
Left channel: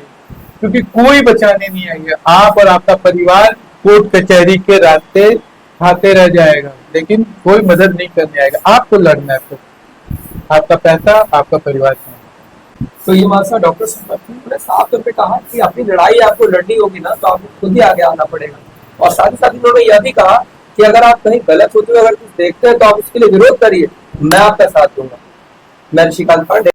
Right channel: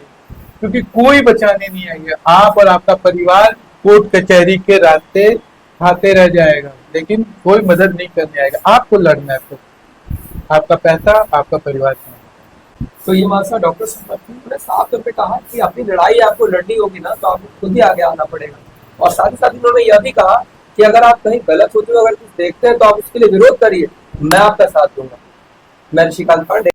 क्योंकि कोई बचाने नहीं आएगा। आप और आपका परिवार कोर्ट कचहरी के रास्ते खाते रह जाएगा, लेकिन कोई मदद नहीं करने आएगा। आपको लड़ना है। आपका पैसा, आपका परिवार नहीं। तो ये हमारे साथ डॉक्टर ने साफ तौर पे कहा कि अपनी लड़ाई आपको लड़नी होगी ना तो आपको खुद ही आगे आना पड़ेगा। और साथ ही साथ उन्होंने यह भी कहा कि अगर आप कहीं गलत होते हुए अगर कुछ देखते हैं तो आप उसके लिए विरोध करिए, मैं आपका साथ दूंगा। मैं ऋषिकांत पांडे।